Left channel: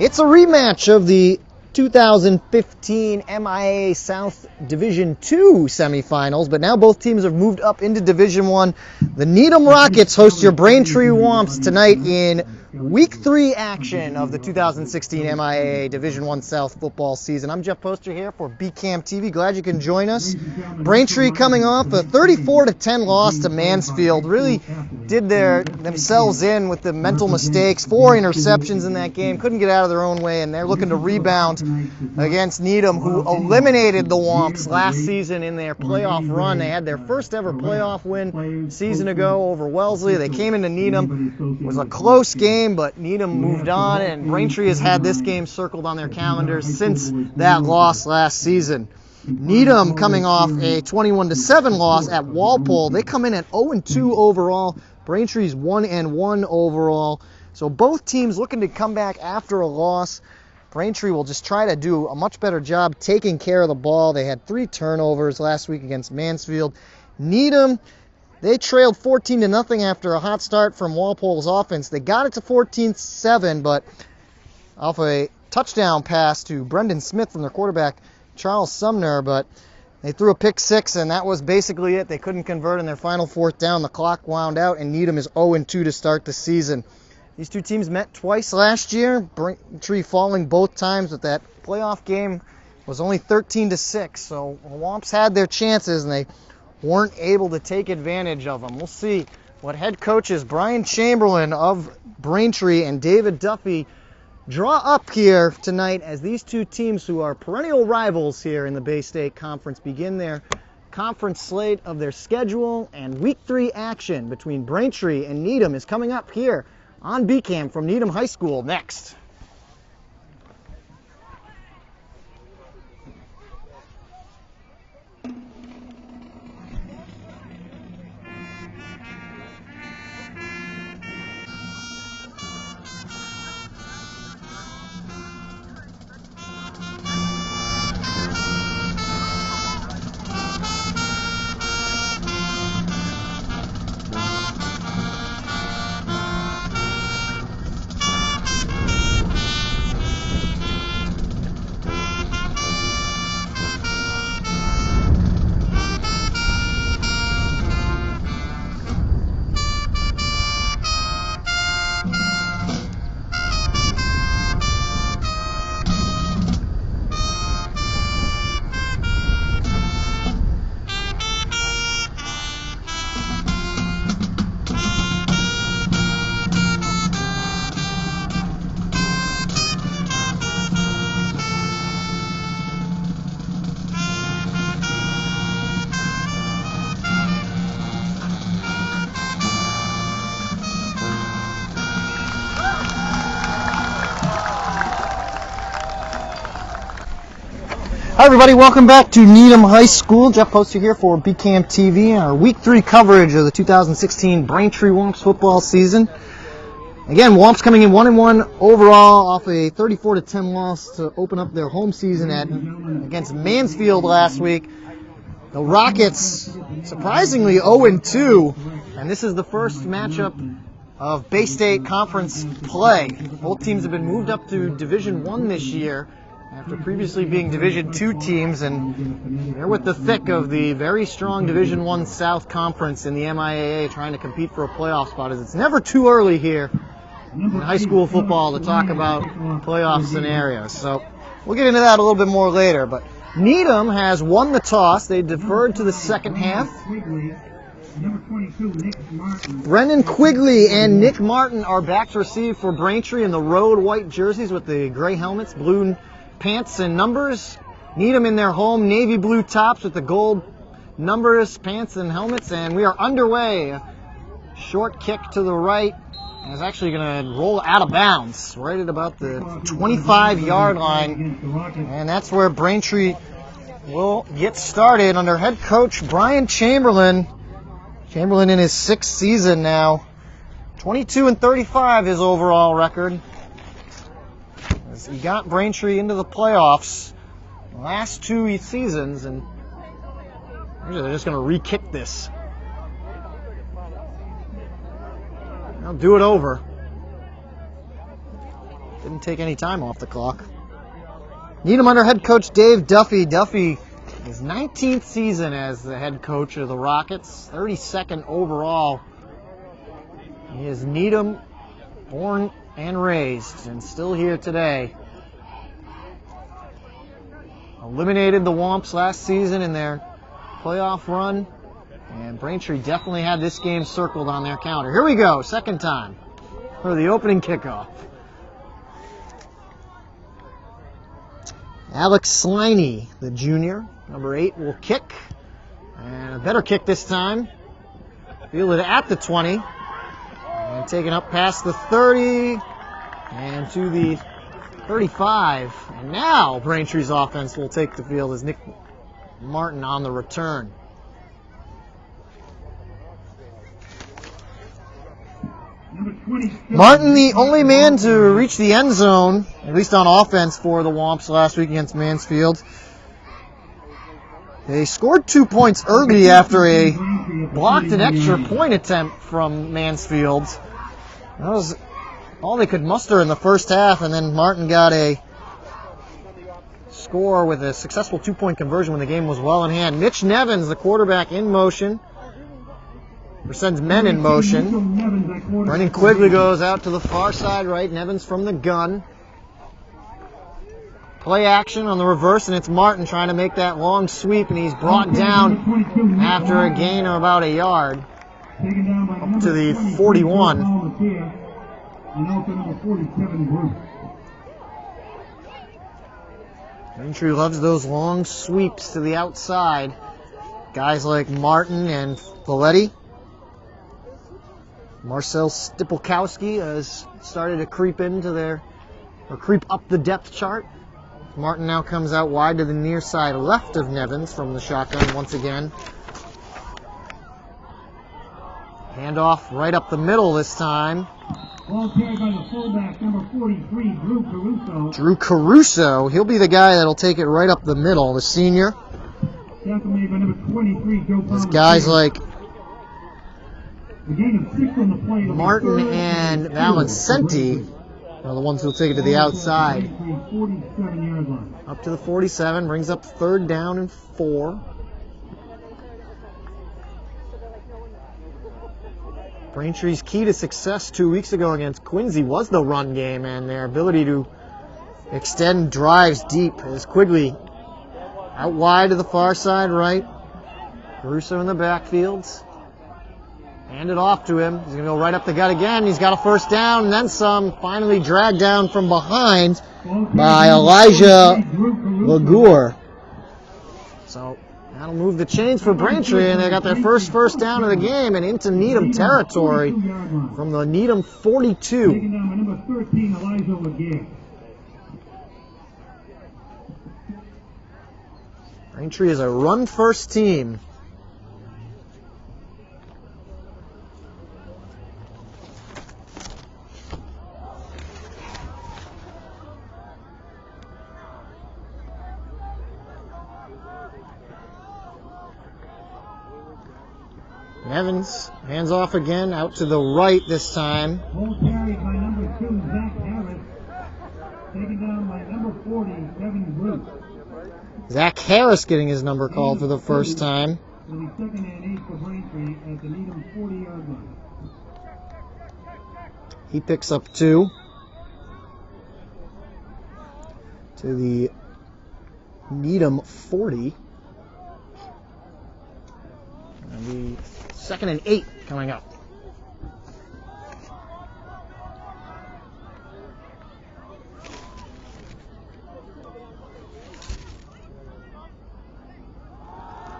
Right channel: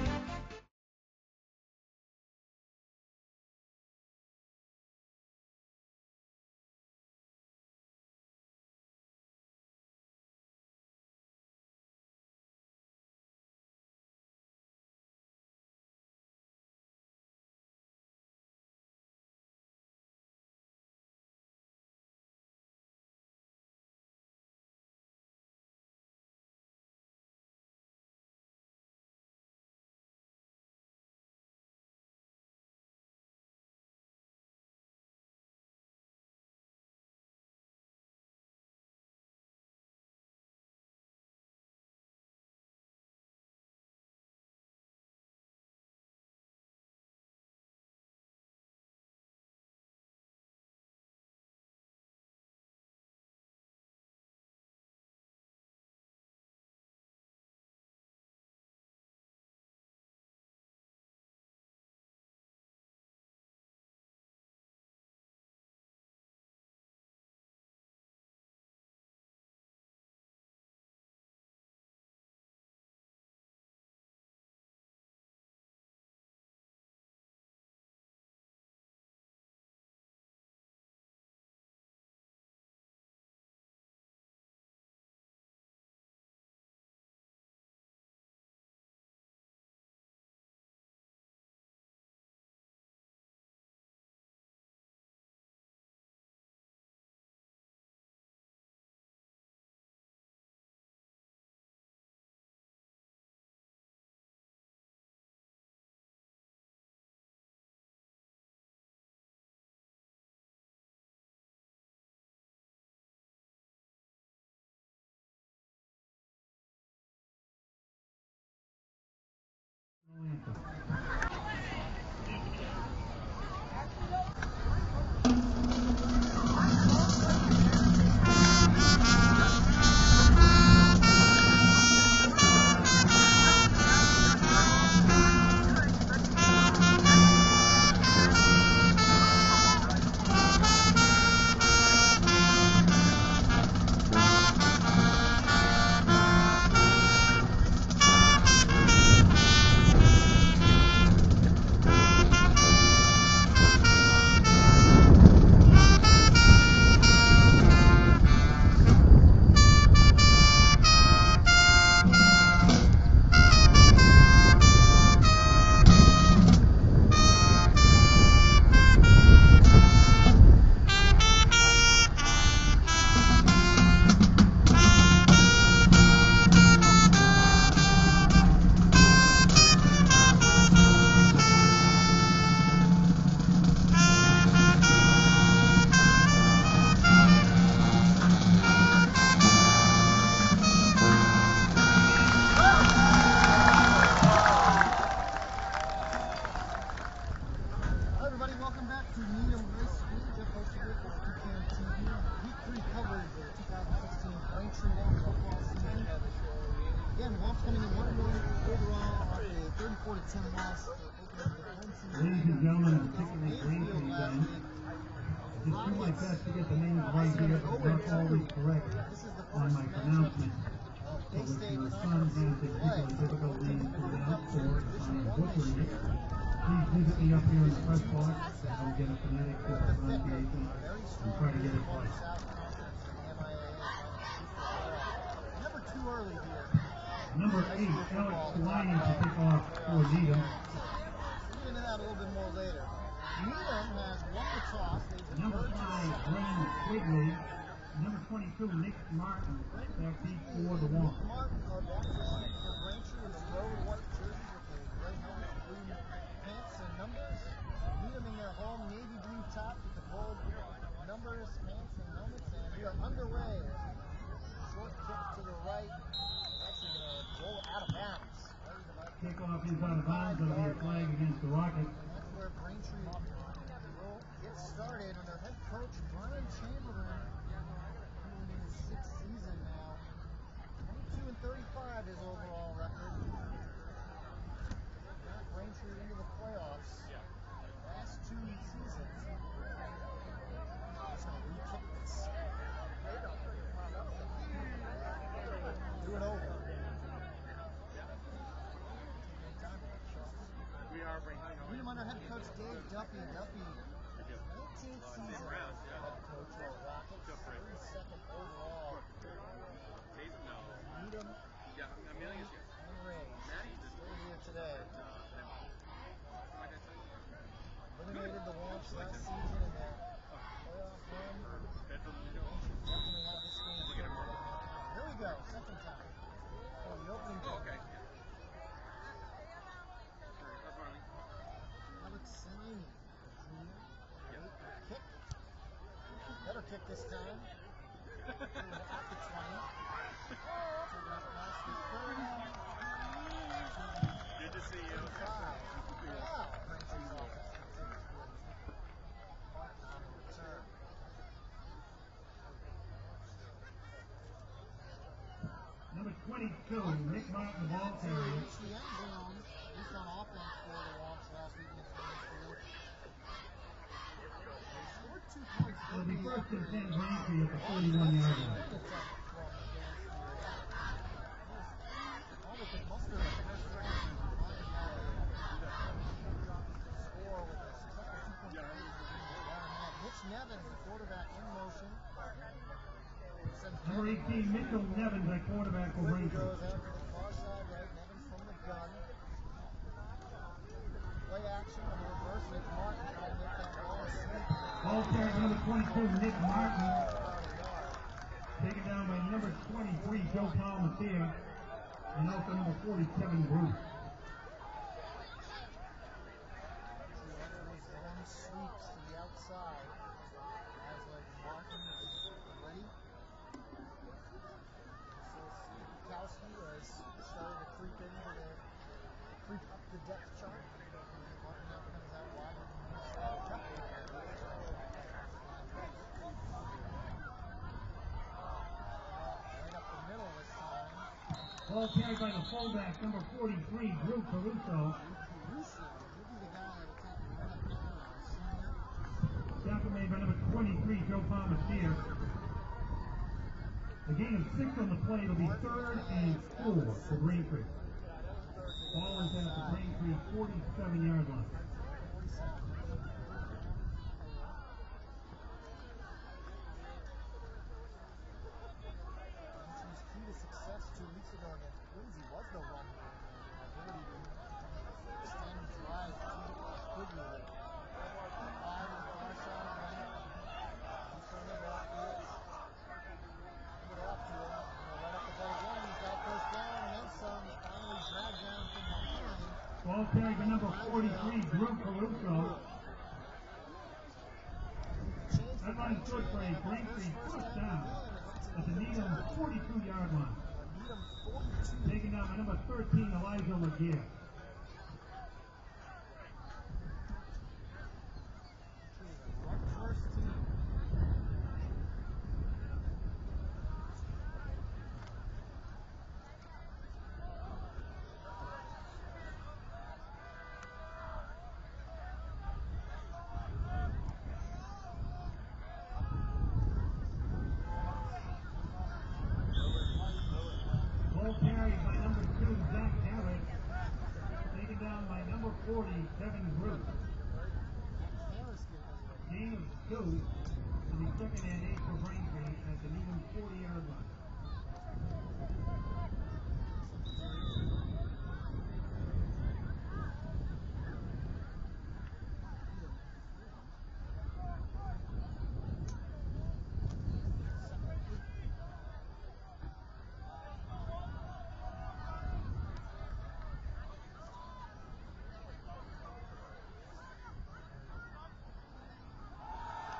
It's a rematch of the 2015 MIAA South Division II semifinals, but now both teams have moved up into Division I. The Needham Rockets host your Braintree Womps tonight in Week 3 action of the 2016 MIAA Division I South football season. I'm Jeff Poster here for BCAM TV. Glad you can join us. Braintree coming off a 34-10 loss to Mansfield. Really did themselves in with the mental mistakes. 4 interceptions in that game. Couldn't get out of their own way, and they're looking to rebound against Needham, who eliminated the Womps last season in their playoff run. They had their first ever playoff win a season ago over Wellesley. They came into Needham. It was a close game, but Needham moved on, and Braintree has had this game circled on their calendars since that loss last season. Needham coming off a 21-7 loss at Walpole. They come in at 0-2 overall. Braintree's 1-1 overall. So both teams looking to come back after a loss. Braintree will just try to do a much better job taking care of the ball. They had 3 turnovers last week against Mansfield. Needham, they trailed 14-0 after a hot start from Walpole's offense. They got it to 14-7, but off a touchdown pass to Brendan Smith from their quarterback, Charles Sumner, but they threw a pick 6, and that was basically it. They couldn't convert in their final 4th down. The clock wound out, and Needham is 0-2 to start the season. These two teams met twice last year, Braintree falling both times, but that playoff game was only 13-6, so the Womps had their chances, and they weren't able to take advantage of them. We'll see what head coaches Brian Chamberlain of Braintree and David Duffy draw up here tonight as these two teams, who are perennial rivals here in the Bay State Conference, begin their conference slate of their schedule. And Week 3 action between Braintree and Needham is coming up here on BCAM from Needham High School next. Hi everybody, welcome back to Needham High School. Jeff Poster here for BCAM TV and our Week 3 coverage of the 2016 Braintree Womps football season. Again, Womps coming in 1-1 overall off a 34-10 loss to open up their home season against Mansfield last week. The Rockets surprisingly 0-2, and this is the first matchup of Bay State Conference play. Both teams have been moved up to Division I this year, after previously being Division II teams, and they're with the thick of the very strong Division I South Conference in the MIAA, trying to compete for a playoff spot, as it's never too early here in high school football to talk about playoff scenarios. So we'll get into that a little bit more later, but Needham has won the toss. They deferred to the second half. Brendan Quigley and Nick Martin are back to receive for Braintree in the road white jerseys with the gray helmets, blue pants and numbers. Needham in their home navy blue tops with the gold numbers, pants and helmets, and we are underway. A short kick to the right, and it's actually going to roll out of bounds right at about the 25-yard line, and that's where Braintree will get started under head coach Brian Chamberlain. Chamberlain in his 6th season now. 22-35 his overall record. He got Braintree into the playoffs the last 2 seasons, and they're just going to re-kick this. I'll do it over. didn't take any time off the clock. Needham under head coach Dave Duffy. Duffy, his 19th season as the head coach of the Rockets, 32nd overall. He is Needham, born and raised, and still here today. Eliminated the Womps last season in their playoff run, and Braintree definitely had this game circled on their calendar. Here we go, second time for the opening kickoff. Alex Sliney, the junior, number 8, will kick, and a better kick this time. Fielded at the 20, and taken up past the 30, and to the 35. And now Braintree's offense will take the field as Nick Martin on the return. Martin, the only man to reach the end zone, at least on offense, for the Womps last week against Mansfield. They scored 2 points early after a blocked an extra point attempt from Mansfield. That was all they could muster in the first half, and then Martin got a score with a successful 2-point conversion when the game was well in hand. Mitch Nevins, the quarterback, in motion. Or sends men in motion. Brendan Quigley goes out to the far side right. Nevins from the gun. Play action on the reverse, and it's Martin trying to make that long sweep, and he's brought down after a gain of about a yard up to the 41. Braintree loves those long sweeps to the outside. Guys like Martin and Folletti. Marcel Stipulkowski has started to creep up the depth chart. Martin now comes out wide to the near side left of Nevins from the shotgun once again. Handoff right up the middle this time. Ball carried by the fullback, number 43, Drew Caruso. Drew Caruso, he'll be the guy that'll take it right up the middle, the senior. Tackle made by number 23, Joe There's guys like a gain of 6 on the play. Martin and Valencenti are the ones who'll take it to the outside. 47 yards line. Up to the 47, brings up third down and 4. Braintree's key to success 2 weeks ago against Quincy was the run game and their ability to extend drives deep. As Quigley out wide to the far side right. Caruso in the backfields. Hand it off to him. He's going to go right up the gut again. He's got a first down and then some. Finally dragged down from behind by Elijah Lagour. So that'll move the chains for Braintree, and they got their first down of the game and into Needham territory from the Needham 42. Taken down by number 13, Elijah Laguerre. Braintree is a run-first team. Evans, hands off again, out to the right this time. Ball carried by number 2, Zach Harris. Taken down by number 40, Evan Bruce. Zach Harris getting his number called for the first time. Will be 2nd and 8 for Braintree at the Needham 40-yard line. He picks up 2. To the Needham 40. And the 2nd and 8 coming up.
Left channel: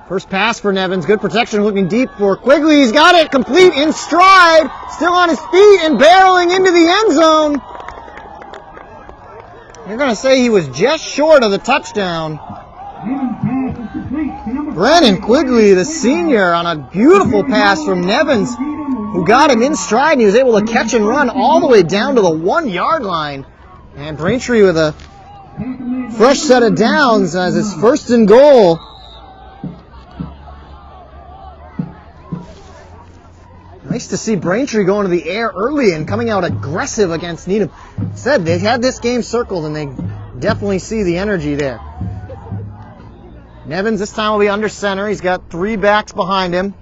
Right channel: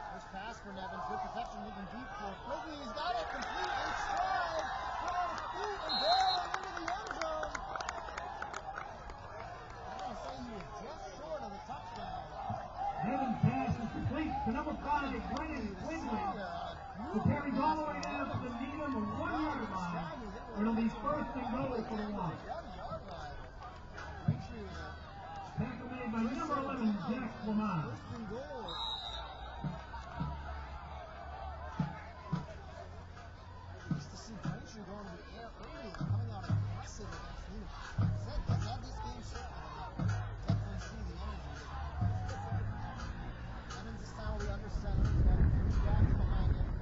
First pass for Nevins. Good protection looking deep for Quigley. He's got it complete in stride. Still on his feet and barreling into the end zone. You're going to say he was just short of the touchdown. Brennan Quigley, the senior, on a beautiful pass from Nevins, who got him in stride, and he was able to catch and run all the way down to the 1-yard line. And Braintree with a fresh set of downs as his 1st and goal. Nice to see Braintree going to the air early and coming out aggressive against Needham. Said they had this game circled, and they definitely see the energy there. Nevins this time will be under center. He's got 3 backs behind him.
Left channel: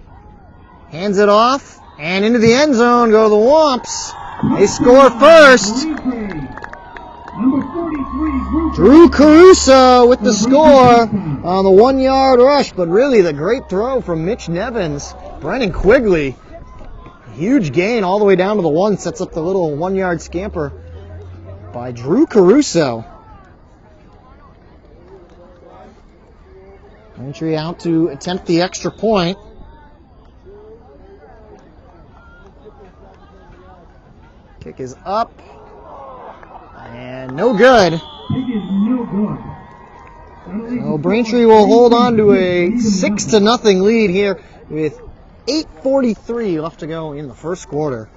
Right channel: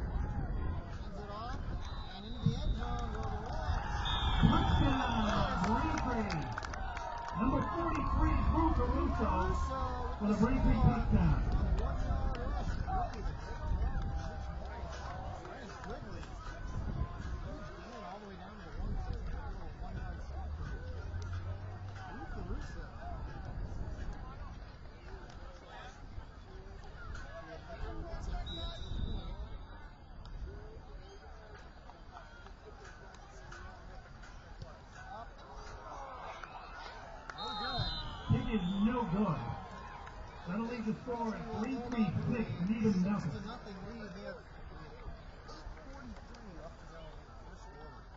Hands it off, and into the end zone go the Womps. They score first. Drew Caruso with the score on the 1-yard rush, but really the great throw from Mitch Nevins. Brennan Quigley, huge gain all the way down to the 1, sets up the little 1-yard scamper by Drew Caruso. Entry out to attempt the extra point. Kick is up. And no good. So Braintree will hold on to a 6-0 lead here with 8:43 left to go in the first quarter.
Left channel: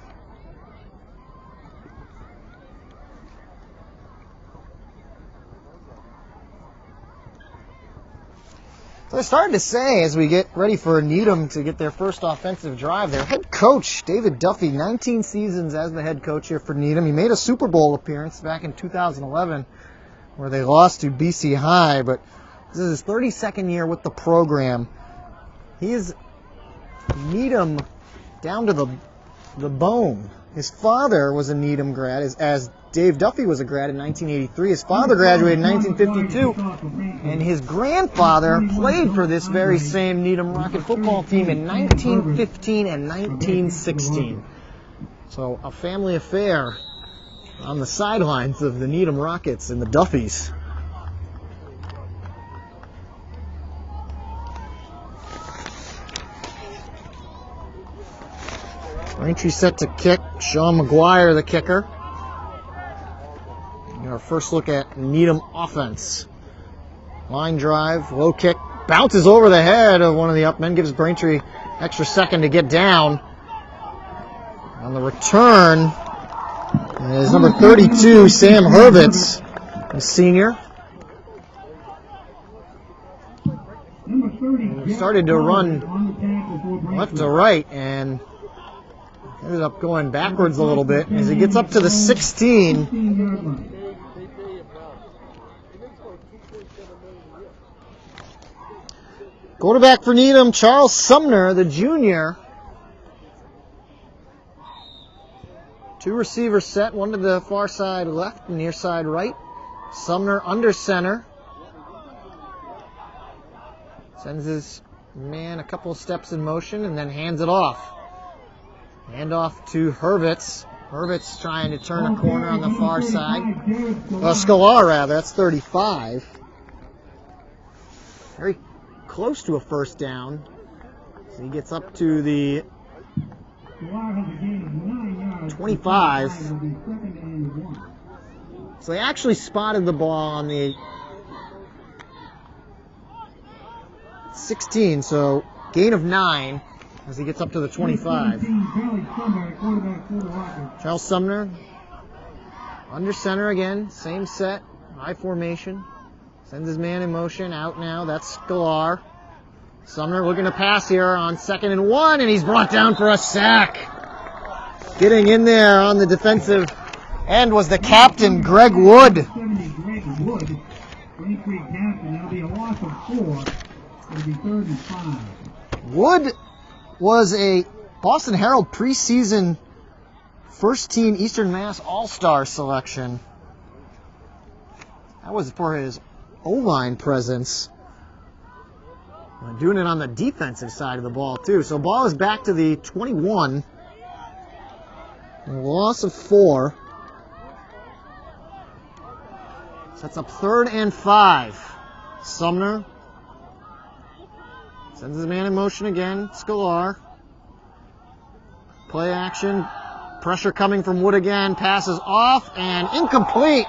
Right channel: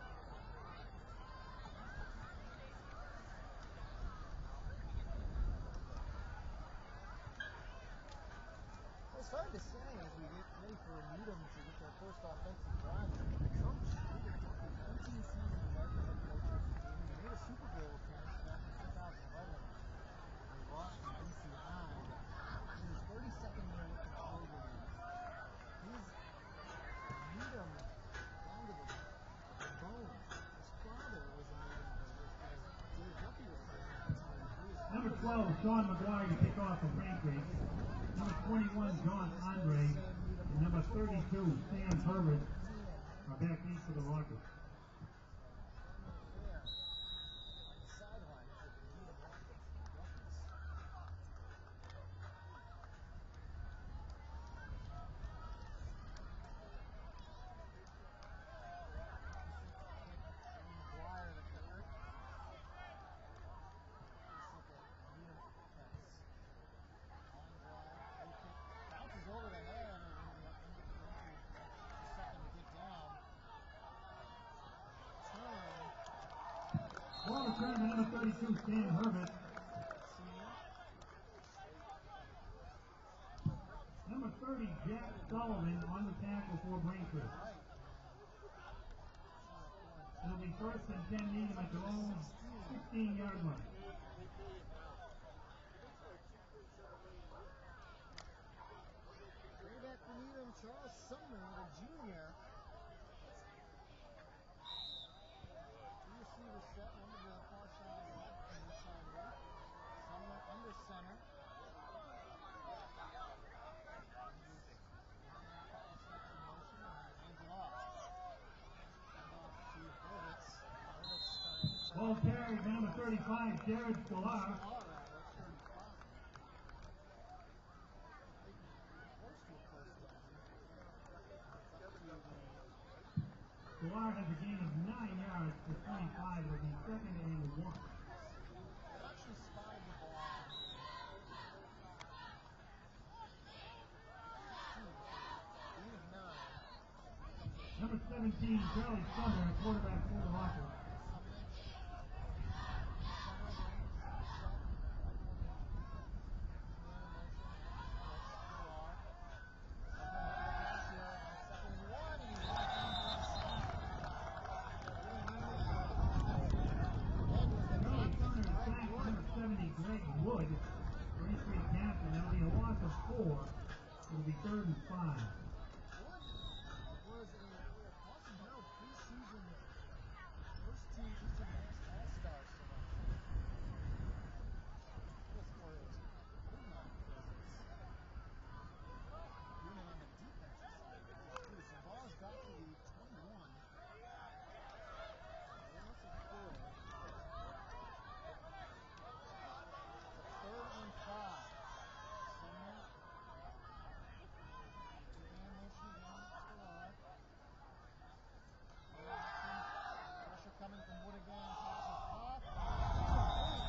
So I started to say, as we get ready for Needham to get their first offensive drive, their head coach, David Duffy, 19 seasons as the head coach here for Needham. He made a Super Bowl appearance back in 2011 where they lost to BC High, but this is his 32nd year with the program. He is Needham down to the bone. His father was a Needham grad, as Dave Duffy was a grad in 1983. His father graduated in 1952, and his grandfather played for this very same Needham Rocket football team in 1915 and 1916. So a family affair on the sidelines of the Needham Rockets and the Duffys. Braintree set to kick. Sean McGuire, the kicker. Our first look at Needham offense. Line drive, low kick, bounces over the head of one of the upmen, gives Braintree extra second to get down. On the return is number 32, Sam Hurwitz, a senior. He started to run left to right and ended up going backwards a little bit as he gets up to the 16. Quarterback for Needham, Charles Sumner, the junior. 2 receivers set, one to the far side left and near side right. Sumner under center. Sends his man a couple of steps in motion and then hands it off. Hand off to Hurwitz. Hurwitz trying to turn a corner on the far side. Scalar, rather. That's 35. Very close to a first down. So he gets up to the 25. So they actually spotted the ball on the 16. So gain of 9. As he gets up to the 25. Charles Sumner, under center again, same set, high formation. Sends his man in motion, out now, that's Scalar. Sumner looking to pass here on 2nd and 1, and he's brought down for a sack. Getting in there on the defensive end was the captain, Greg Wood. Wood was a Boston Herald preseason first-team Eastern Mass All-Star selection. That was for his O-line presence. Doing it on the defensive side of the ball, too. So ball is back to the 21. A loss of 4. Sets up 3rd and 5. Sumner sends his man in motion again. Scalar. Play action. Pressure coming from Wood again. Passes off and incomplete.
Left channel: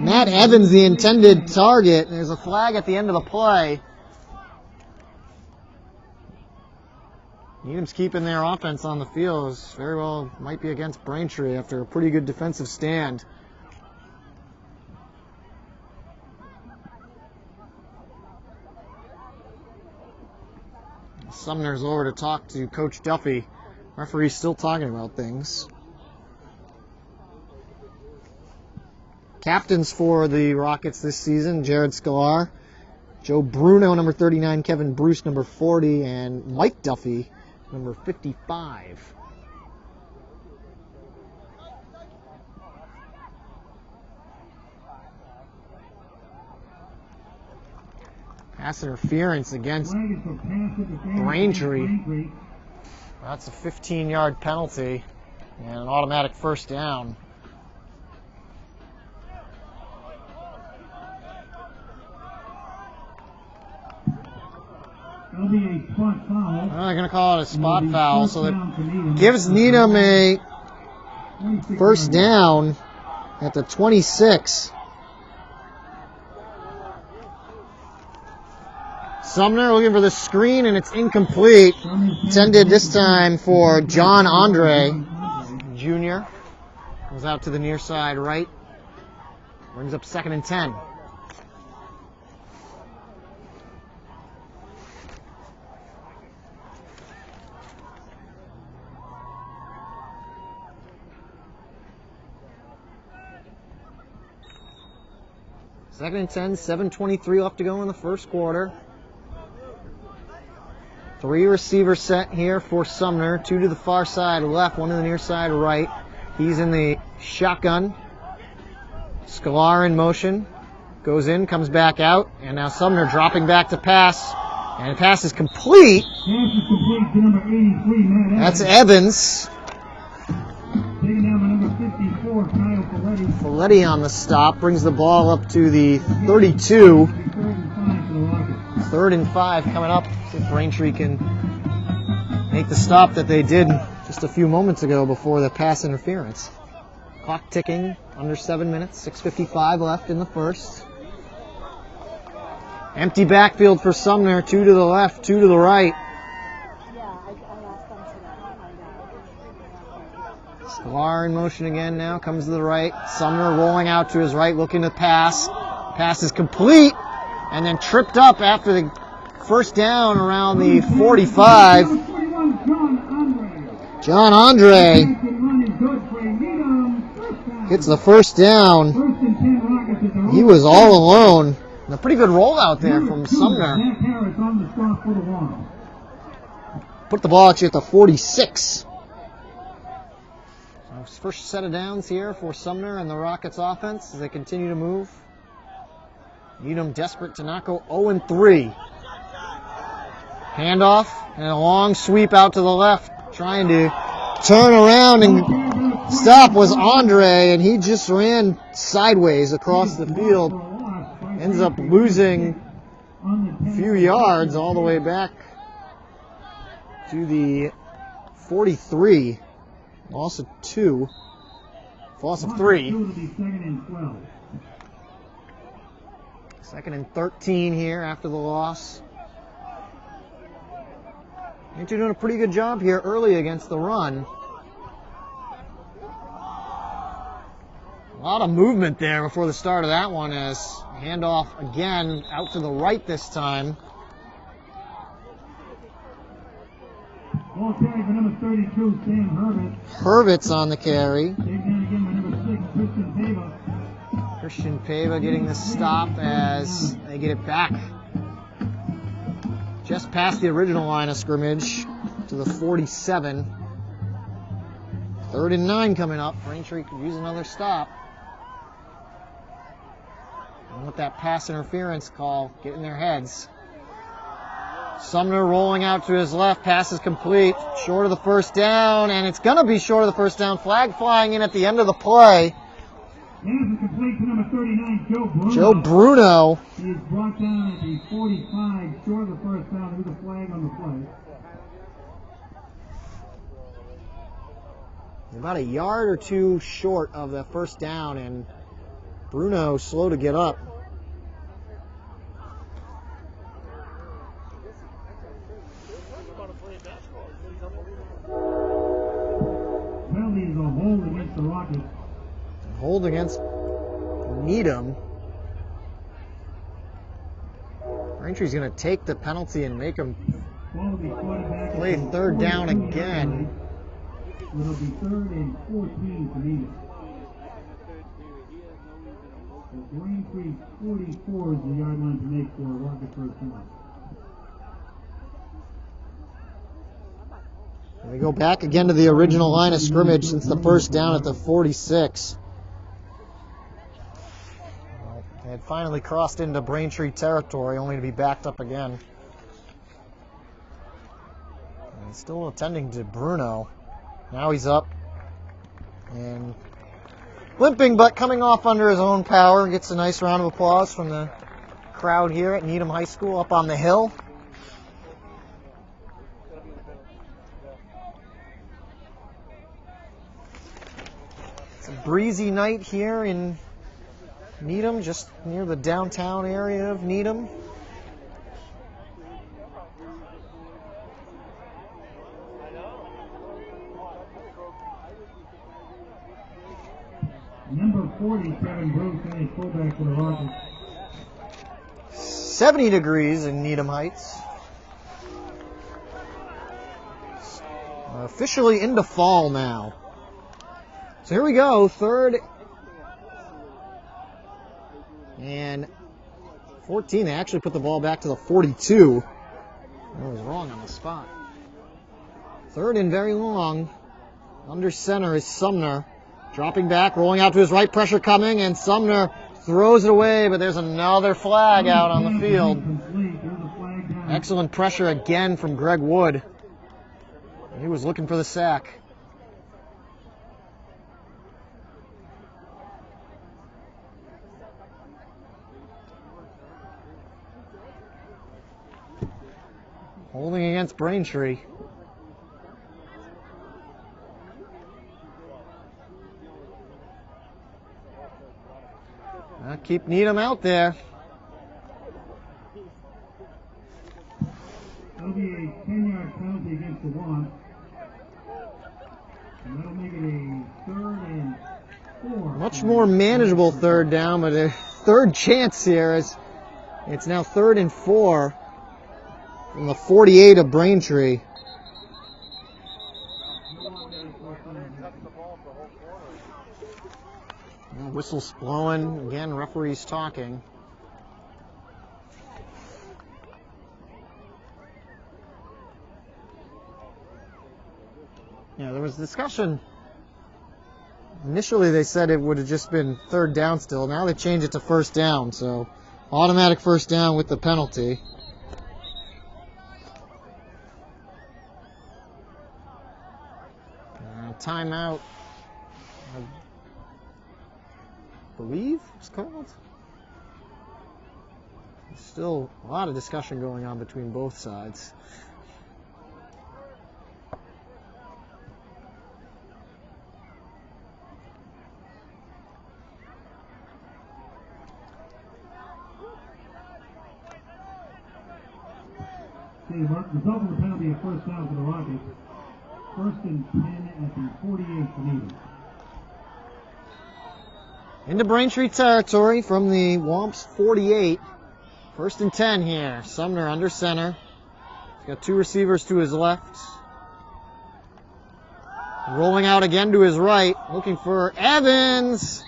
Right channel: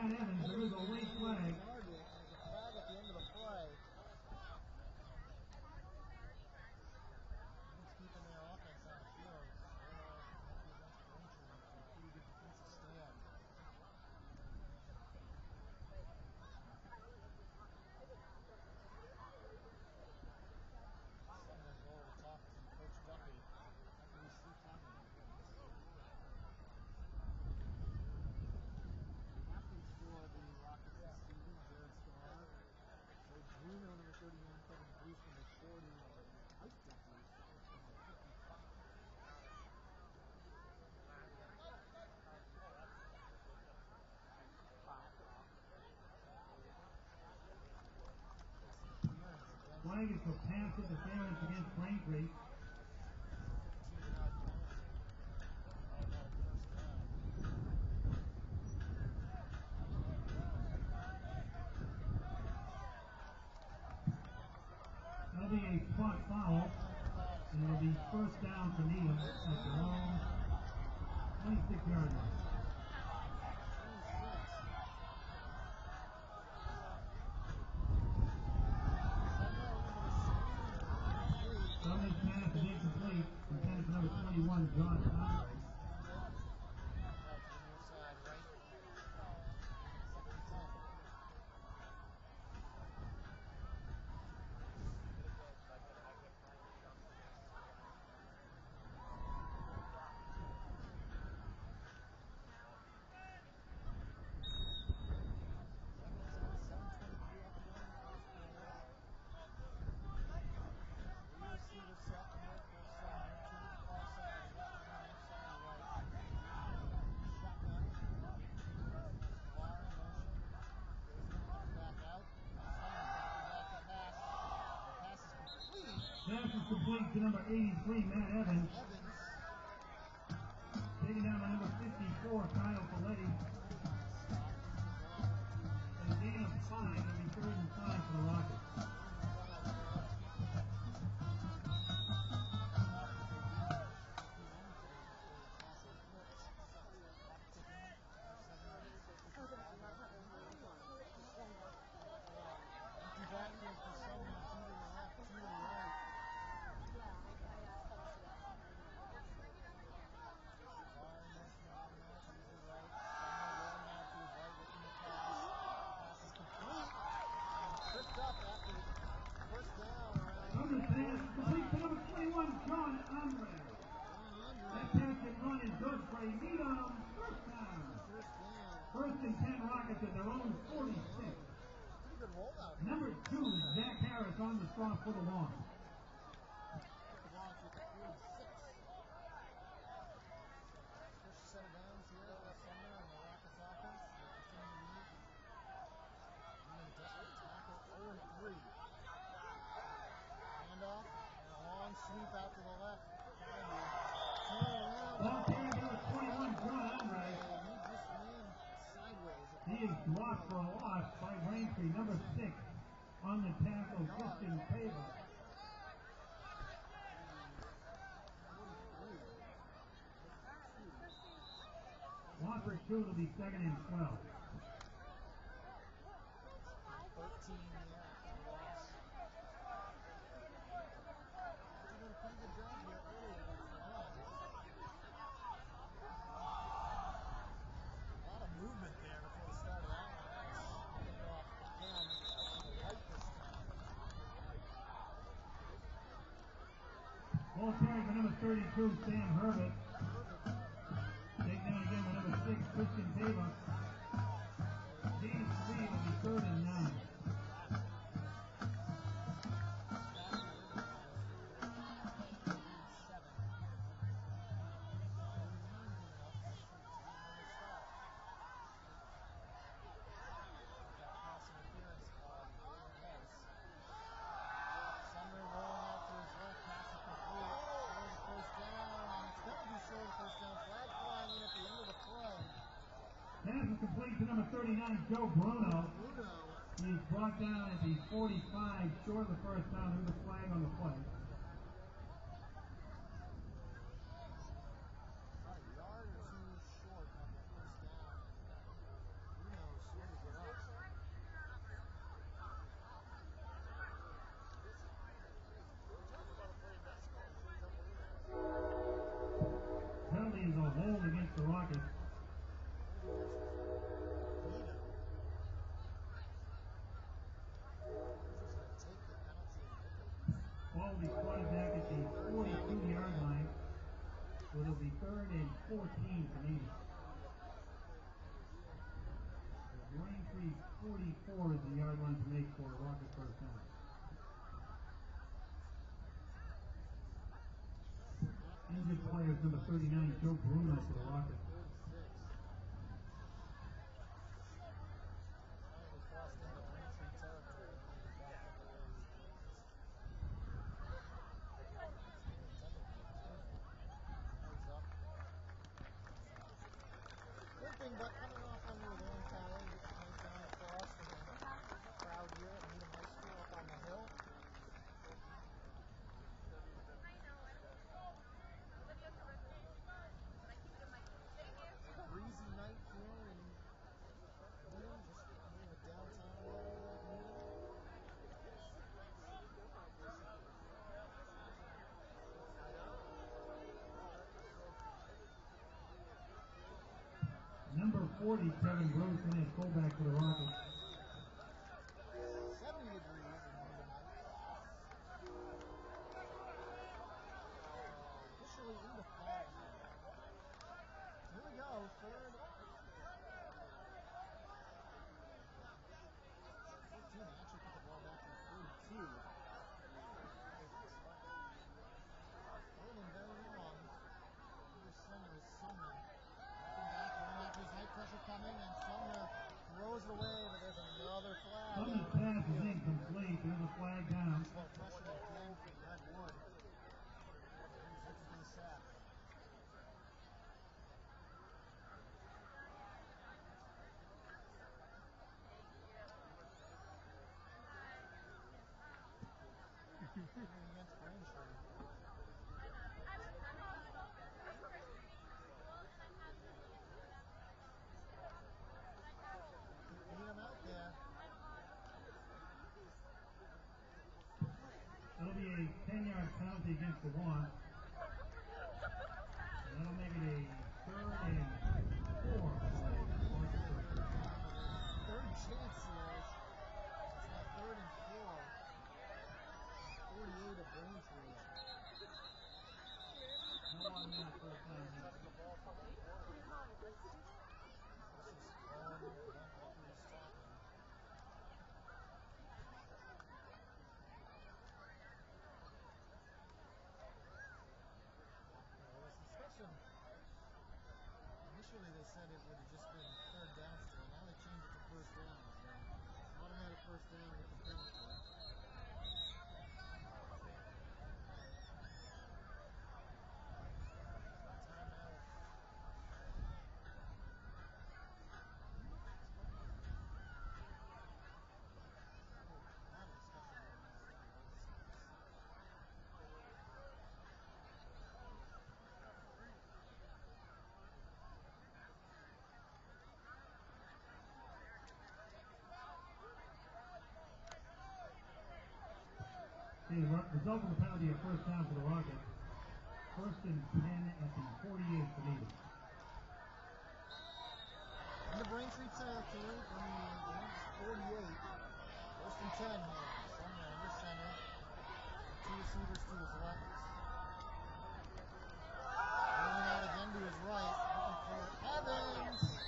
Matt Evans, the intended target. There's a flag at the end of the play. Needham's keeping their offense on the field. As very well might be against Braintree after a pretty good defensive stand. Sumner's over to talk to Coach Duffy. Referee's still talking about things. Captains for the Rockets this season, Jared Sklar, Joe Bruno, number 39, Kevin Bruce, number 40, and Mike Duffy, number 55. Pass interference against Braintree. That's a 15-yard penalty and an automatic first down. That'll be a spot foul. They're going to call it a spot foul, so that gives Needham a first down at the 26. Sumner looking for the screen, and it's incomplete. Intended this time for John Andre Jr. Goes out to the near side right. Brings up 2nd and 10. Second and 10, 7:23 left to go in the first quarter. 3 receiver set here for Sumner. 2 to the far side left, 1 to the near side right. He's in the shotgun. Sklar in motion. Goes in, comes back out, and now Sumner dropping back to pass. And the pass is complete. Pass is complete to number 83, Matt That's Evans. Evans. Taking down by number 54, Kyle Folletti. Folletti on the stop, brings the ball up to the 32. 3rd and 5 coming up. See if Braintree can make the stop that they did just a few moments ago before the pass interference. Clock ticking, under 7 minutes, 6:55 left in the first. Empty backfield for Sumner, 2 to the left, 2 to the right. Sklar in motion again now, comes to the right. Sumner rolling out to his right, looking to pass. Pass is complete, and then tripped up after the first down around the 45. John Andre gets the first down. He was all alone. And a pretty good rollout there from Sumner. Put the ball at you at the 46. So first set of downs here for Sumner and the Rockets offense as they continue to move. Needham desperate to not go 0-3. Handoff and a long sweep out to the left, trying to turn around and stop was Andre, and he just ran sideways across the field. Ends up losing a few yards all the way back to the 43. Loss of 2. Loss of 3. 2nd and 13 here after the loss. You're doing a pretty good job here early against the run. A lot of movement there before the start of that one as handoff again out to the right this time. Ball carry for number 32, Sam Herbert. Herbert's on the carry. Taken down again by number 6, Christian Pava. Christian Pava getting the stop as they get it back just past the original line of scrimmage to the 47. 3rd and 9 coming up. Braintree could use another stop. And with that pass interference call, get in their heads. Sumner rolling out to his left. Pass is complete. Short of the first down, and it's going to be short of the first down. Flag flying in at the end of the play. Pass is complete to number 39, Joe Bruno. Joe Bruno. He is brought down at the 45, short of the first down with a flag on the play. About a yard or two short of the first down, and Bruno slow to get up. Penalty is a hold against the Rockets. Hold against Needham. Braintree's going to take the penalty and make him Ball will be slotted back at Play the third down 42-yard again. line. It'll be 3rd and 14 for Needham. The Braintree 44 is the yard line to make for a Rocket first down. We go back again to the original line of scrimmage since the first down at the 46. Well, they had finally crossed into Braintree territory, only to be backed up again. And still attending to Bruno. Now he's up and limping, but coming off under his own power. Gets a nice round of applause from the crowd here at Needham High School up on the hill. It's a breezy night here in Needham, just near the downtown area of Needham. Number 47, Bruce, a fullback for the Rockets. 70 degrees in Needham Heights. Officially into fall now. So here we go, 3rd and 14. They actually put the ball back to the 42. I was wrong on the spot. 3rd and very long. Under center is Sumner. Dropping back, rolling out to his right, pressure coming, and Sumner throws it away, but there's another flag out on the field. Excellent pressure again from Greg Wood. He was looking for the sack. Holding against Braintree. Keep Needham out there. That'll be a 10-yard penalty against the one. And that'll make it a 3rd and 4. Much more manageable 3rd down, but a 3rd chance here as it's now 3rd and 4 from the 48 of Braintree. Whistles blowing. Again, referees talking. Yeah, there was discussion. Initially, they said it would have just been 3rd down still. Now they changed it to 1st down, so automatic 1st down with the penalty. Timeout. I believe it's called. There's still a lot of discussion going on between both sides. The result of the penalty, a 1st down for the Rockets. 1st and 10 at the 48 for Needham. Into Braintree territory from the Womps 48. 1st and 10 here. Sumner under center. He's got 2 receivers to his left. Rolling out again to his right. Looking for Evans.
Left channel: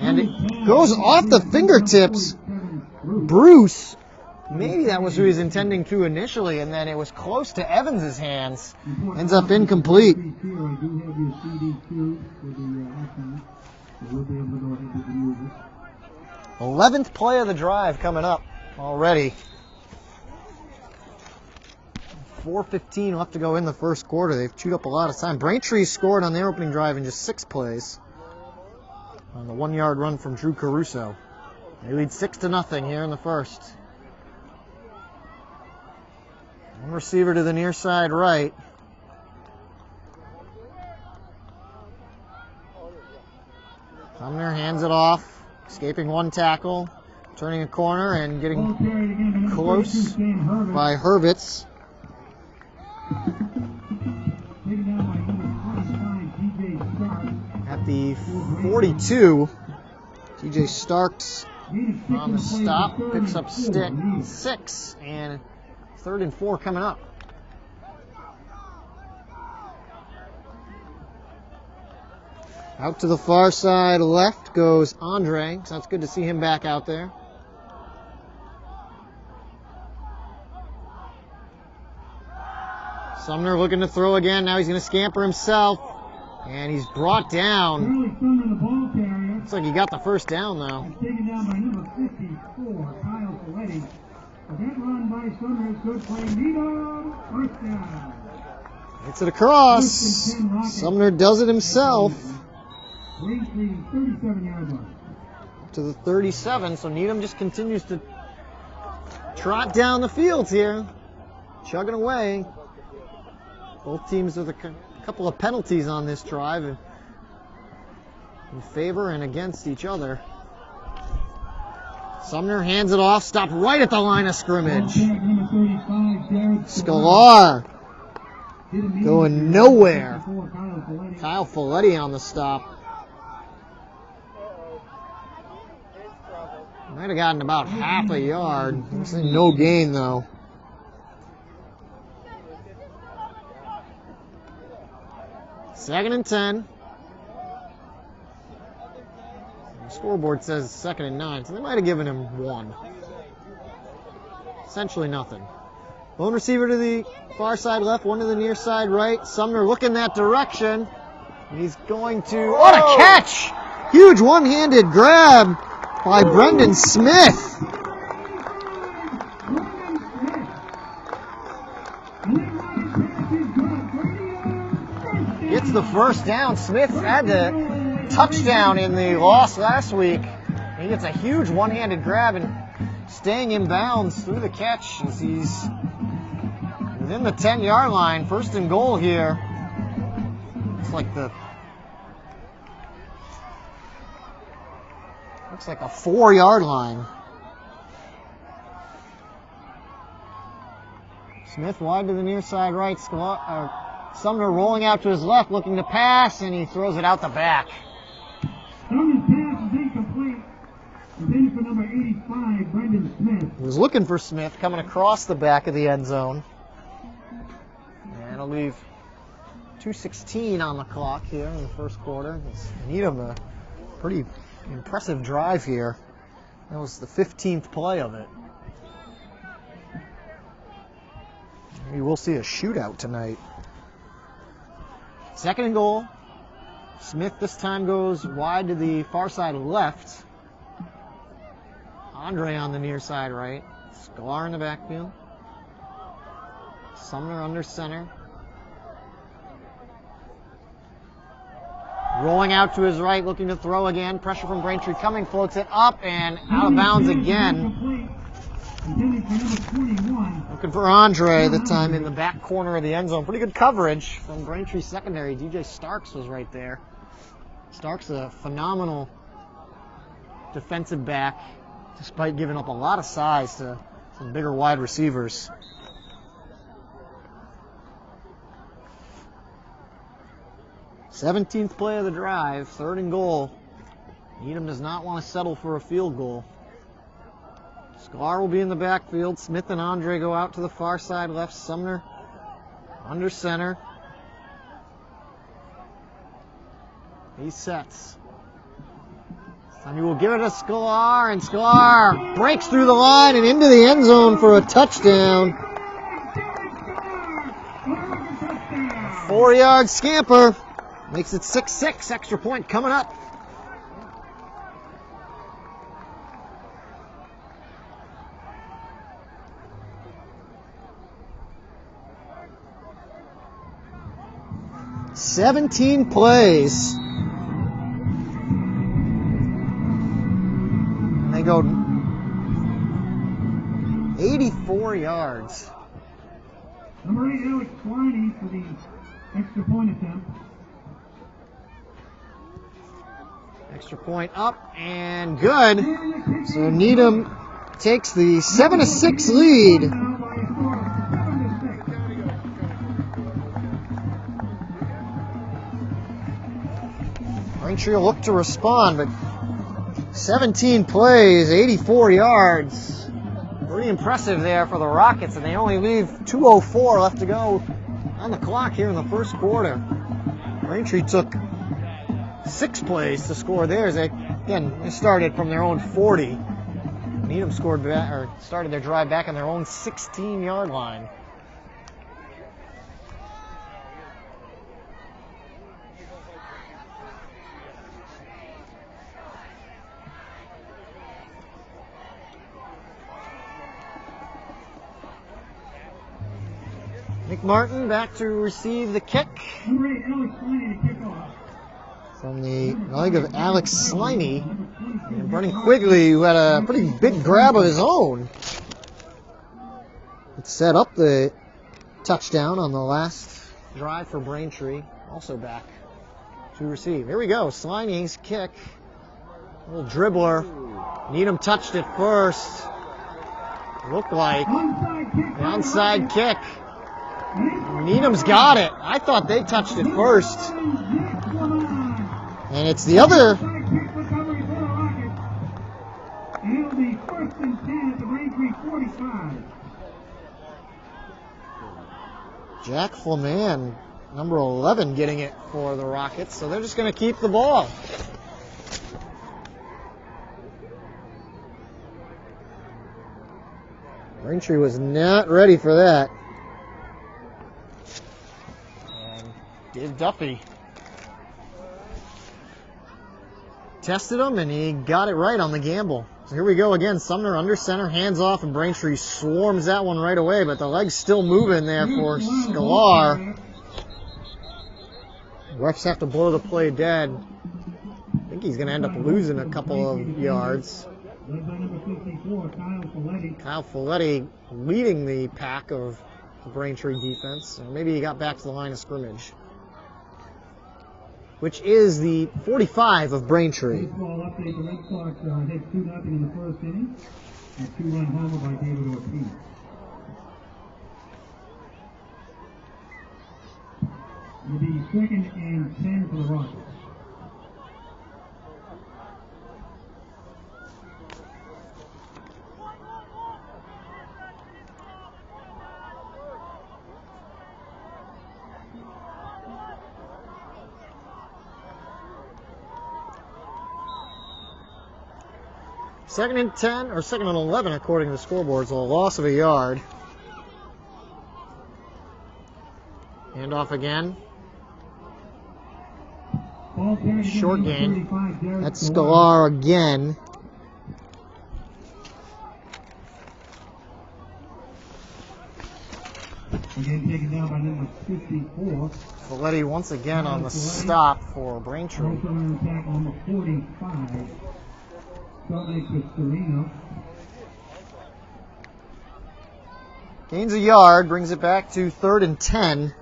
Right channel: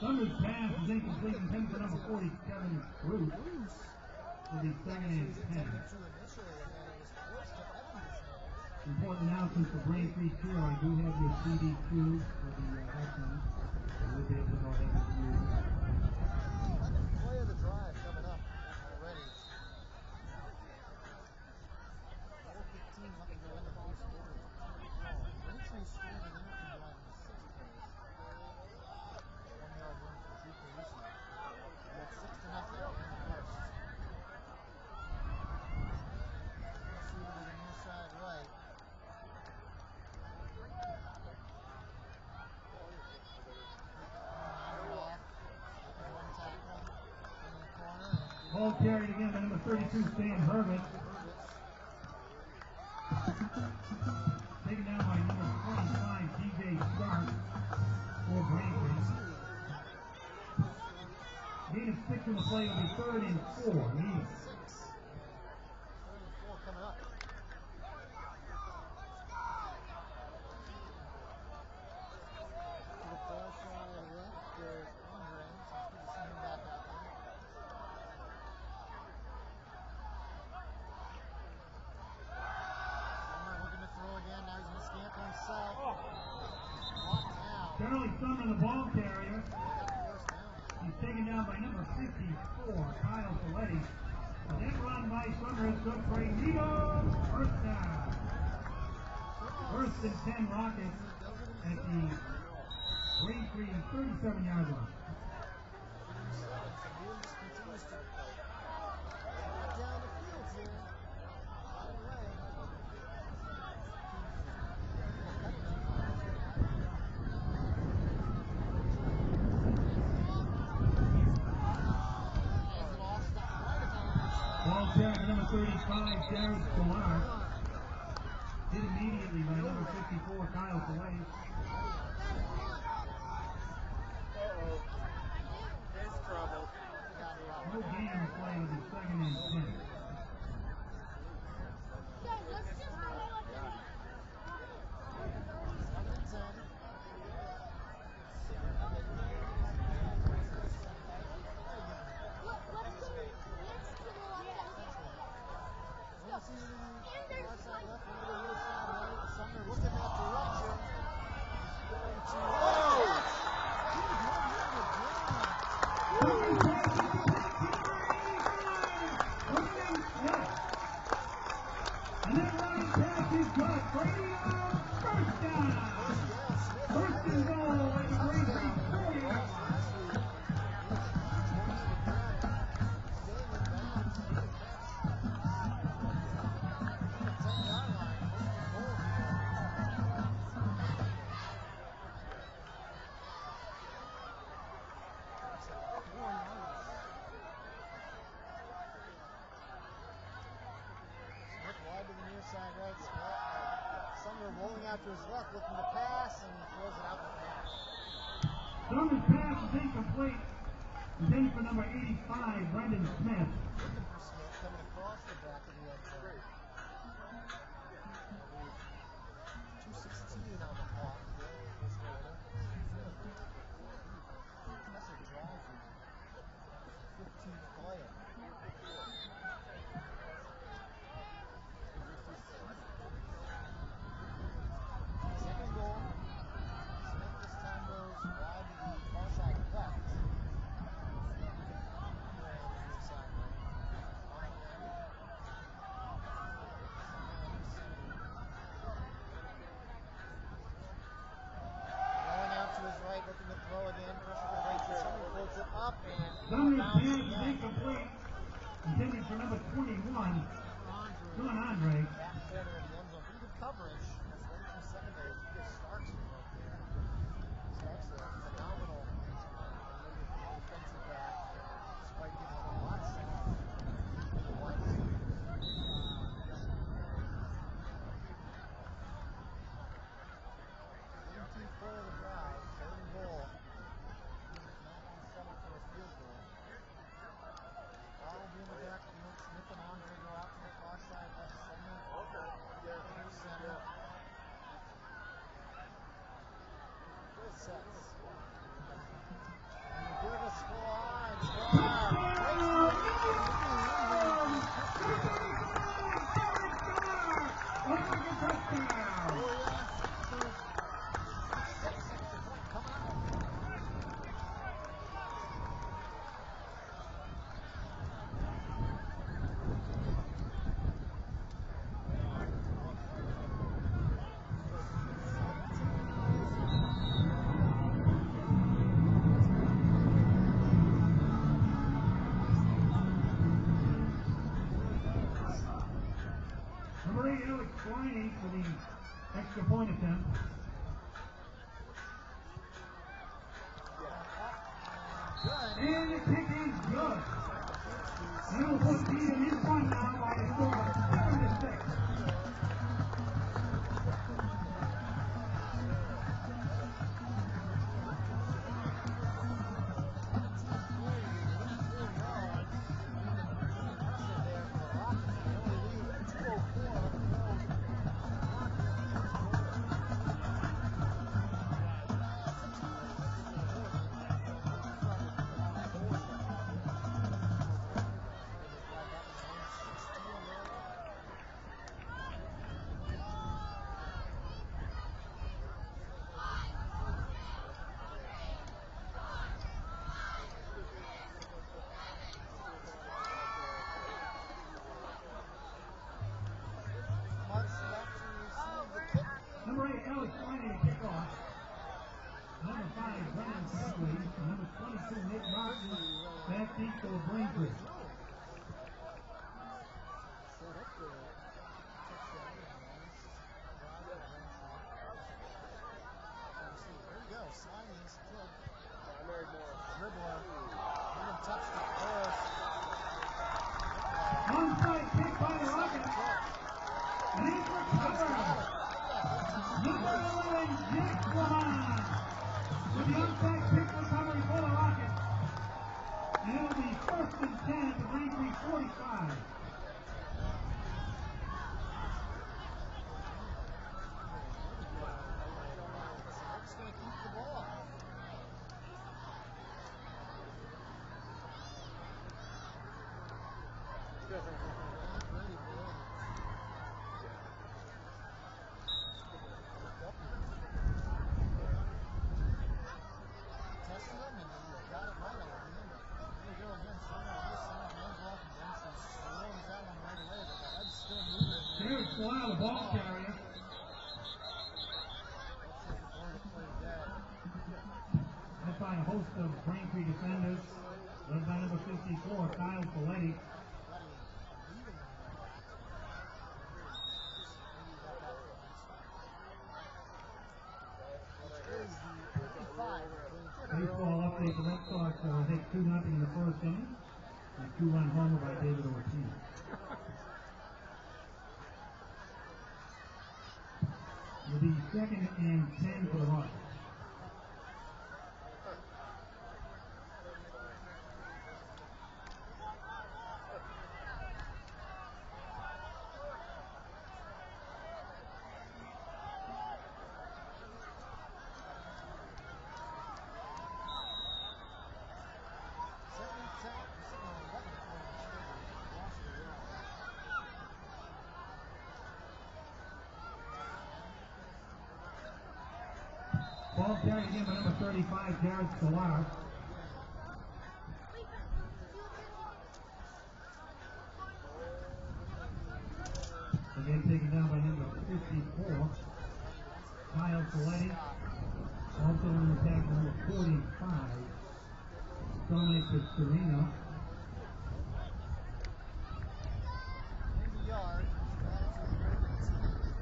And it goes off the fingertips. Bruce. Maybe that was who he was intending to initially, and then it was close to Evans' hands. Ends up incomplete. 11th play of the drive coming up already. 4:15 left to go in the first quarter. They've chewed up a lot of time. Braintree scored on their opening drive in just 6 plays. On the 1-yard run from Drew Caruso. They lead 6-0 here in the first. One receiver to the near side right. Sumner hands it off, escaping one tackle, turning a corner and getting close by Hurwitz. At the 42, TJ Starks on the stop, picks up 6, and 3rd and 4 coming up. Out to the far side left goes Andre, so it's good to see him back out there. Sumner looking to throw again. Now he's going to scamper himself. And he's brought down. Looks like he got the first down, though. Taken down by number 54, Kyle Folletti. That run by Sumner is good play. Needham, first down. Hits it across. Sumner does it himself. Range leading 37-yard line. To the 37, so Needham just continues to trot down the field here. Chugging away. Both teams with a couple of penalties on this drive in favor and against each other. Sumner hands it off, stopped right at the line of scrimmage. Scalar going nowhere. Kyle Folletti on the stop. Might have gotten about half a yard. No gain though. Second and 10. Scoreboard says 2nd and 9, so they might have given him 1. Essentially nothing. Lone receiver to the far side left, one to the near side right. Sumner looking that direction. He's going to... What a catch! Huge one-handed grab by Brendan Smith. Gets the first down. Smith had the touchdown in the loss last week. He gets a huge one-handed grab and staying in bounds through the catch as he's within the 10-yard line. First and goal here. Looks like a 4-yard line. Smith wide to the near side right. Sumner rolling out to his left, looking to pass, and he throws it out the back. Sumner's pass is incomplete. Then for number 85, Brendan Smith. He was looking for Smith coming across the back of the end zone. And it'll leave 2:16 on the clock here in the first quarter. Needham a pretty impressive drive here. That was the 15th play of it. Maybe we'll see a shootout tonight. Second and goal. Smith this time goes wide to the far side left. Andre on the near side right. Scalar in the backfield. Sumner under center. Rolling out to his right, looking to throw again. Pressure from Braintree coming, floats it up and out of bounds again. Looking for Andre, this time in the back corner of the end zone. Pretty good coverage from Braintree secondary. DJ Starks was right there. Starks a phenomenal defensive back, despite giving up a lot of size to some bigger wide receivers. Seventeenth play of the drive, 3rd and goal. Needham does not want to settle for a field goal. Scalar will be in the backfield. Smith and Andre go out to the far side left. Sumner under center. He sets. He will give it to Scalar, and Scalar breaks through the line and into the end zone for a touchdown. 4-yard scamper. Makes it 6-6. Extra point coming up. "17 plays. And they go 84 yards. Number 8, Alex Swiney for the extra point attempt. Extra point up and good. So Needham takes the 7-6 lead. Braintree will look to respond, but 17 plays, 84 yards. Pretty impressive there for the Rockets, and they only leave 2:04 left to go on the clock here in the first quarter. Braintree took sixth place to score theirs. They started from their own 40. Needham started their drive back on their own 16-yard line. Nick Martin back to receive the kick from the leg of Alex Sliney. And Brennan Quigley, who had a pretty big grab of his own, it set up the touchdown on the last drive for Braintree. Also back to receive. Here we go, Sliney's kick. Little dribbler. Needham touched it first. Looked like the onside kick. Needham's got it. I thought they touched it first. And it's the other. It'll be first and 10 at the Braintree 45. Jack Flaman, number 11, getting it for the Rockets. So they're just going to keep the ball. Braintree was not ready for that. And Dave Duffy tested him, and he got it right on the gamble. So here we go again. Sumner under center, hands off, and Braintree swarms that one right away, but the leg's still moving there for Scalar. Refs have to blow the play dead. I think he's going to end up losing a couple of yards. Kyle Folletti leading the pack of the Braintree defense. And maybe he got back to the line of scrimmage, which is the 45 of Braintree. Baseball update, the Red Sox hit 2-0 in the first inning. A 2-run homer by David Ortiz. It'll be second and 10 for the Rockets. Second and 10, or second and 11 according to the scoreboard, so a loss of a yard. Hand off again. Short gain. That's Scalar again. Again taken down by number 54. Folletti once again on the stop for Braintree. Also on the attack on the 45. Dominic with Sereno. Gains a yard, brings it back to 3rd and 10.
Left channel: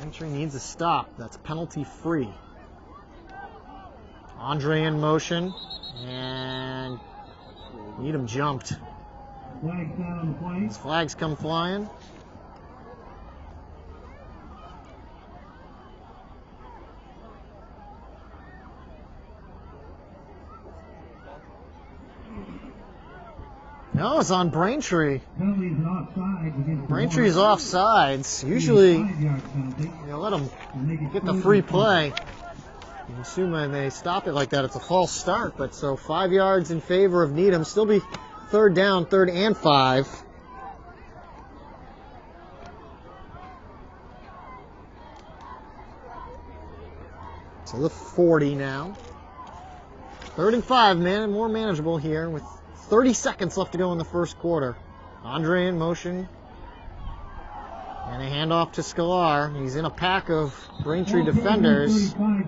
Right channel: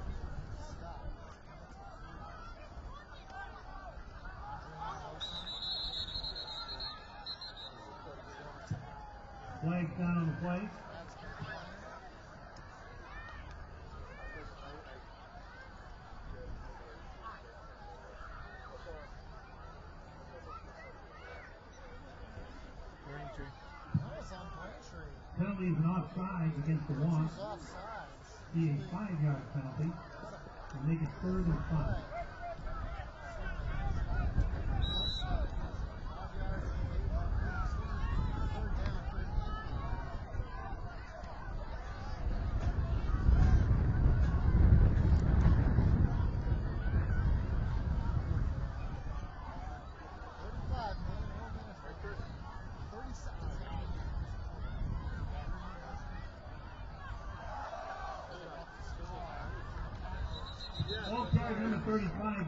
Braintree needs a stop. That's penalty free. Andre in motion, and Needham jumped. Flags down on the play. These flags come flying. No, it's on Braintree. Penalties and offsides against Braintree's offsides. Usually, you let them get the free play. I'm assuming they stop it like that, it's a false start. But so 5 yards in favor of Needham. Still be 3rd down, 3rd and 5. So the 40 now. 3rd and 5, man, more manageable here with 30 seconds left to go in the first quarter. Andre in motion. And a handoff to Scalar. He's in a pack of Braintree defenders. Tackled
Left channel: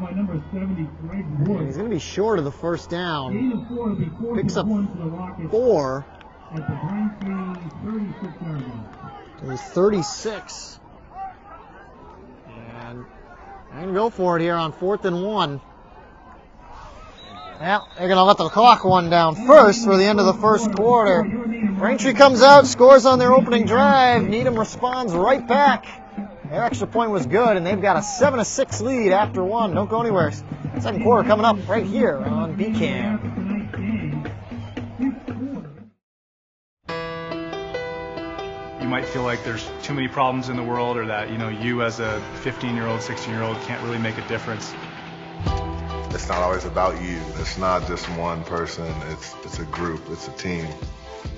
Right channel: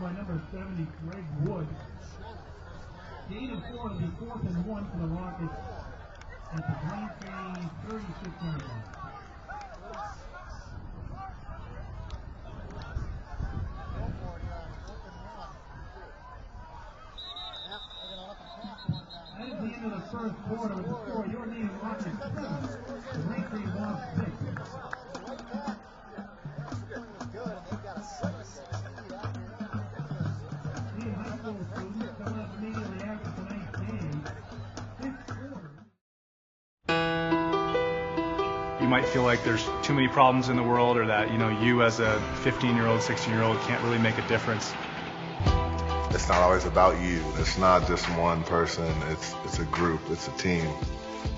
by number 70, Greg Wood. He's going to be short of the first down. Gain of 4 will be 4th Picks and up 1 for the Rockets 4. at the Braintree 36-yard line. It was 36. And they're going to go for it here on 4th and 1. Well, they're going to let the clock run down first for the end of the first quarter. Braintree comes out, scores on their opening drive. Needham responds right back. Their extra point was good, and they've got a 7-6 lead after 1. Don't go anywhere. Second quarter coming up right here on BCAM. you might feel like there's too many problems in the world, or that, you as a 15-year-old, 16-year-old can't really make a difference. It's not always about you. It's not just one person. It's a group. It's a team.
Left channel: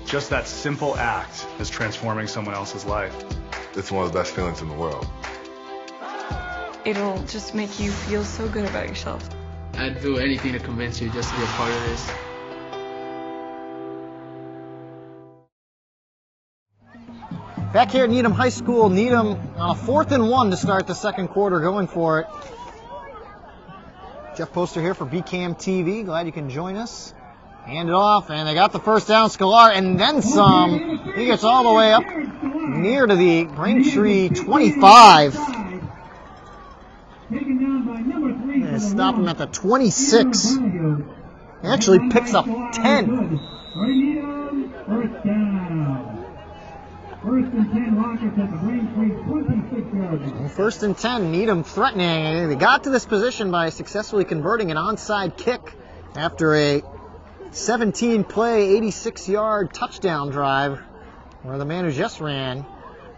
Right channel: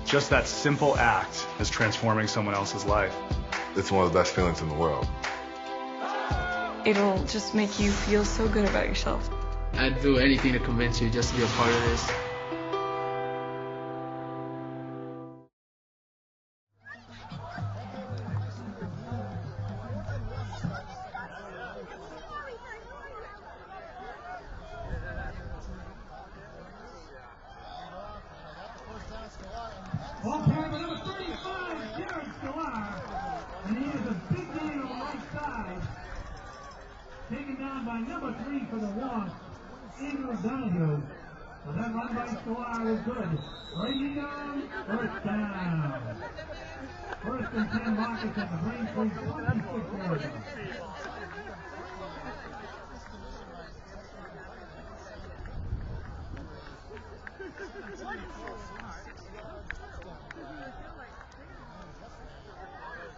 Just that simple act is transforming someone else's life. It's one of the best feelings in the world. It'll just make you feel so good about yourself. I'd do anything to convince you just to be a part of this. Back here at Needham High School, Needham on a 4th and 1 to start the second quarter, going for it. Jeff Poster here for BCAM TV. Glad you can join us. Hand it off, and they got the first down. Scalar, and then some. He gets all the way up near to the Braintree 25. They stop him at the 26. He actually picks up 10. First and 10, Needham threatening. They got to this position by successfully converting an onside kick after a 17-play, 86-yard touchdown drive where the man who just ran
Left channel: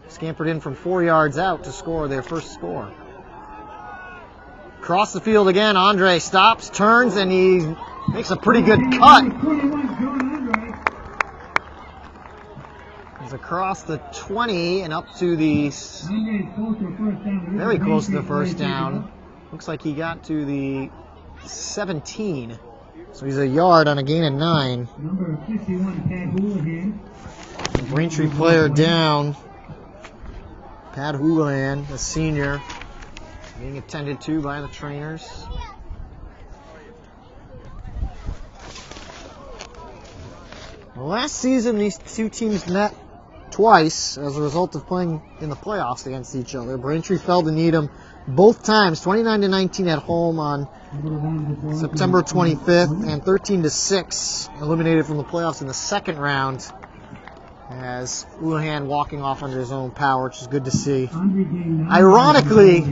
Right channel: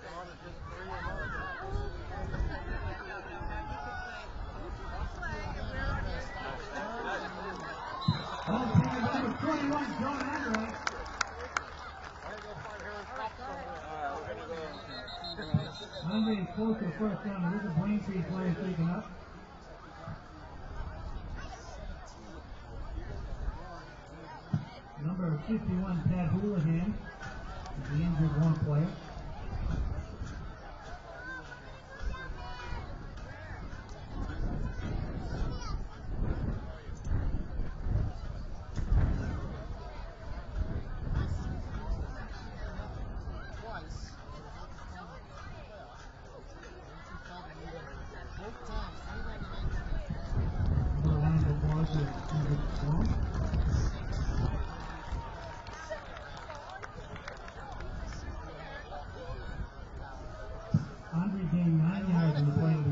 scampered in from 4 yards out to score their first score. Across the field again, Andre stops, turns, and he makes a pretty good cut. He's across the 20 and up to the, very close to the first down. Looks like he got to the 17. So he's a yard on a gain of 9. Braintree player down. Pat Houlihan, a senior, being attended to by the trainers. Last season, these two teams met twice as a result of playing in the playoffs against each other. Braintree fell to Needham both times, 29-19 at home on September 25th, and 13-6 eliminated from the playoffs in the second round, as Houlihan walking off under his own power, which is good to see. Ironically,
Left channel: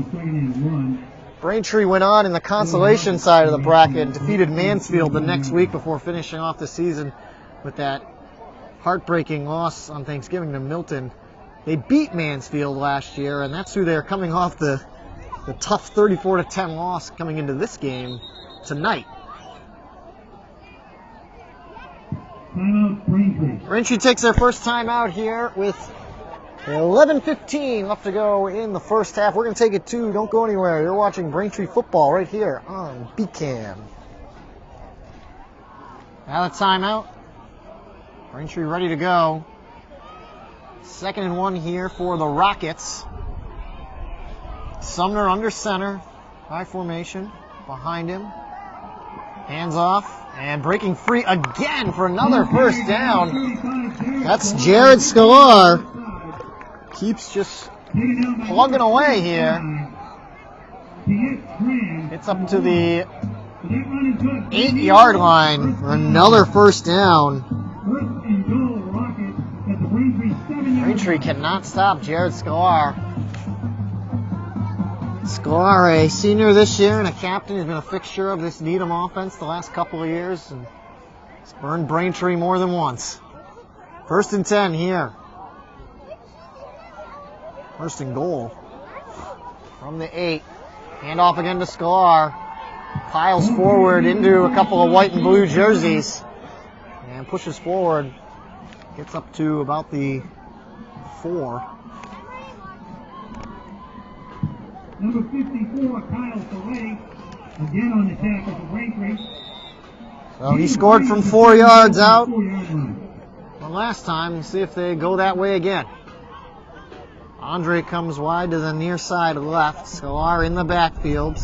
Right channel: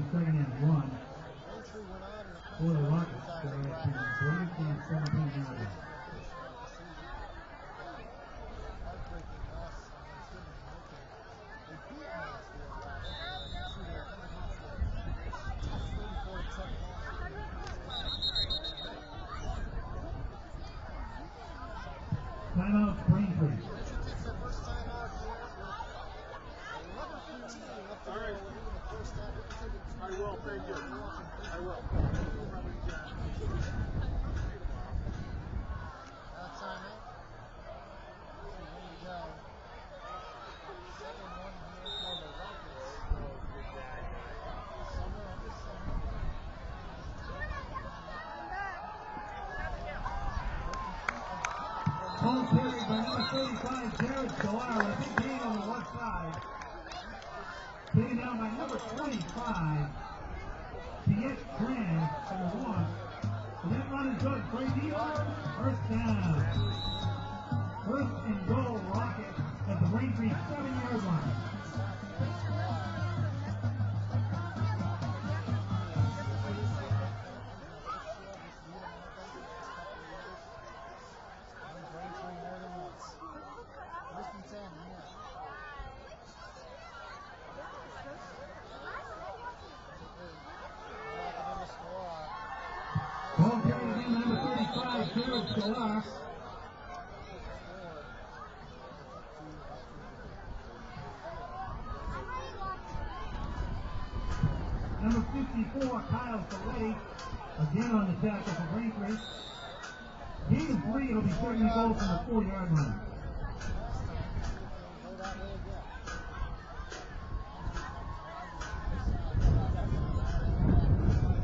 Braintree went on in the consolation side of the bracket and defeated Mansfield the next week before finishing off the season with that heartbreaking loss on Thanksgiving to Milton. They beat Mansfield last year, and that's who they're coming off the tough 34-10 loss coming into this game tonight. Braintree takes their first time out here with 11:15 left to go in the first half. We're going to take it too. Don't go anywhere. You're watching Braintree football right here on BCAM. Now the timeout. Braintree ready to go. 2nd and 1 here for the Rockets. Sumner under center, high formation, behind him. Hands off, and breaking free again for another first down. That's Jared Scalar. Keeps just plugging away here. It's up to the 8-yard line for another first down. Braintree cannot stop Jared Scalar. Scalar, a senior this year and a captain, has been a fixture of this Needham offense the last couple of years, and he's burned Braintree more than once. 1st and 10 here. 1st and goal from the 8. Hand off again to Scalar. Piles forward into a couple of white and blue jerseys and pushes forward. Gets up to about the 4. Number 54, Kyle Saleh, again on the tackle for Braintree. So he scored from 4 yards out. Well, last time, we'll see if they go that way again. Andre comes wide to the near side left. Scalar in the backfield.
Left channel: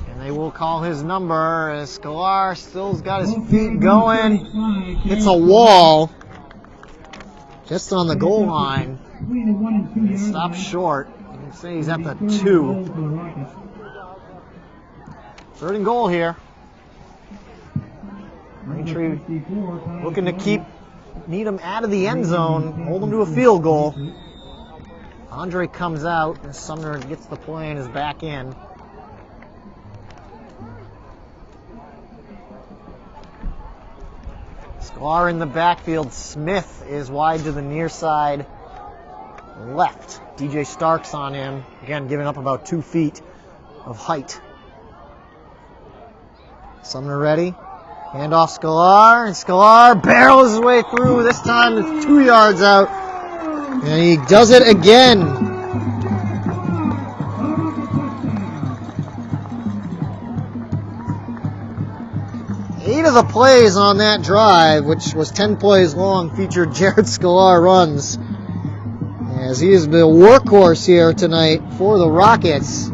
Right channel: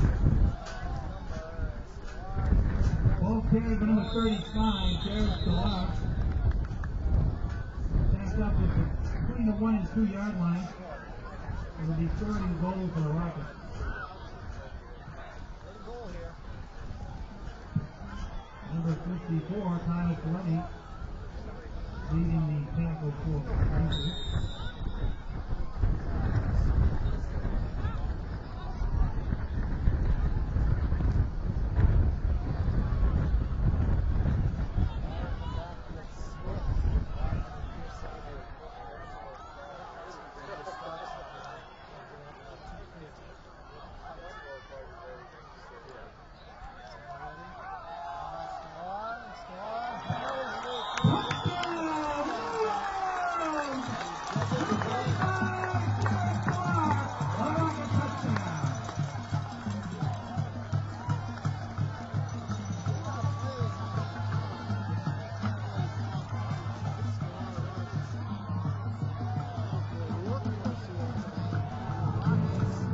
And they will call his number as Scalar still's got his feet going. Hits a wall just on the goal line. He stops short. You can say he's at the 2. 3rd and goal here. Braintree looking to keep Needham out of the end zone, hold them to a field goal. Andre comes out, and Sumner gets the play and is back in. Sklar in the backfield. Smith is wide to the near side left. DJ Starks on him. Again, giving up about 2 feet of height. Sumner ready. Handoff Sklar, and Sklar barrels his way through. This time it's 2 yards out. And he does it again. Eight of the plays on that drive, which was 10 plays long, featured Jared Sklar runs, as he is the workhorse here tonight for the Rockets.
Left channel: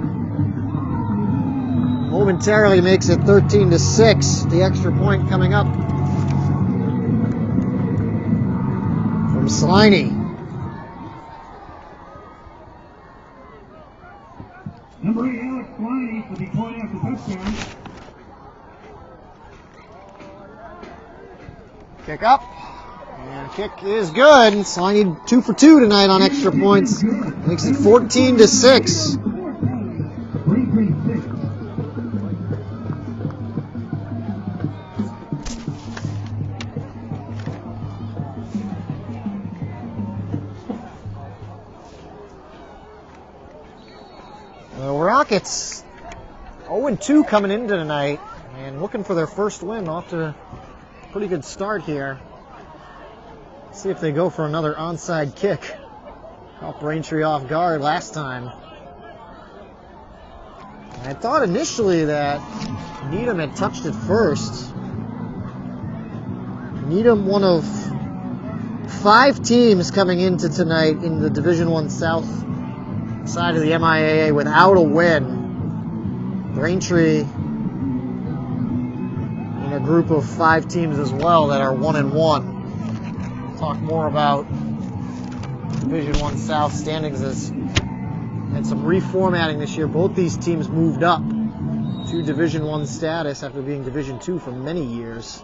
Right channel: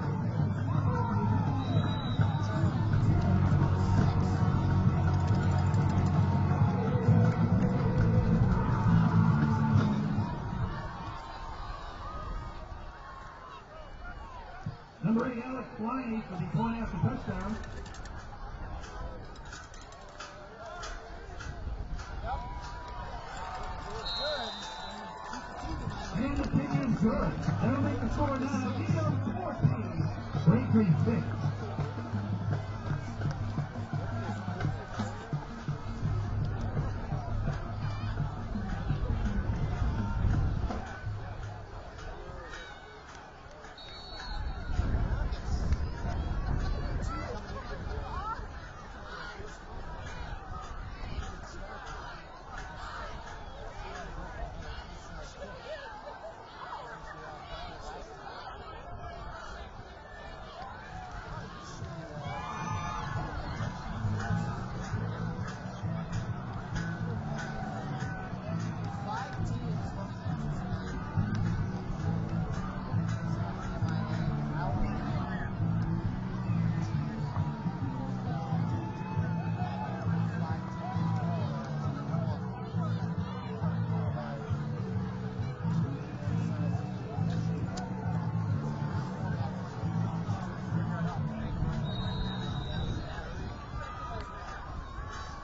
Momentarily makes it 13-6. The extra point coming up from Sliney. Number 8, Alex Sliney, for the point after touchdown. Kick up. And kick is good. Sliney 2 for 2 tonight on extra points. Makes it 14-6. The Rockets 0-2 coming into tonight and looking for their first win. Off to a pretty good start here. See if they go for another onside kick. Caught Braintree off guard last time. And I thought initially that Needham had touched it first. Needham, one of 5 teams coming into tonight in the Division I South side of the MIAA without a win. Braintree in a group of 5 teams as well that are 1-1. We'll talk more about Division I South standings as had some reformatting this year. Both these teams moved up to Division I status after being Division II for many years.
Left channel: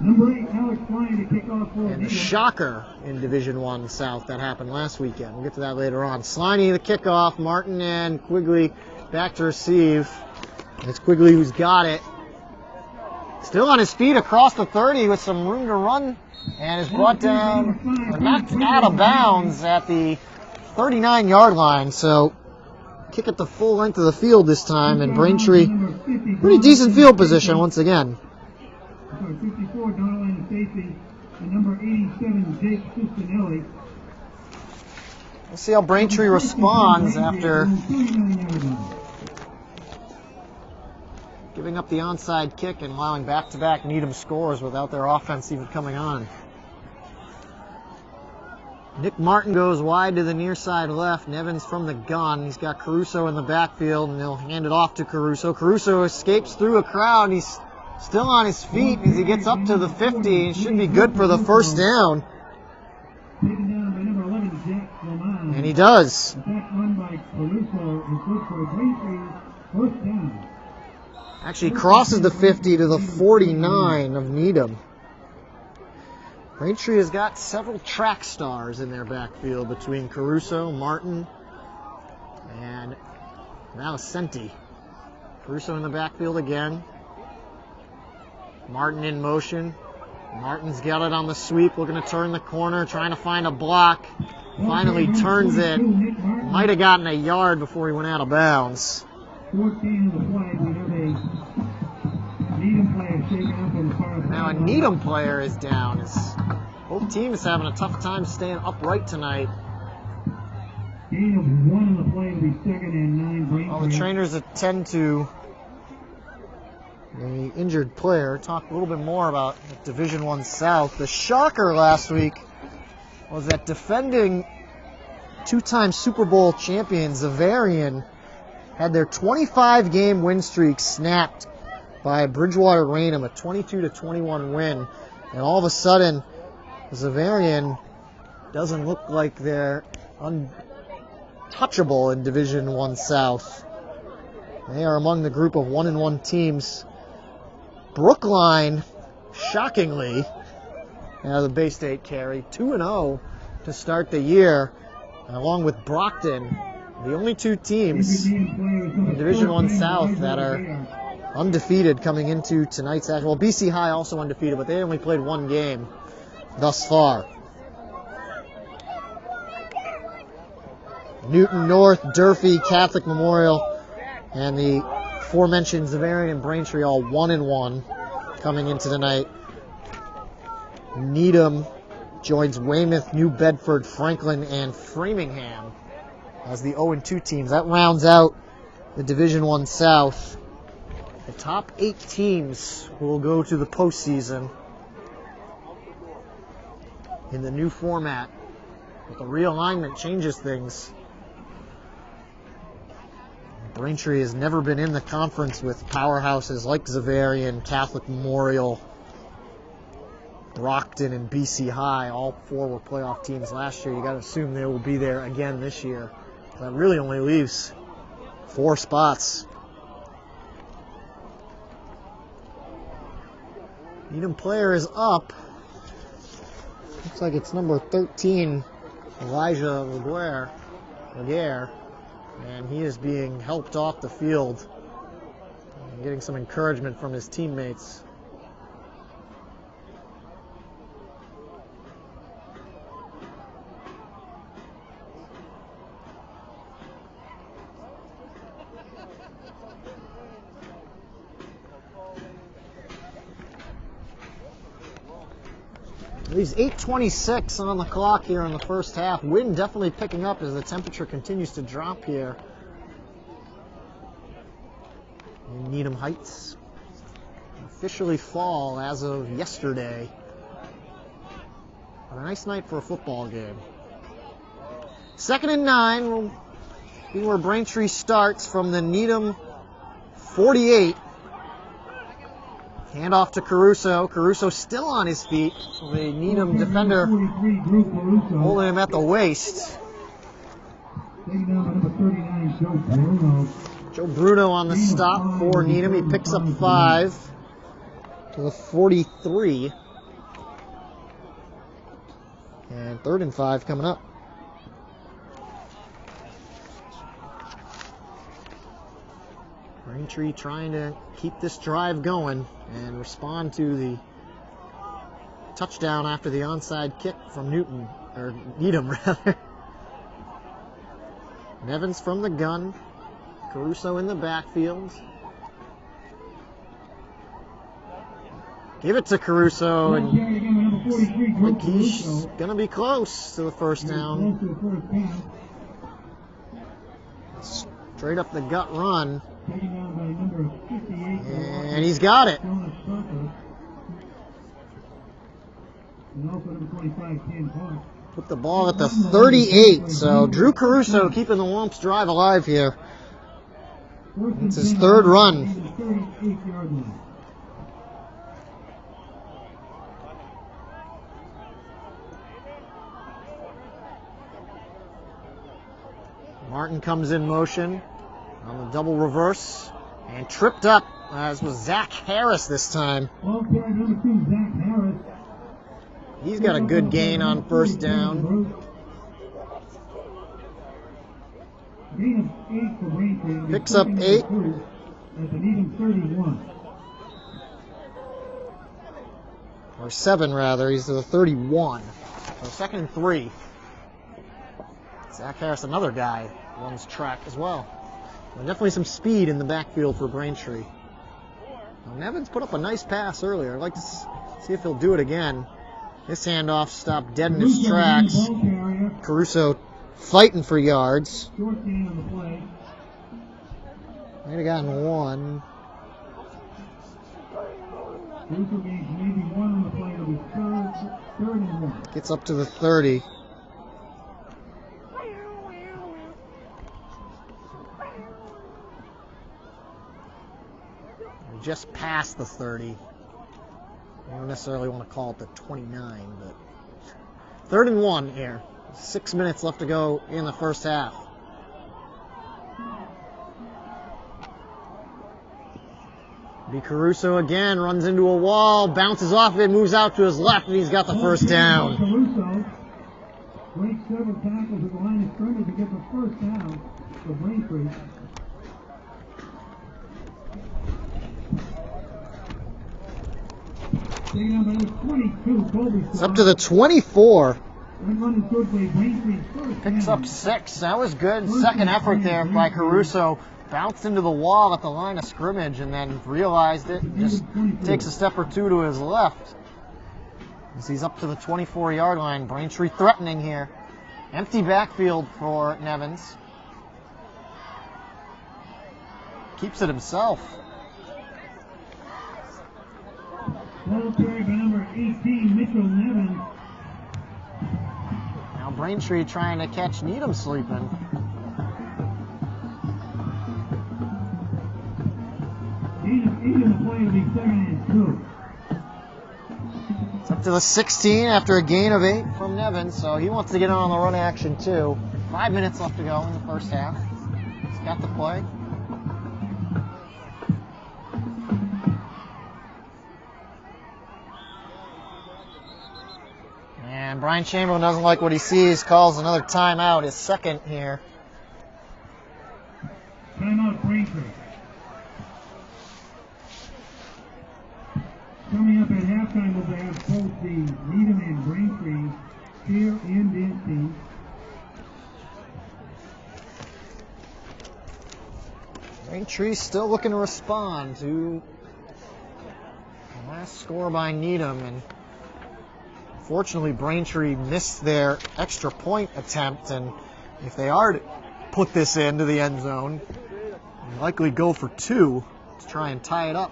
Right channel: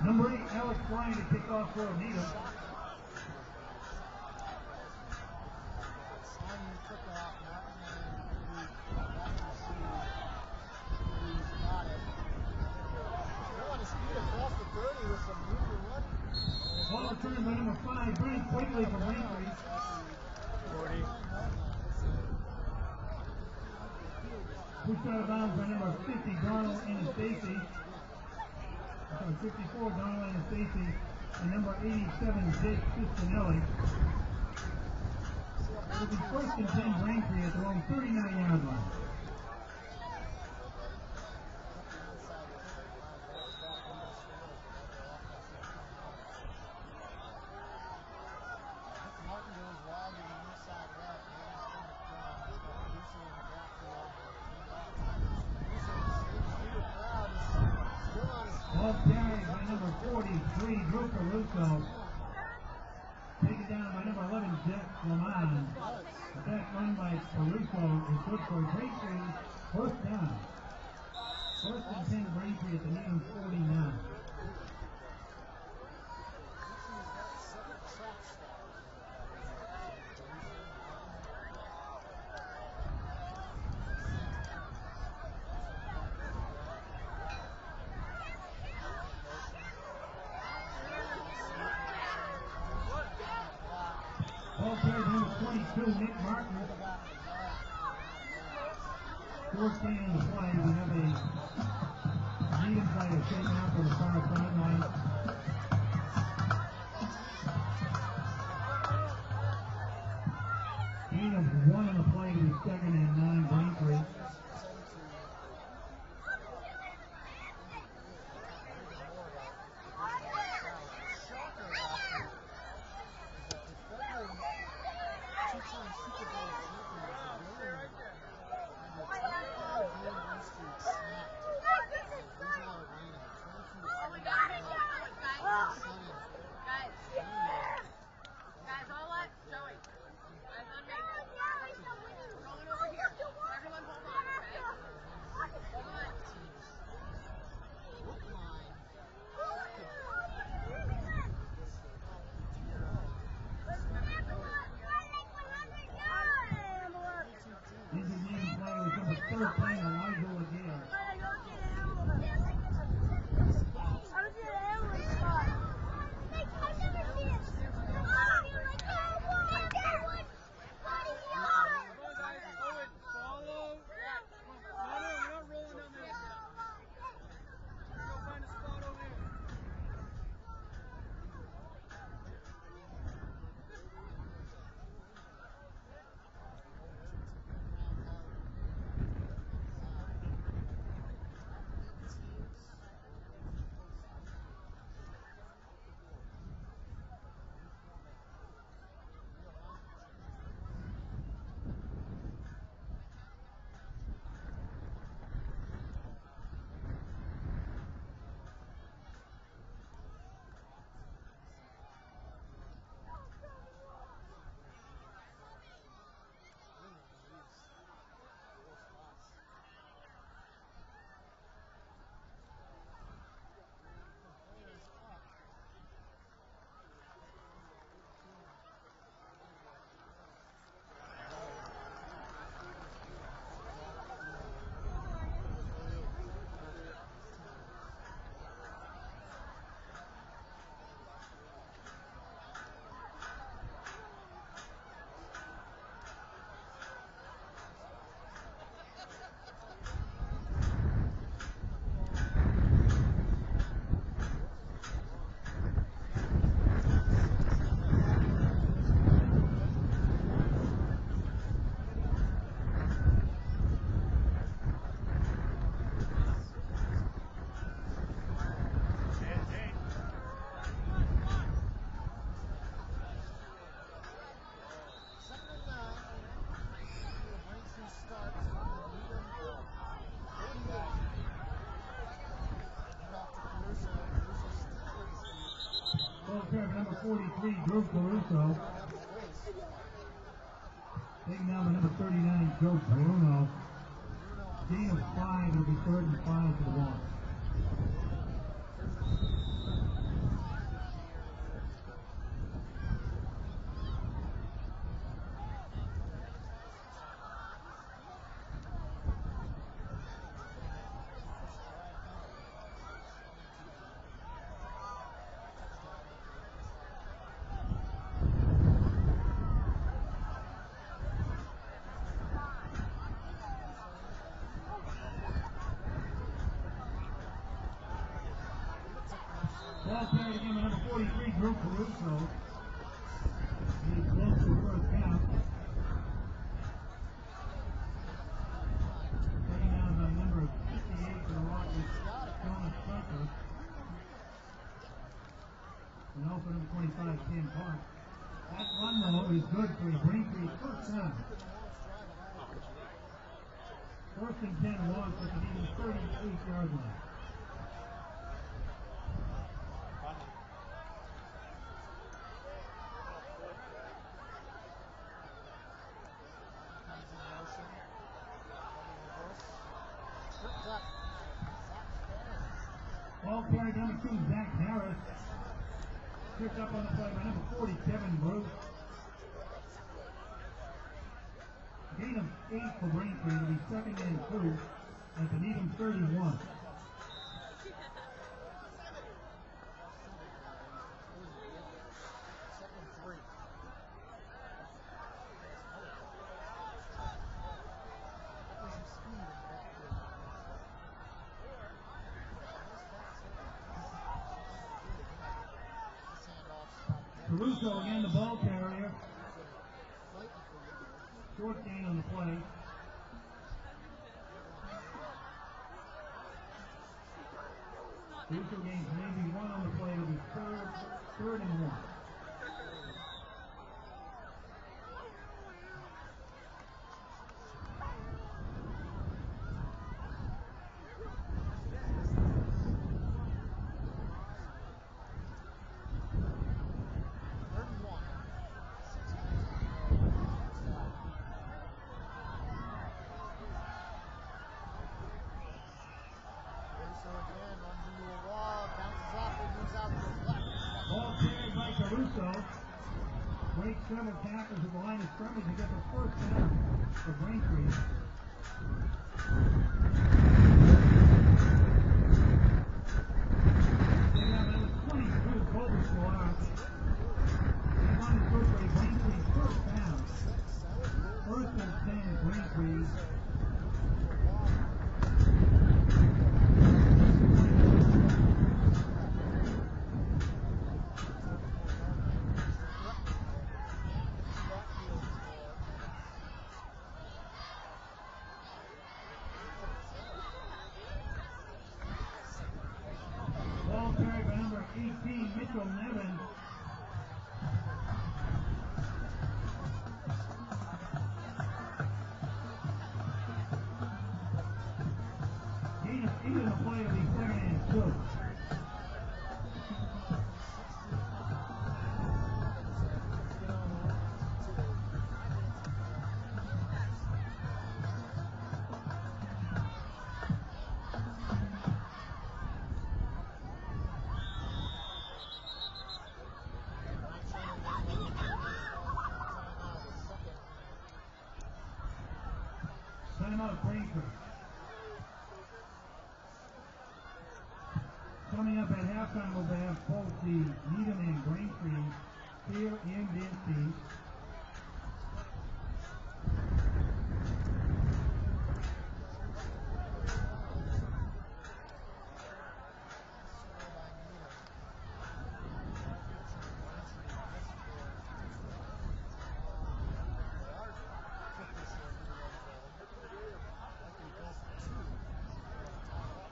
Number 8, Alex Sliney to kick off for And the shocker in Division I South that happened last weekend. We'll get to that later on. Sliney the kickoff. Martin and Quigley back to receive. It's Quigley who's got it. Still on his feet across the 30 with some room to run, and is brought down, or knocked out of bounds at the 39-yard line. So kick at the full length of the field this time, and Braintree pretty decent field position once again. 54, Donald Stacy, and number 87, Jake Cicinelli. Let's see how Braintree responds after giving up the onside kick and allowing back-to-back Needham scores without their offense even coming on. Nick Martin goes wide to the near side left. Nevins from the gun. He's got Caruso in the backfield, and he'll hand it off to Caruso. Caruso escapes through a crowd. He's still on his feet as he gets up to the 50. It should be good for the first down. And he does. Actually crosses the 50 to the 49 of Needham. Braintree has got several track stars in their backfield between Caruso, Martin, and Malicenti. Caruso in the backfield again. Martin in motion. Martin's got it on the sweep, looking to turn the corner, trying to find a block. Finally turns it. Might have gotten a yard before he went out of bounds. 14 of the play, we have a Needham player shaken up in the far back. Now a Needham player is down. Both teams having a tough time staying upright tonight. Gain of 1 in the play to be 2nd and 9. All the trainers attend to the injured player. Talk a little bit more about Division I South. The shocker last week was that defending 2-time Super Bowl champion Zavarian had their 25-game win streak snapped by Bridgewater Raynham, a 22-21 win. And all of a sudden, Zavarian doesn't look like they're untouchable in Division I South. They are among the group of 1-1 teams. Brookline, shockingly, the Bay State carry, 2-0 to start the year, and along with Brockton, the only 2 teams in Division I South that are undefeated coming into tonight's action. Well, BC High also undefeated, but they only played one game thus far. Newton North, Durfee, Catholic Memorial, and the aforementioned Xaverian and Braintree all 1-1 coming into tonight. Needham joins Weymouth, New Bedford, Franklin, and Framingham as the 0-2 teams. That rounds out the Division I South. The top 8 teams will go to the postseason in the new format. But the realignment changes things. Braintree has never been in the conference with powerhouses like Xaverian, Catholic Memorial, Brockton, and BC High. All 4 were playoff teams last year. You got to assume they will be there again this year. That really only leaves 4 spots. Needham player is up. Looks like it's number 13, Elijah Laguerre, and he is being helped off the field and getting some encouragement from his teammates. It's 8:26 on the clock here in the first half. Wind definitely picking up as the temperature continues to drop here in Needham Heights. Officially fall as of yesterday. A nice night for a football game. 2nd and 9 will be where Braintree starts from the Needham 48. Hand off to Caruso. Caruso still on his feet. The Needham defender holding him at the waist. Joe Bruno on the stop for Needham. He picks up 5 to the 43. And 3rd and 5 coming up. Braintree trying to keep this drive going and respond to the touchdown after the onside kick from Needham rather. Nevins from the gun, Caruso in the backfield. Give it to Caruso, and he's gonna be close to the first down. Straight up the gut run. And he's got it. Put the ball at the 38. So Drew Caruso keeping the Womps drive alive here. It's his 3rd run. Martin comes in motion on the double reverse and tripped up, as was Zach Harris this time. He's got a good gain on first down. Picks up 8. Or 7 rather, he's to the 31. So 2nd and 3. Zach Harris, another guy, runs track as well. And definitely some speed in the backfield for Braintree. Nevins put up a nice pass earlier. I'd like to see if he'll do it again. This handoff stopped dead in his tracks. Caruso fighting for yards. Might have gotten 1. Gets up to the 30. Just past the 30. I don't necessarily want to call it the 29, but 3rd and 1 here. 6 minutes left to go in the first half. B. Caruso again runs into a wall, bounces off of it, moves out to his left, and he's got the first down. Caruso breaks several tackles at the line of scrimmage to get the first down for Braintree. It's up to the 24. That run is good for Braintree. Picks up 6. That was good. Second effort there by Caruso. Bounced into the wall at the line of scrimmage and then realized it. Just takes a step or two to his left. So he's up to the 24-yard line. Braintree threatening here. Empty backfield for Nevins. Keeps it himself. Ball carried by number 18, Mitchell Nevins. Now Braintree trying to catch Needham sleeping. He's in the play to be second and 2. It's up to the 16 after a gain of 8 from Nevins, so he wants to get on the run action too. 5 minutes left to go in the first half. He's got the play. And Brian Chamberlain doesn't like what he sees, calls another timeout, his second here. Timeout Braintree. Coming up at halftime, we'll have both the Needham and Braintree cheer and dancing. Braintree still looking to respond to the last score by Needham, and fortunately Braintree missed their extra point attempt, and if they are to put this into the end zone, they'll likely go for 2 to try and tie it up.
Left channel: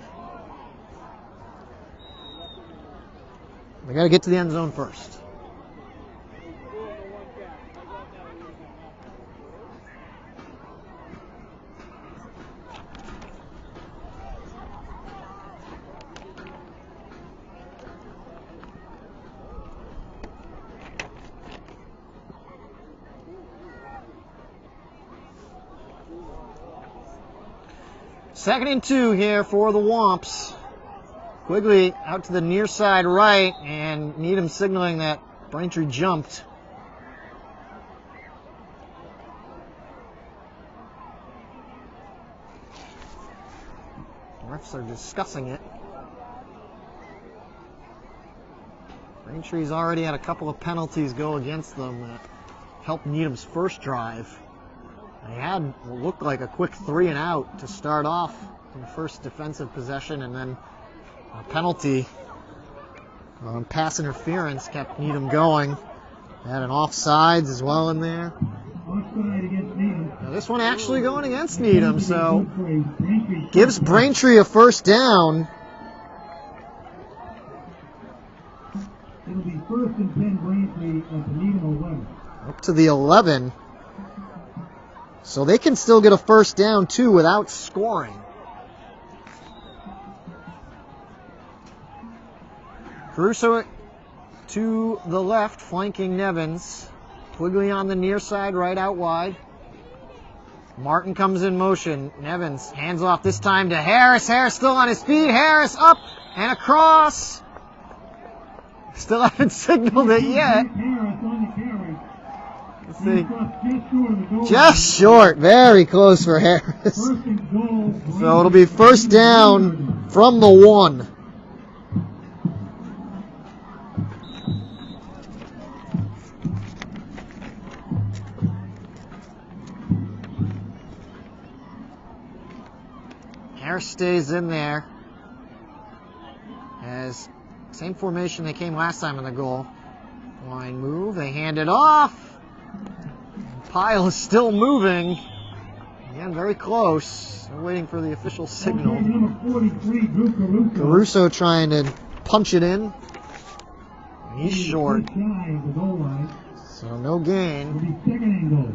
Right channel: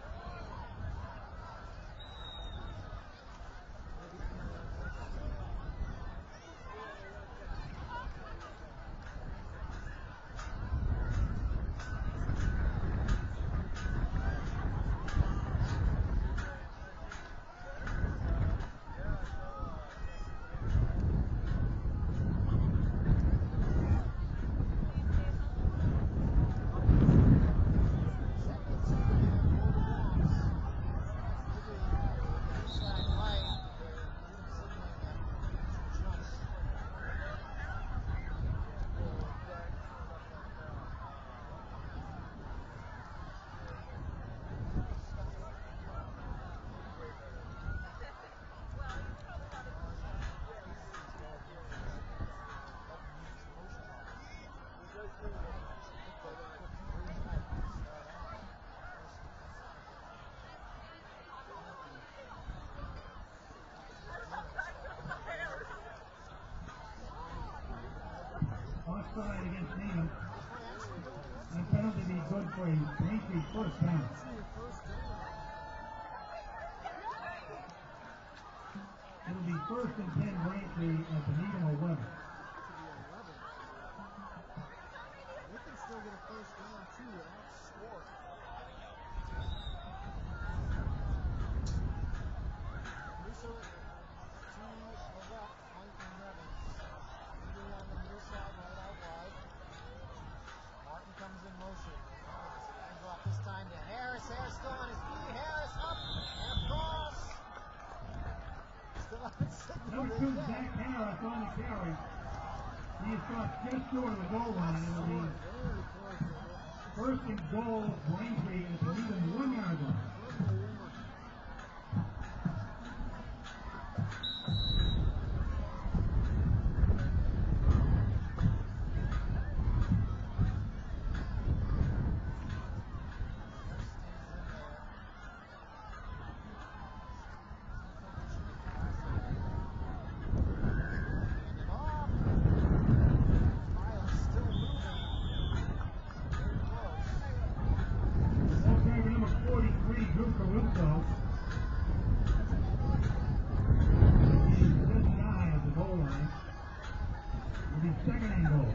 They got to get to the end zone first. Second and 2 here for the Womps. Quigley out to the near side right, and Needham signaling that Braintree jumped. Refs are discussing it. Braintree's already had a couple of penalties go against them that helped Needham's first drive. They had what looked like a quick 3 and out to start off in the first defensive possession, and then a penalty on pass interference kept Needham going. They had an offsides as well in there. Offside against Needham. Now this one actually going against Needham, so gives Braintree a first down. It'll be first and 10 Braintree at the Needham 11. Up to the 11. So they can still get a first down too without scoring. Caruso to the left, flanking Nevins. Quigley on the near side, right out wide. Martin comes in motion. Nevins hands off this time to Harris. Harris still on his feet. Harris up and across. Still haven't signaled it yet. Let's see. Just short. Very close for Harris. So it'll be first down from the 1. Harris stays in there as same formation they came last time in the goal. Line move, they hand it off. Pile is still moving. Again, very close. They're waiting for the official signal. Number 43, Drew Caruso. Caruso trying to punch it in. He's short. So no gain. It'll be second and goal.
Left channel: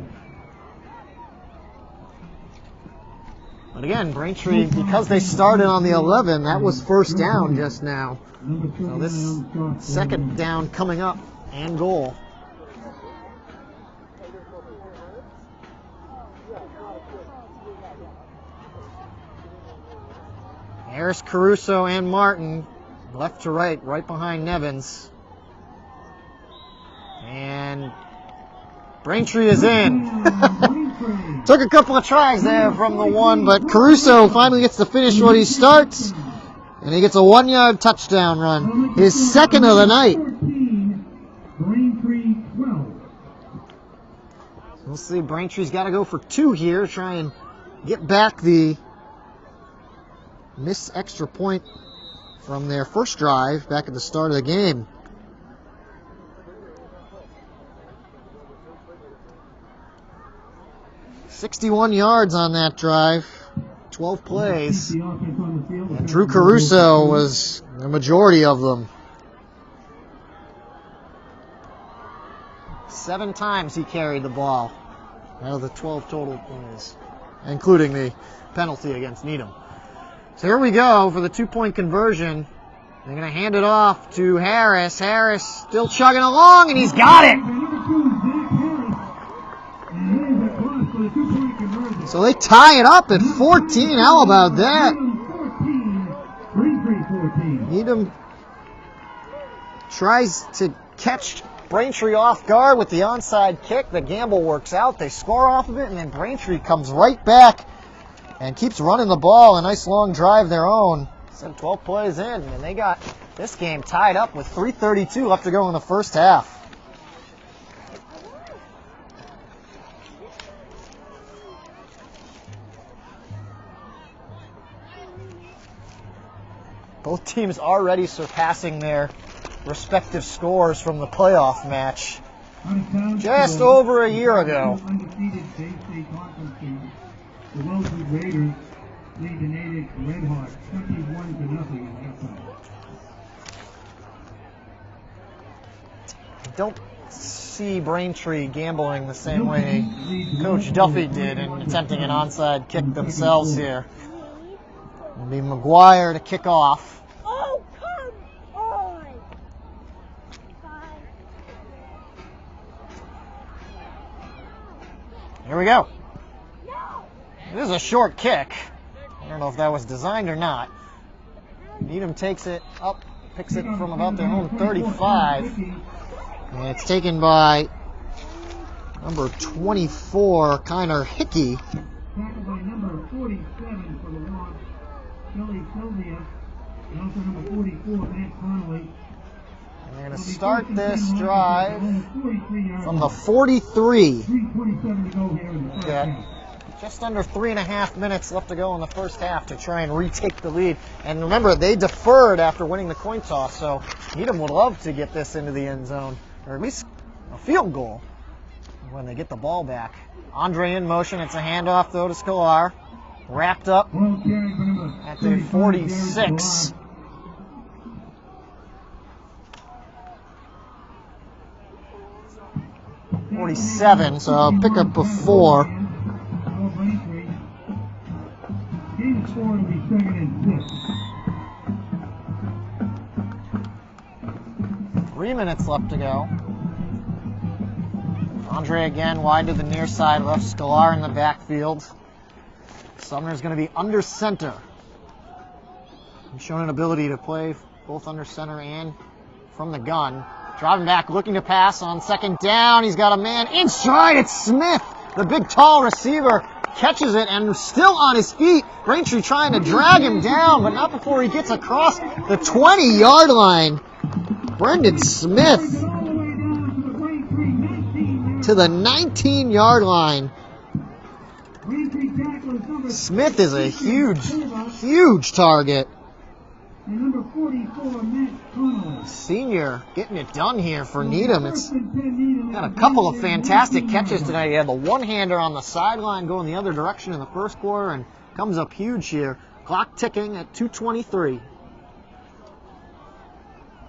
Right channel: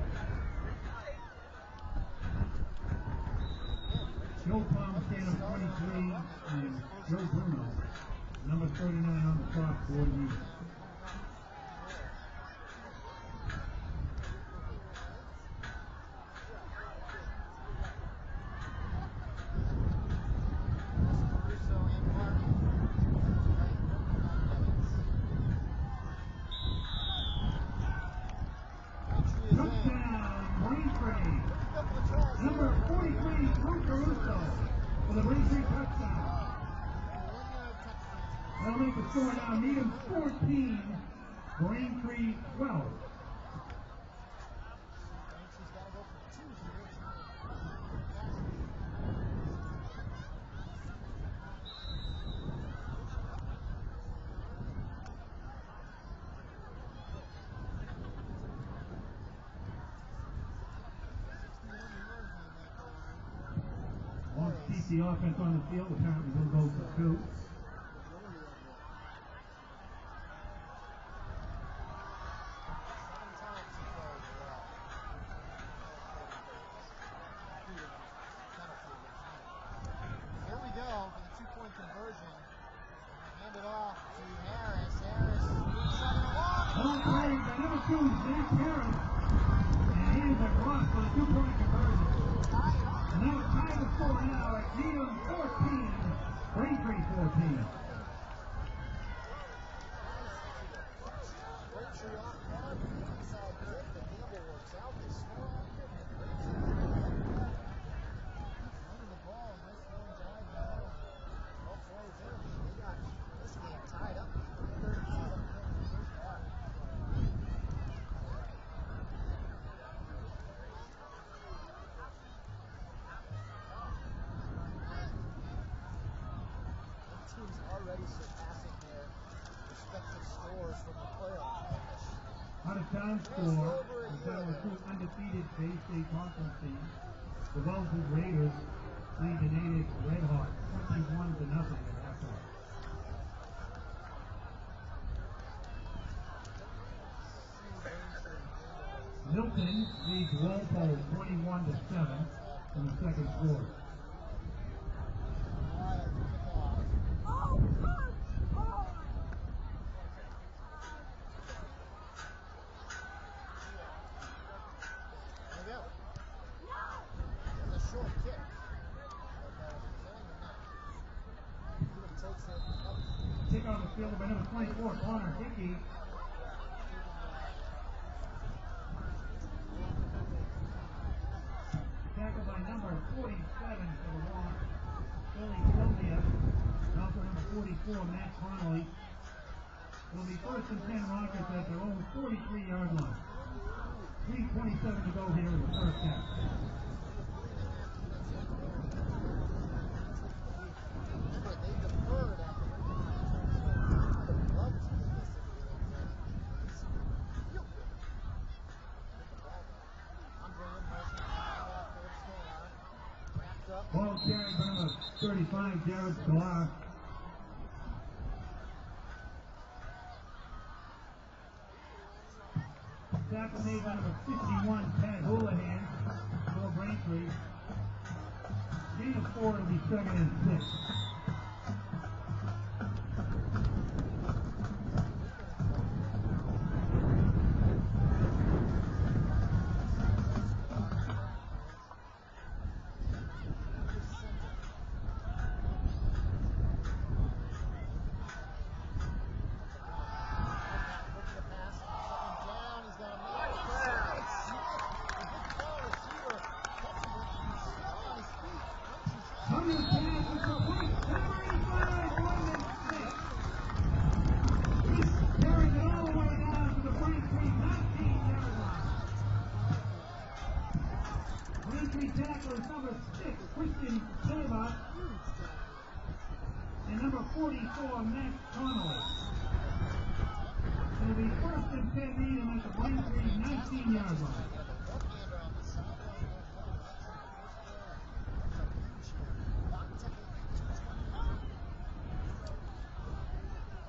But again, Braintree, because they started on the 11, that was first down just now. So this second down coming up and goal. Harris, Caruso, and Martin, left to right, right behind Nevins. And Braintree is in. Took a couple of tries there from the 1, but Caruso finally gets to finish what he starts. And he gets a 1-yard touchdown run. His second of the night. 14, Braintree 12. We'll see. Braintree's got to go for 2 here. Try and get back the missed extra point from their first drive back at the start of the game. "61 yards on that drive, 12 plays, and Drew Caruso was the majority of them. 7 times he carried the ball out of the 12 total plays, including the penalty against Needham. So here we go for the 2-point conversion. They're going to hand it off to Harris. Harris still chugging along, and he's got it. So they tie it up at 14. How about that? Needham tries to catch Braintree off guard with the onside kick. The gamble works out. They score off of it, and then Braintree comes right back and keeps running the ball. A nice long drive their own. 12 plays in, and they got this game tied up with 3:32 left to go in the first half. Both teams already surpassing their respective scores from the playoff match just over a year ago. Undefeated Bay State Washington. The Wellesley Raiders lead the Natives Red Hawks 21-0 at halftime. Don't see Braintree gambling the same way Coach Duffy did in attempting an onside kick themselves here. It'll be McGuire to kick off. Oh, come on! Here we go. This is a short kick. I don't know if that was designed or not. Needham takes it up, picks it from about their own 35. And it's taken by number 24, Kiner Hickey. Tackled by number 47 for the loss, Billy Sylvia, and also number 44, Matt Connolly. They're going to start this drive from the 43. 3:27 to go here in the first Got half. just under 3.5 minutes left to go in the first half to try and retake the lead. And remember, they deferred after winning the coin toss, so Needham would love to get this into the end zone, or at least a field goal when they get the ball back. Andre in motion. It's a handoff, though, to Scalar. Wrapped up Ball carried by number at the 35, 46. 47, so I'll pick up a 4. Game score will be 2nd and 6. 3 minutes left to go. Andre again wide to the near side, left Scalar in the backfield. Sumner's going to be under center. He's shown an ability to play both under center and from the gun. Driving back, looking to pass on 2nd down. He's got a man in stride. It's Smith, the big tall receiver. Catches it and still on his feet. Braintree trying to drag him down, but not before he gets across the 20-yard line. Brendan Smith to the 19-yard line. Smith is a huge target. And number 44, Matt Connolly. Senior getting it done here for Needham. It's got a couple of fantastic catches tonight. He had the one-hander on the sideline going the other direction in the first quarter and comes up huge here. Clock ticking at 2:23.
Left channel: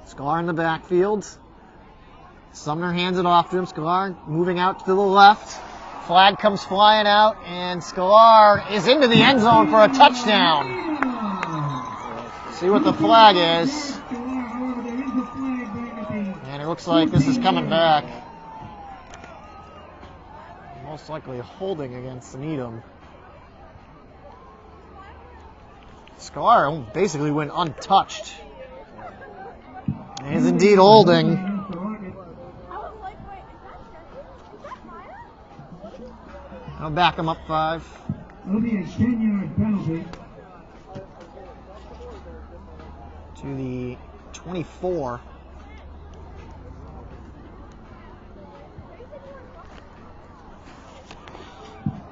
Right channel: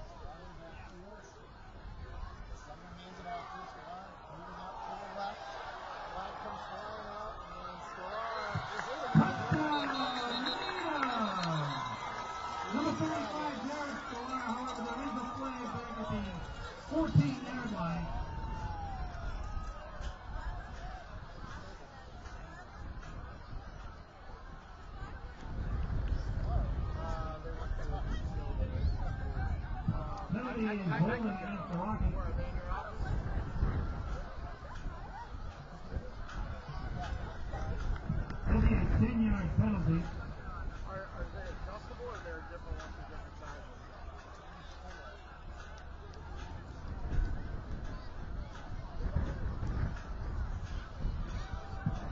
Scalar in the backfield. Sumner hands it off to him. Scalar moving out to the left. Flag comes flying out, and Scalar is into the end zone for a touchdown. See what the flag is. And it looks like this is coming back. Most likely holding against Needham. Scalar basically went untouched. He is indeed holding. I'll back him up 5. It'll be a 10-yard penalty. to the 24.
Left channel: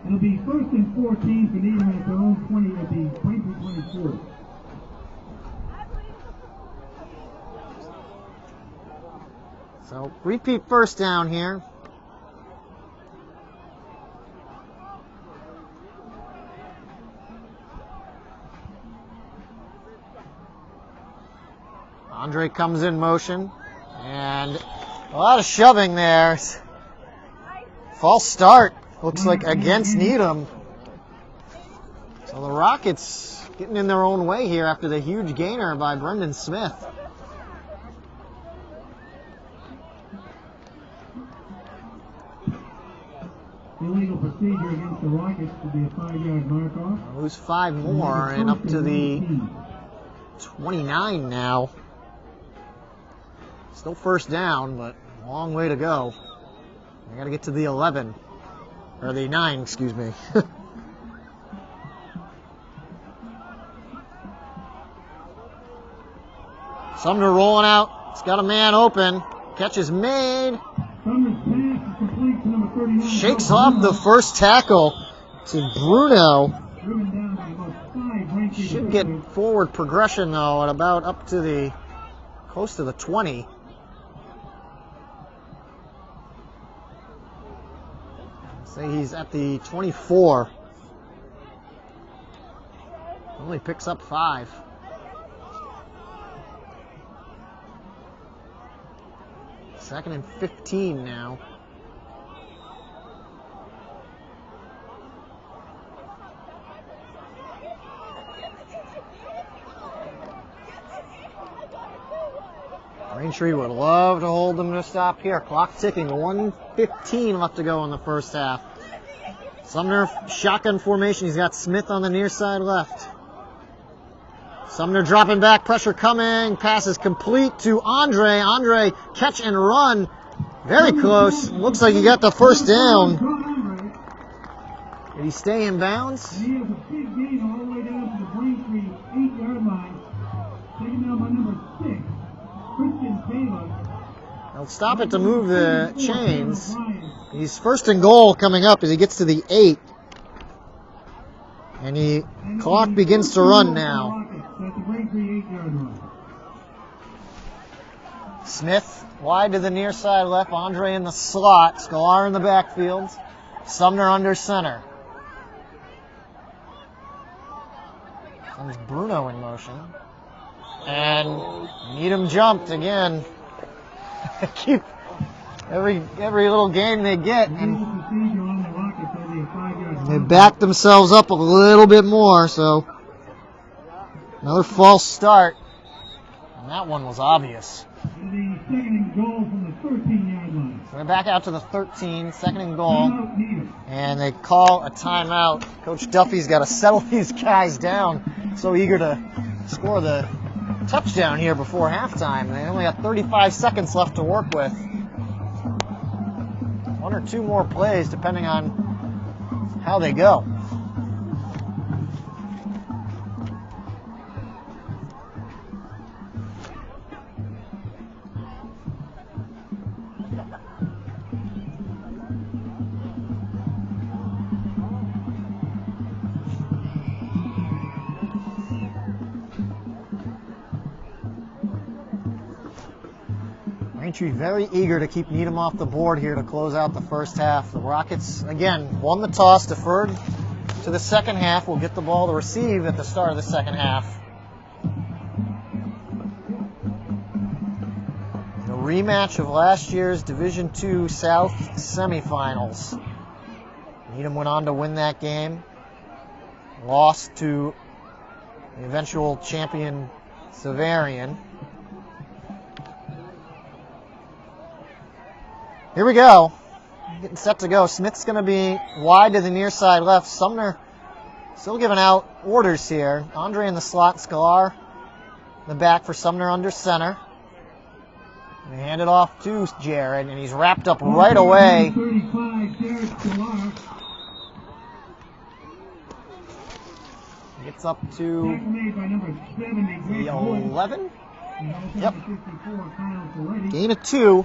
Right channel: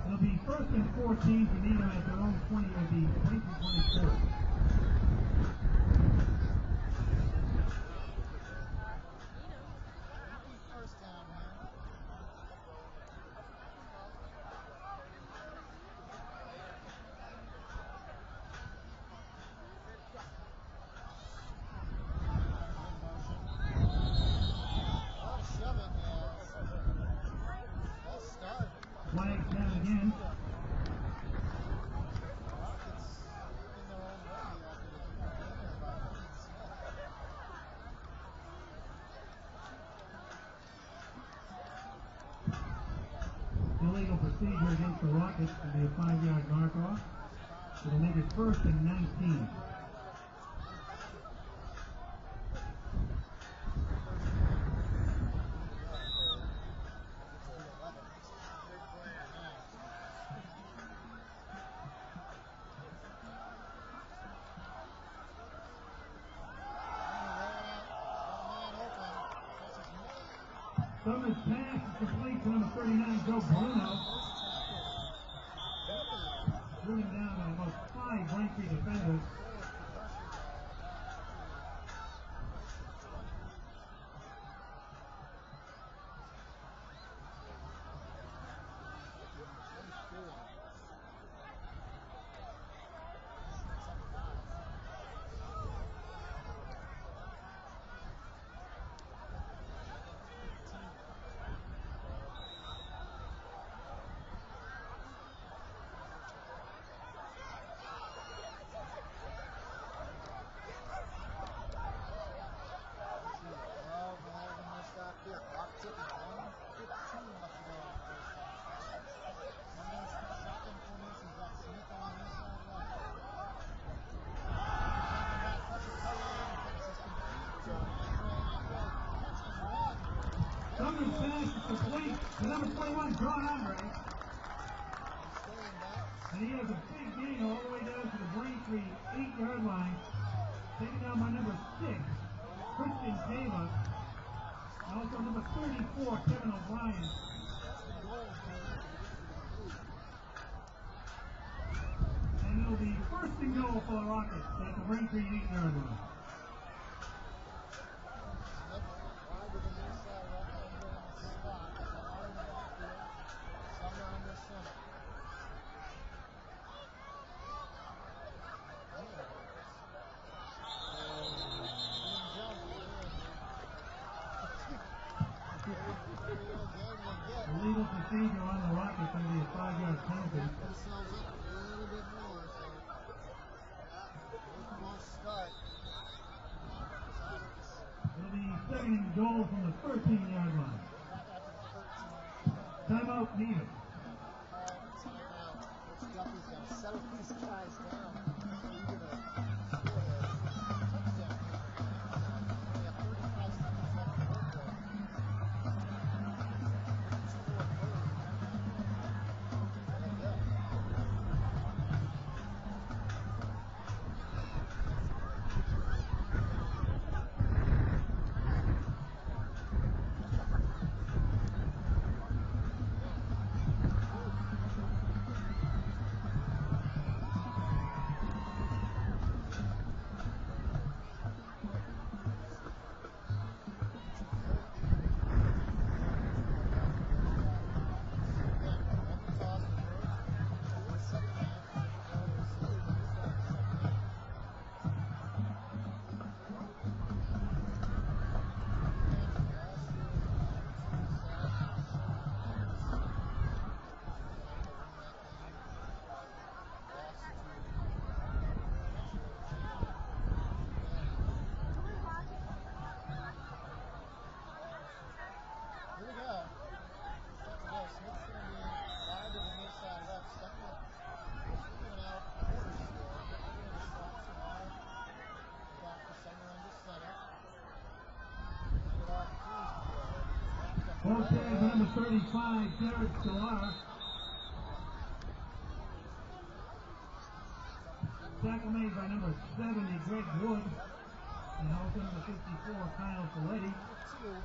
It'll be 1st and 14 for Needham at their own 20 at the 20-24. So repeat first down here. Andre comes in motion, and a lot of shoving there. False start, looks like against Needham. So the Rockets getting in their own way here after the huge gainer by Brendan Smith. Illegal procedure against the Rockets to be a 5-yard mark-off. Lose 5 more and up to the 29 now. Still first down, but a long way to go. I got to get to the 11, or the 9, excuse me. Sumner rolling out. It's got a man open. Catch is made. Sumner's pass is complete to number 39. Shakes off the first tackle to Bruno. Driven down by about 5 right here. Should get forward progression though at about up to the close to the 20. Say he's at the 24. Only picks up 5. Second and 15 now. Braintree would love to hold them to stop here. Clock ticking, 1:15 left to go in the first half. Sumner shotgun formation. He's got Smith on the near side left. Sumner dropping back, pressure coming. Pass is complete to Andre. Andre, catch and run. Very close. Looks like he got the first down. Did he stay in bounds? And he has a big gain all the way down to the Braintree 8-yard line. Taken down by number 6, Christian Taylor. They'll stop it to move the chains. He's first and goal coming up as he gets to the 8. And the clock begins to run now. At the Braintree 8-yard line. Smith wide to the near side left. Andre in the slot. Scalar in the backfield. Sumner under center. There's Bruno in motion. And Needham jumped again. Keep every little game they get, and they back themselves up a little bit more. So another false start, and that one was obvious. And the second and goal from the 13-yard line. So they're back out to the 13, second and goal, and they call a timeout. Coach Duffy's got to settle these guys down. So eager to score the touchdown here before halftime. They only got 35 seconds left to work with. 1 or 2 more plays depending on how they go. Braintree very eager to keep Needham off the board here to close out the first half. The Rockets, again, won the toss, deferred to the second half. Will get the ball to receive at the start of the second half. The rematch of last year's Division II South semifinals. Needham went on to win that game. Lost to the eventual champion Severian. Here we go. Getting set to go. Smith's going to be wide to the near side left. Sumner still giving out orders here. Andre in the slot. Scalar in the back for Sumner under center. They hand it off to Jared, and he's wrapped up right away. 35, Jared Scalar. Gets up to Made by number 70, the 11. Yep. Gain of 2.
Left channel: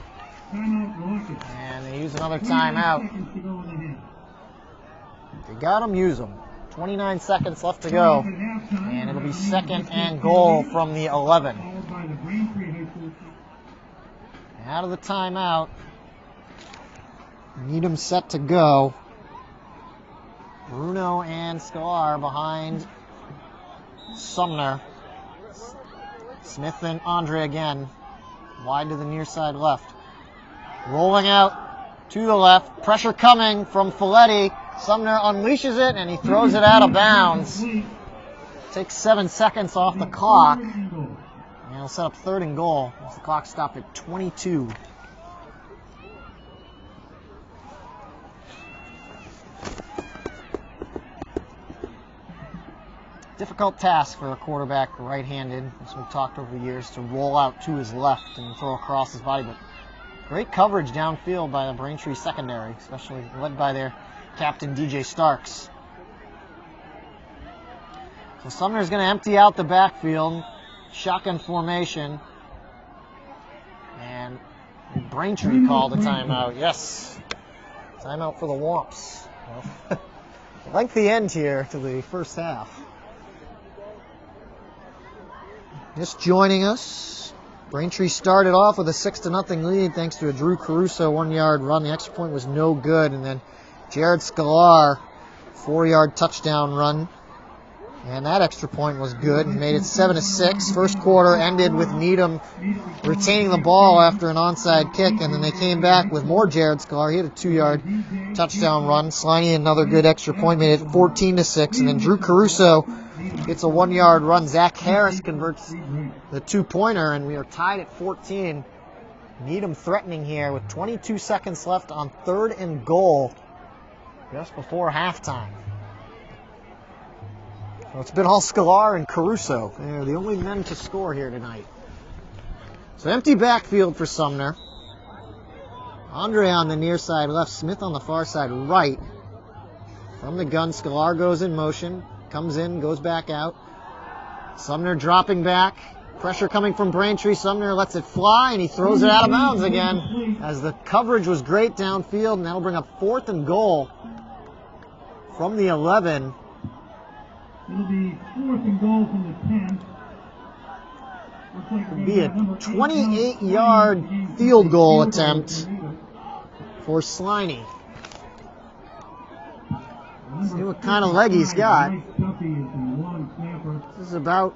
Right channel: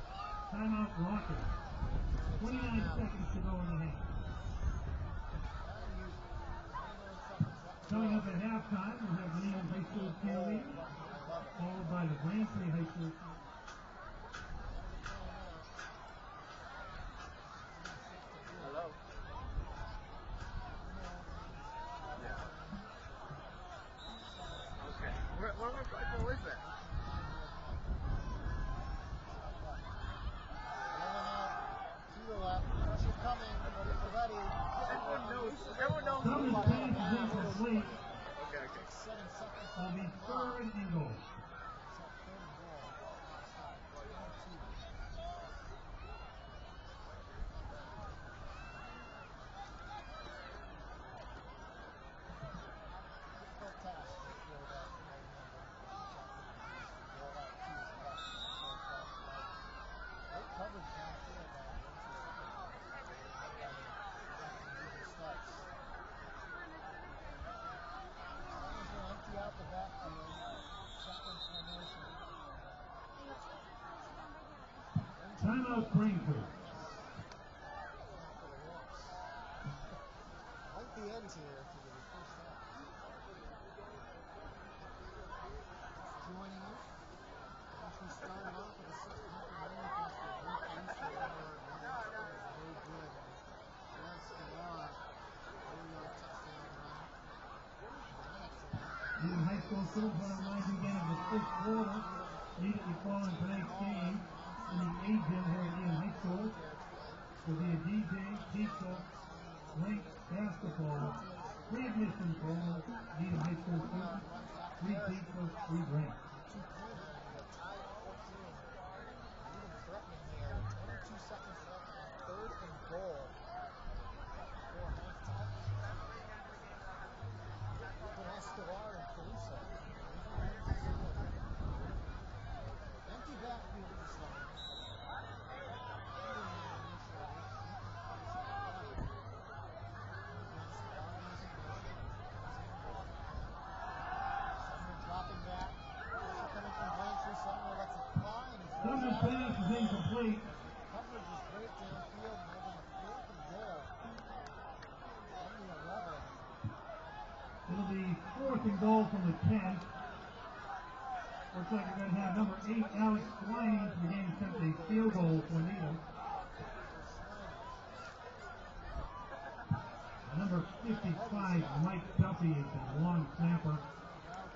Timeout Rockets. And they use another timeout. Seconds to go in the half. They got them, use them. 29 seconds left to go. And it'll be 2nd and goal from the 11. Followed by the Braintree High School. Out of the timeout. Needham set to go. Bruno and Scalar behind Sumner. Smith and Andre again. Wide to the near side left. Rolling out to the left. Pressure coming from Folletti. Sumner unleashes it and he throws it out of bounds. Takes 7 seconds off the clock. And he'll set up 3rd and goal. The clock stopped at 22. Difficult task for a quarterback right-handed, as we've talked over the years, to roll out to his left and throw across his body. But great coverage downfield by the Braintree secondary, especially led by their captain, DJ Starks. So Sumner's going to empty out the backfield, shotgun formation, and Braintree called a timeout. Yes, timeout for the Womps. Well, lengthy end here to the first half. Just joining us, Braintree started off with a 6-0 lead thanks to a Drew Caruso 1-yard run. The extra point was no good, and then Jared Scalar 4-yard touchdown run, and that extra point was good. Made it 7-6. First quarter ended with Needham retaining the ball after an onside kick, and then they came back with more Jared Scalar. He had a 2-yard touchdown run. Sliney another good extra point, made it 14-6, and then Drew Caruso gets a 1-yard run. Zach Harris converts the 2-pointer, and we are tied at 14. Needham threatening here with 22 seconds left on 3rd and goal just before halftime. So it's been all Scalar and Caruso. They're the only men to score here tonight. So empty backfield for Sumner. Andre on the near side left, Smith on the far side right. From the gun, Scalar goes in motion. Comes in, goes back out. Sumner dropping back. Pressure coming from Braintree. Sumner lets it fly, and he throws it out of bounds again as the coverage was great downfield, and that'll bring up 4th and goal from the 11. It'll be 4th and goal from the 10. It'll be a 28-yard field goal attempt for Sliney. See what kind of leg he's got. This is about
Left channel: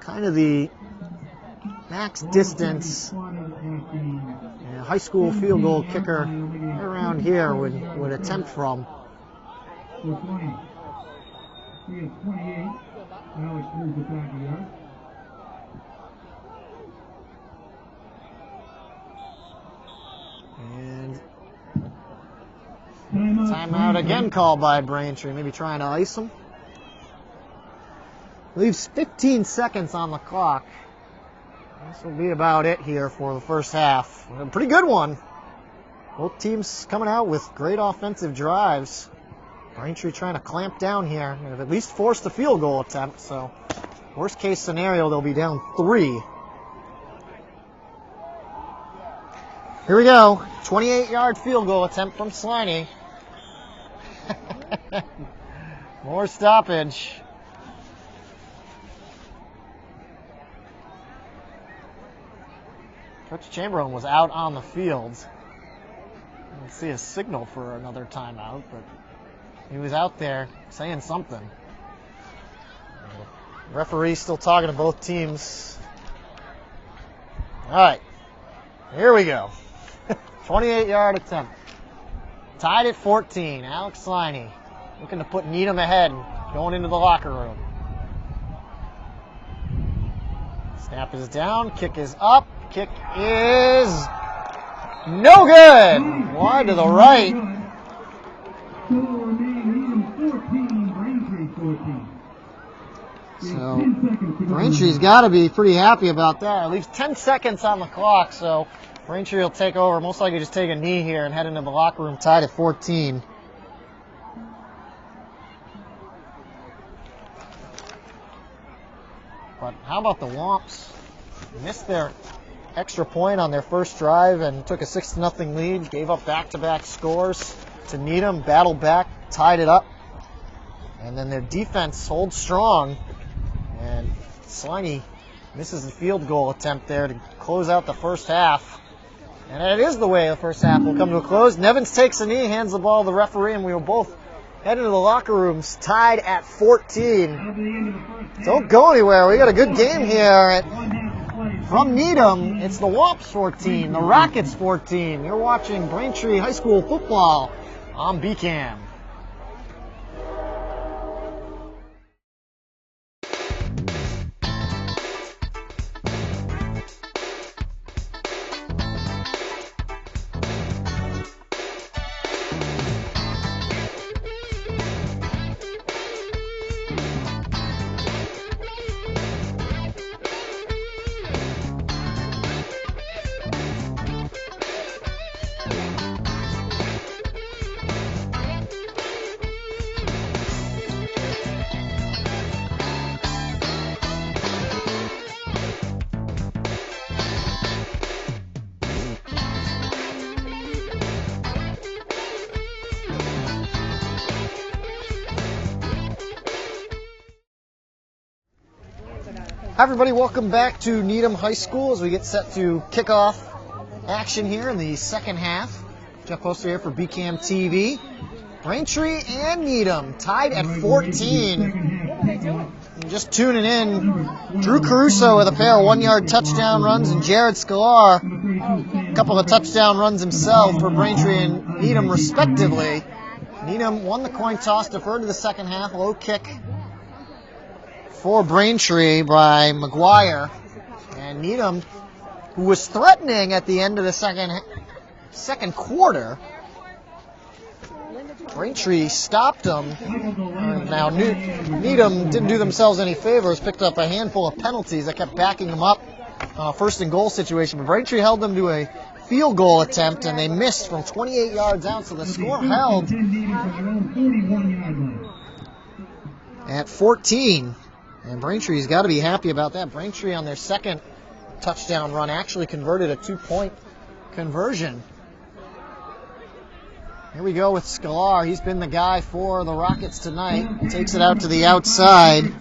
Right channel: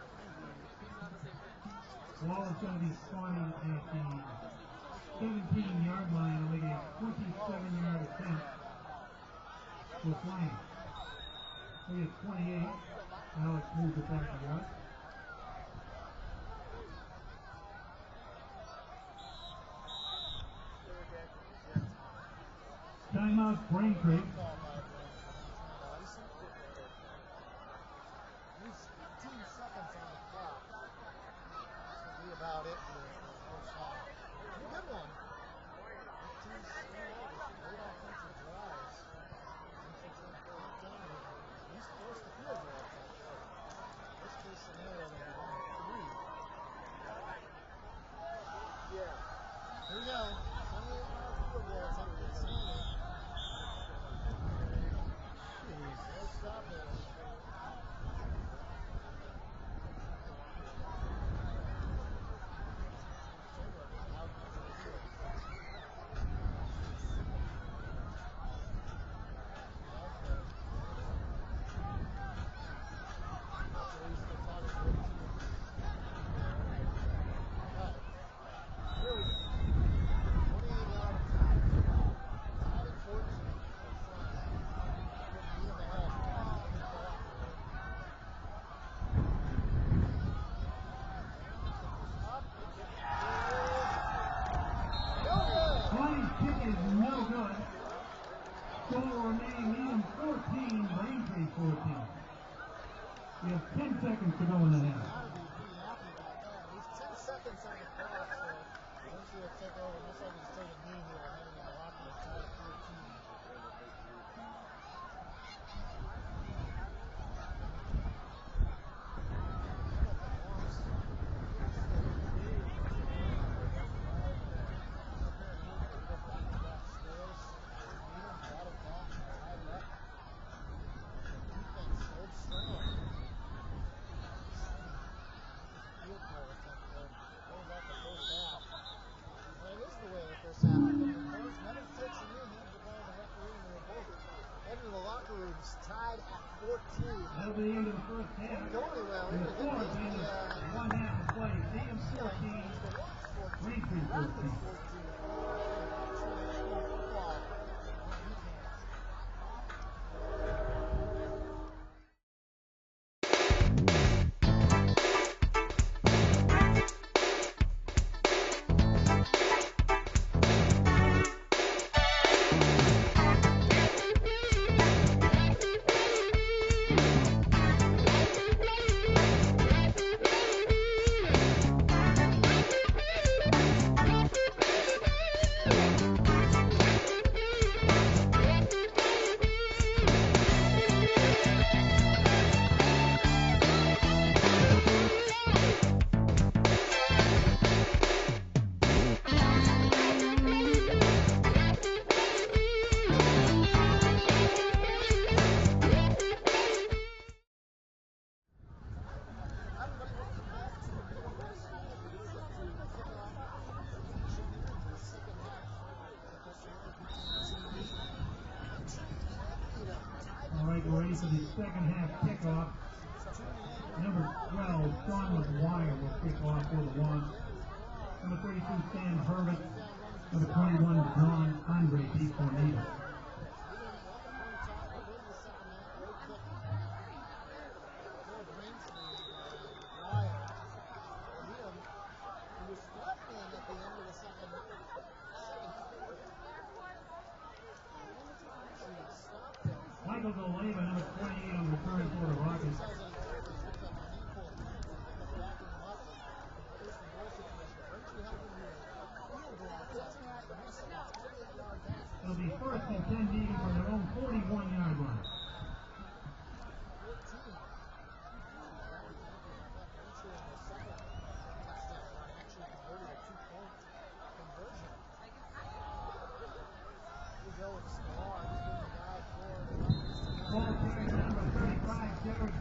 kind of the max distance a high school field goal kicker around here would attempt from. And timeout again called by Braintree, maybe trying to ice him. Leaves 15 seconds on the clock. This will be about it here for the first half. A pretty good one. Both teams coming out with great offensive drives. Braintree trying to clamp down here. They've at least forced a field goal attempt, so worst case scenario, they'll be down 3. Here we go. 28-yard field goal attempt from Sliney. More stoppage. Coach Chamberlain was out on the field. I didn't see a signal for another timeout, but he was out there saying something. Referee still talking to both teams. All right, here we go. 28-yard attempt. Tied at 14. Alex Sliney looking to put Needham ahead going into the locker room. Snap is down. Kick is up. Kick is no good. Wide to the right. So Braintree's got to be pretty happy about that. It leaves 10 seconds on the clock, so Braintree will take over. Most likely just take a knee here and head into the locker room tied at 14. But how about the Womps? Missed their extra point on their first drive and took a 6-0 lead. Gave up back-to-back scores to Needham. Battled back, tied it up. And then their defense holds strong. And Sliney misses the field goal attempt there to close out the first half. And it is the way the first half will come to a close. Nevins takes a knee, hands the ball to the referee, and we will both head into the locker rooms tied at 14. Don't go anywhere. We got a good game here from Needham. It's the Womps 14, the Rockets 14. You're watching Braintree High School football on BCAM. Hi everybody, welcome back to Needham High School as we get set to kick off action here in the second half. Jeff Poster here for BCAM TV. Braintree and Needham tied at 14. And just tuning in, Drew Caruso with a pair of 1-yard touchdown runs and Jared Scalar, a couple of touchdown runs himself for Braintree and Needham respectively. Needham won the coin toss, deferred to the second half, low kick for Braintree by McGuire, and Needham, who was threatening at the end of the second quarter, Braintree stopped them. Now Needham didn't do themselves any favors, picked up a handful of penalties that kept backing them up on a first and goal situation, but Braintree held them to a field goal attempt, and they missed from 28 yards out, so the score held at 14. And Braintree's got to be happy about that. Braintree on their second touchdown run actually converted a 2-point conversion. Here we go with Scalar. He's been the guy for the Rockets tonight. Takes it out to the outside.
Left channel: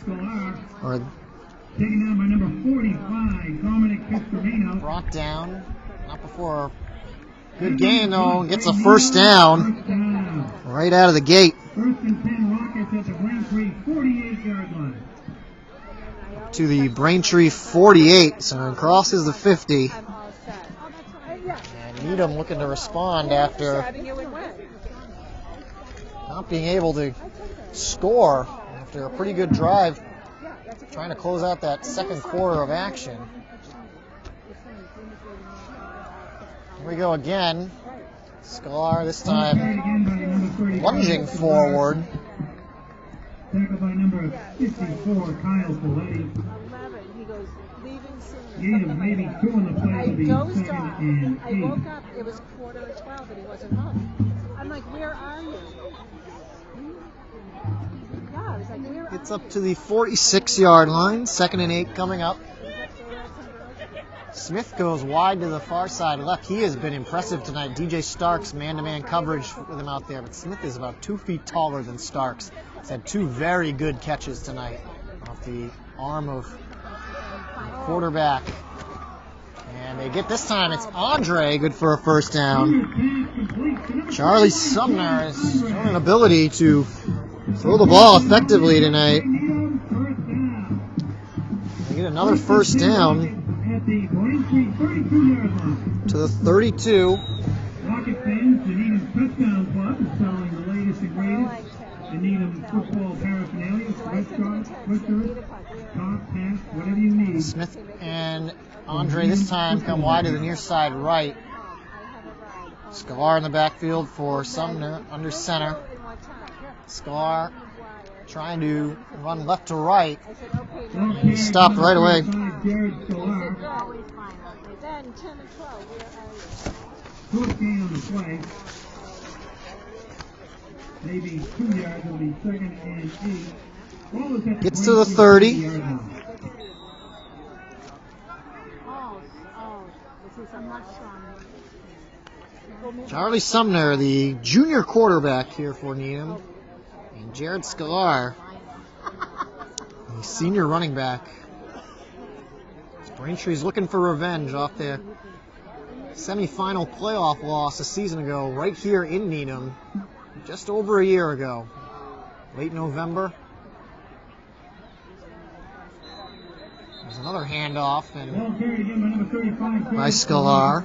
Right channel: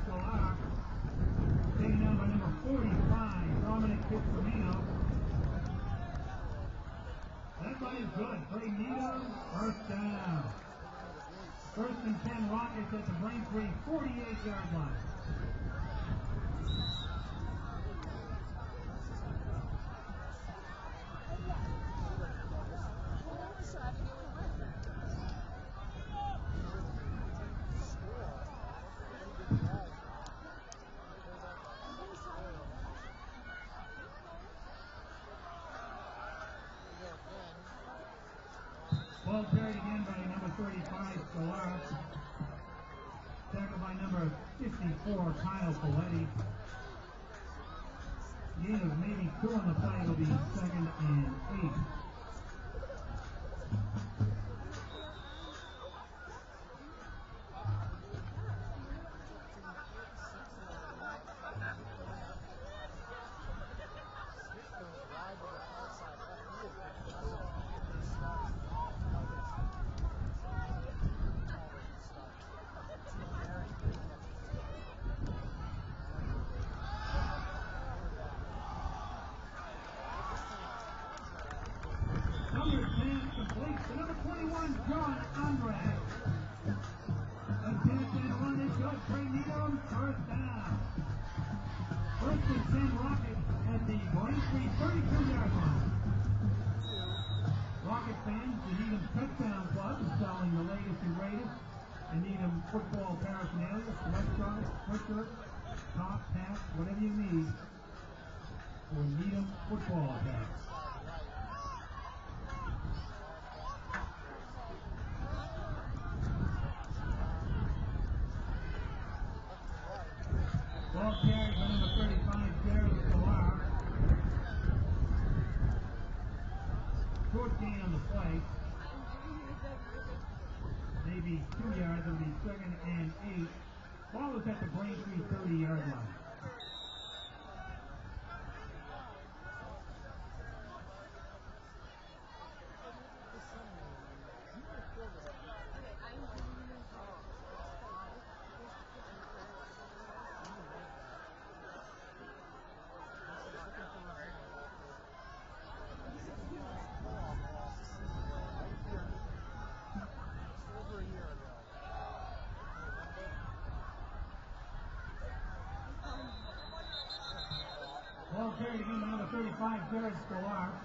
Brought down. Not before a good game, though. Gets a first down right out of the gate. First and 10 Rockets at the Braintree 48-yard line. To the Braintree 48, so it crosses the 50. And Needham looking to respond after not being able to score after a pretty good drive, trying to close out that second quarter of action. Here we go again. Scalar this time lunging forward. Tackled by number 54, Kyle Folletti. Needham maybe two on the play will be second and 8. I woke up, it was 11:45 and he wasn't home. I'm like, where are you? Yeah, I was like, where Gets up to the 46-yard line, second and 8 coming up. Smith goes wide to the far side left. He has been impressive tonight. DJ Starks man-to-man coverage with him out there, but Smith is about 2 feet taller than Starks. He's had 2 very good catches tonight off the arm of quarterback. And they get this time, it's Andre, good for a first down. Charlie Sumner has shown an ability to throw the ball effectively tonight. They get another first down to the 32. Rocket fans, the Needham Touchdown Club is selling the latest and greatest in Needham football paraphernalia, sweatshirts, top hats, whatever you need. Smith and Andre this time come wide to the near side right. Scalar in the backfield for Sumner under center. Scalar trying to run left to right. And he stopped right away. Fourth gain on the play. Maybe 2 yards will be second and 8. Ball is at the Gets to the 30. 30-yard line. Charlie Sumner, the junior quarterback here for Needham, and Jared Scalar, the senior running back. Braintree's looking for revenge off the semifinal playoff loss a season ago, right here in Needham, just over a year ago, late November. There's another handoff and by Scalar.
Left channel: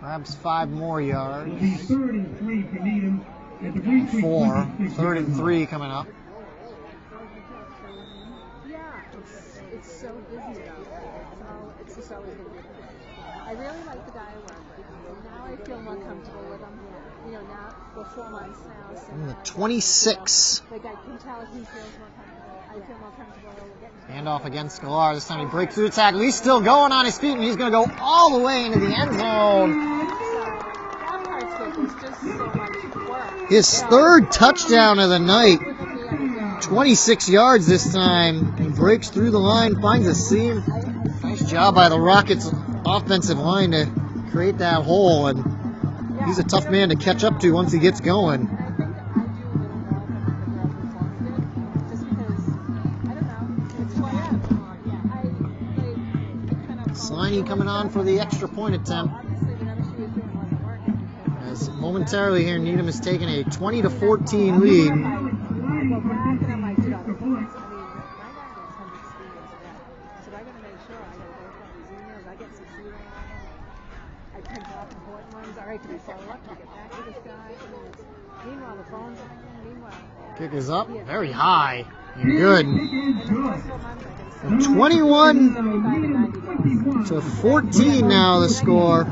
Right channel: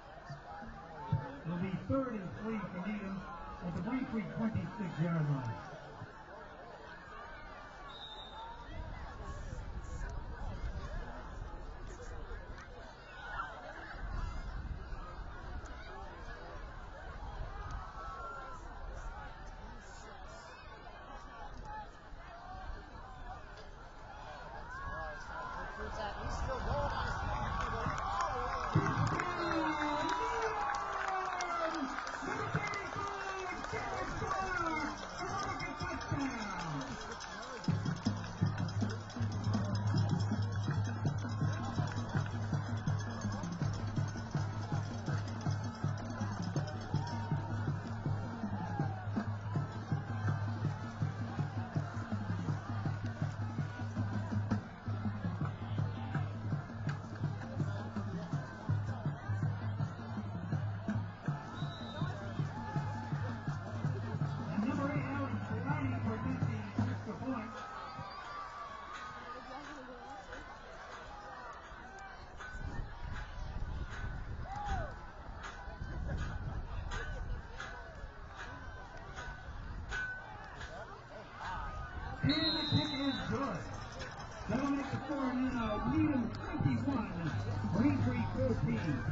Grabs 5 more yards. 4. 3rd and 3 coming up. Yeah, it's so busy. It's just always going to be. I really like the guy I work with. Now I feel more comfortable with him. You know, now we're 4 months now. So In the 26. like I can tell he feels more comfortable. I feel more comfortable getting. Handoff against Scalar. This time he breaks through the tackle. He's still going on his feet, and he's going to go all the way into the end zone. His 3rd touchdown of the night. 26 yards this time. He breaks through the line, finds a seam. Nice job by the Rockets' offensive line to create that hole, and he's a tough man to catch up to once he gets going. Sliney coming on for the extra point attempt. As momentarily here, Needham has taken a 20-14 lead. Kick is up, very high, and good. 21-14 now the score.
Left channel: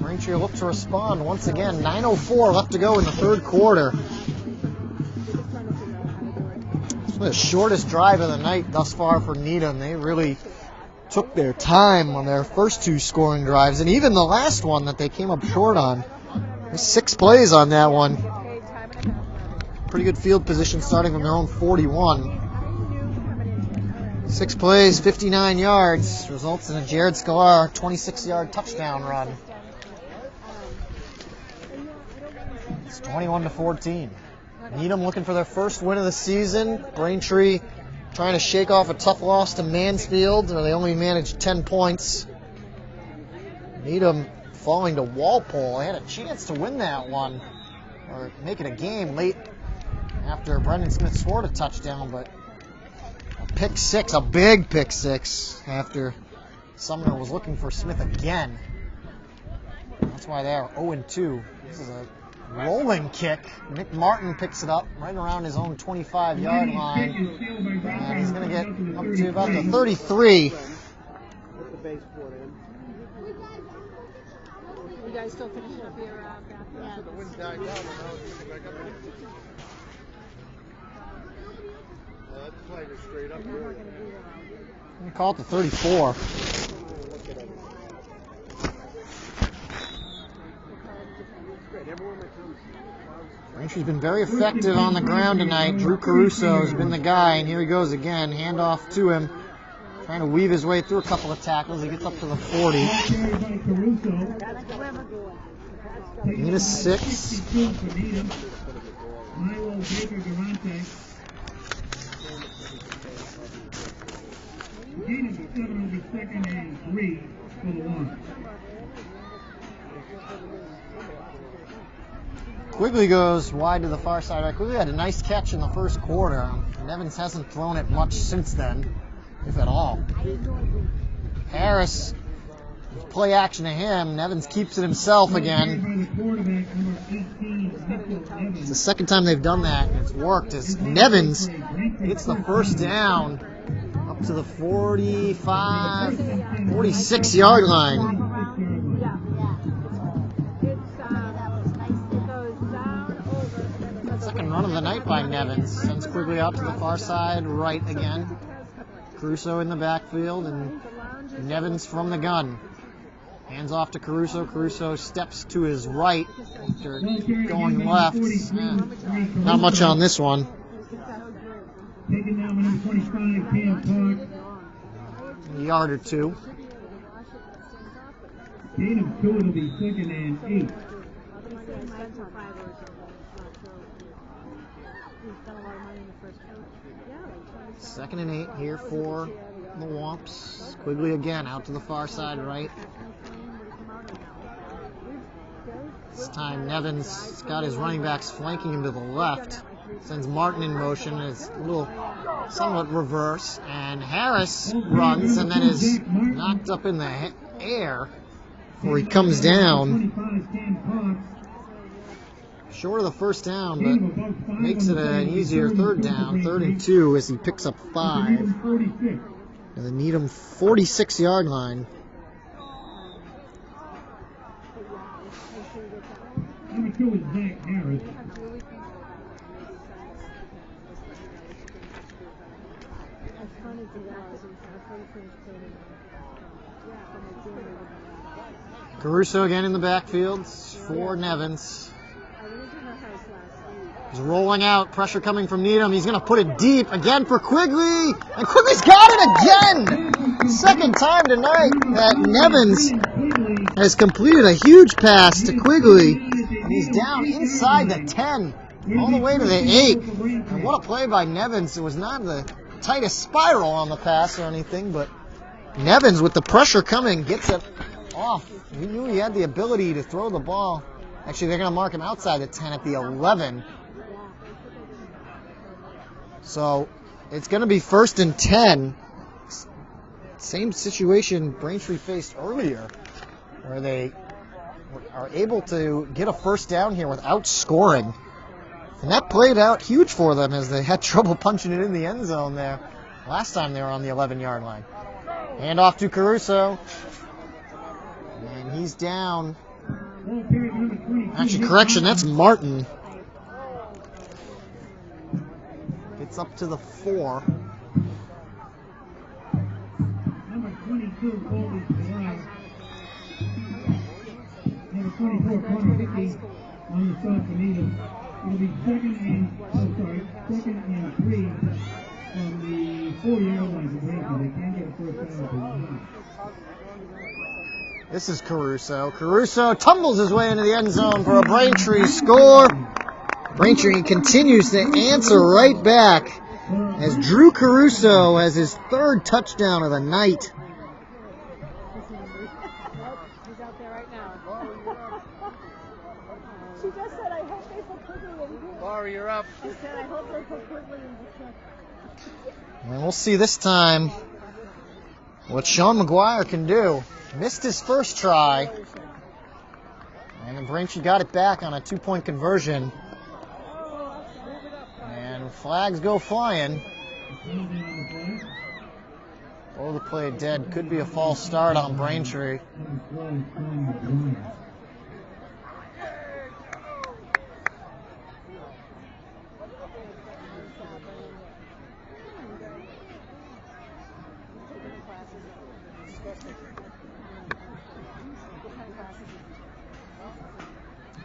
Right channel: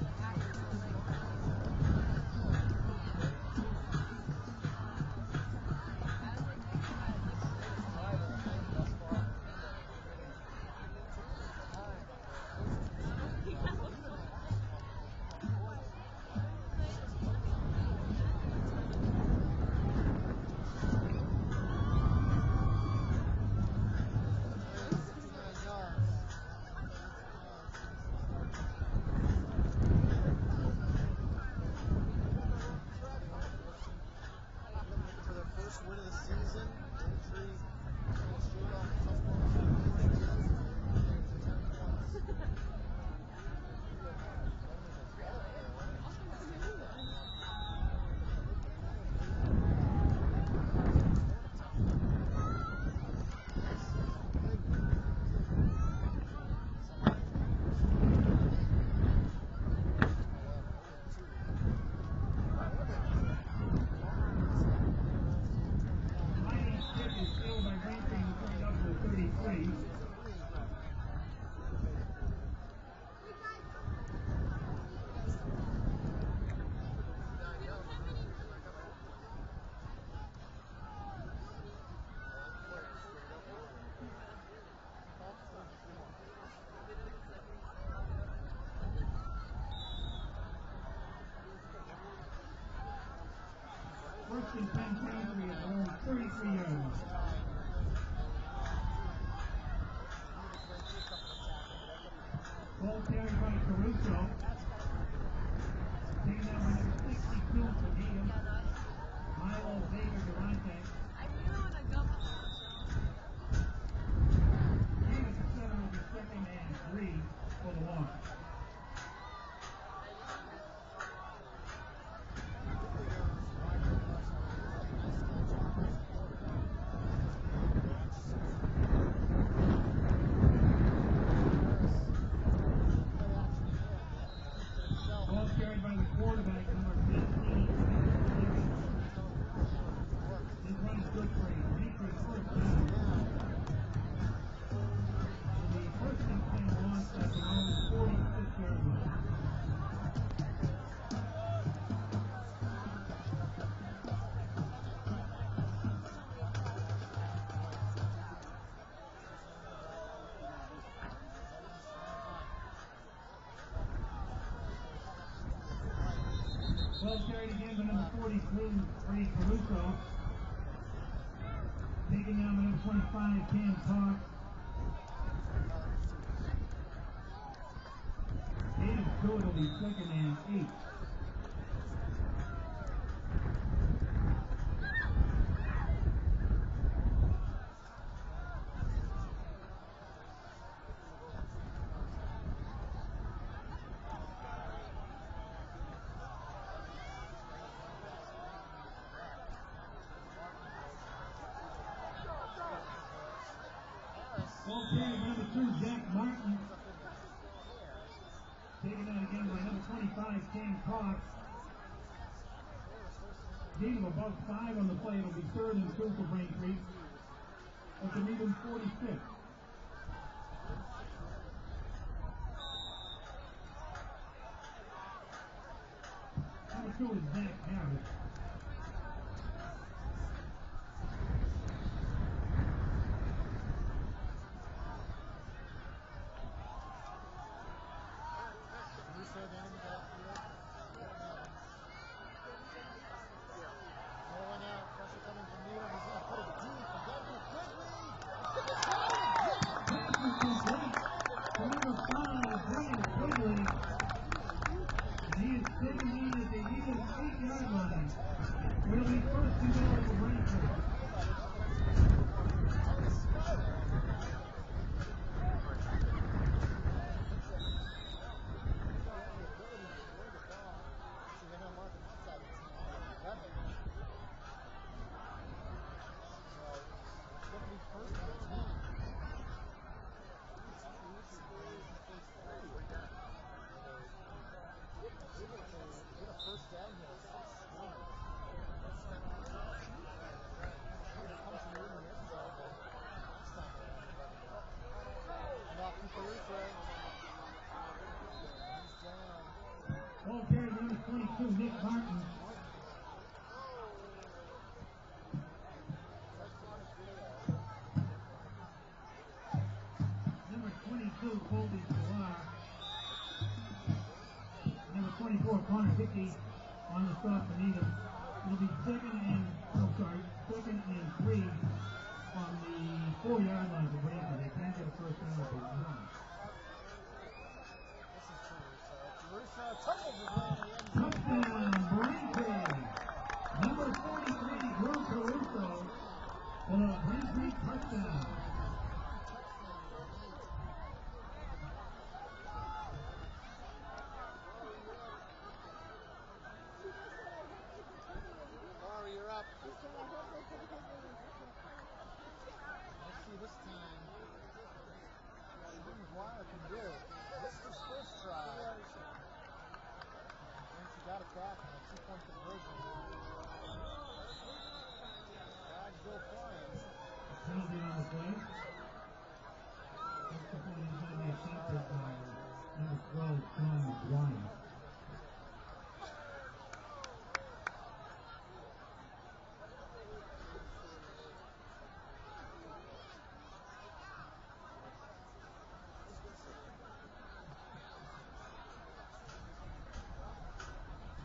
Braintree looks to respond once again. 9:04 left to go in the 3rd quarter. It's the shortest drive of the night thus far for Needham. They really took their time on their first 2 scoring drives, and even the last one that they came up short on. There's 6 plays on that one. Pretty good field position starting from their own 41. 6 plays, 59 yards, results in a Jared Scalar 26-yard touchdown run. It's 21-14. Needham looking for their first win of the season. Braintree trying to shake off a tough loss to Mansfield, where they only managed 10 points. Needham falling to Walpole. They had a chance to win that one, or make it a game late after Brendan Smith scored a touchdown, but a pick 6, a big pick 6, after Sumner was looking for Smith again. That's why they are 0-2. This is a rolling kick. Nick Martin picks it up right around his own 25-yard line, and he's going to get up to about the 33. You guys still finishing up here? We call it the 34. Braintree's been very effective on the ground tonight. Drew Caruso has been the guy, and here he goes again. Handoff to him. Trying to weave his way through a couple of tackles. He gets up to the 40. Need a 6. Quigley goes wide to the far side. Quigley had a nice catch in the first quarter. Nevins hasn't thrown it much since then, if at all. Harris, play action to him. Nevins keeps it himself again. It's the second time they've done that, and it's worked as Nevins gets the first down up to the 46-yard line. Second run of the night by Nevins. Sends Quigley out to the far side, right again. Caruso in the backfield, and Nevins from the gun. Hands off to Caruso. Caruso steps to his right after going left. Not much on this one. Taking down number 25, Cam Park. A yard or two. Gain of 2, it'll be 2nd and 8. Second and 8 here for the Womps. Quigley again out to the far side right. This time Nevin's got his running backs flanking him to the left. Sends Martin in motion. It's a little somewhat reverse. And Harris runs and then is knocked up in the air where he comes down. Short of the first down, but makes it an easier third down. 3rd and 2 as he picks up 5. And the Needham 46-yard line. Number 2 is Zach Harris. Caruso again in the backfield for Nevins. He's rolling out, pressure coming from Needham. He's going to put it deep again for Quigley. And Quigley's got it again! Second time tonight that Nevins has completed a huge pass to Quigley. And he's down inside the 10, all the way to the 8. And what a play by Nevins. It was not the tightest spiral on the pass or anything, but Nevins with the pressure coming gets it off. He knew he had the ability to throw the ball. Actually, they're going to mark him outside the 10 at the 11. So it's going to be 1st and 10. Same situation Braintree faced earlier, where they are able to get a first down here without scoring. And that played out huge for them as they had trouble punching it in the end zone there last time they were on the 11-yard line. Hand off to Caruso. And he's down. Actually, correction, that's Martin. Gets up to the 4. Number 22, Colby July. Number 24, Connor Hickey on the stop for Needham. It'll be 2nd and 3 from the 4-yard line for Braintree. They can't get a first down. This is Caruso. Caruso tumbles his way into the end zone for a Braintree score. Braintree continues to answer right back as Drew Caruso has his 3rd touchdown of the night. She just said, I hope they put Quigley in here. Laura, you're up. She said, I hope they put Quigley in here. And we'll see this time what Sean McGuire can do. Missed his first try. And Braintree got it back on a 2-point conversion. And flags go flying. Oh, the play dead. Could be a false start on Braintree.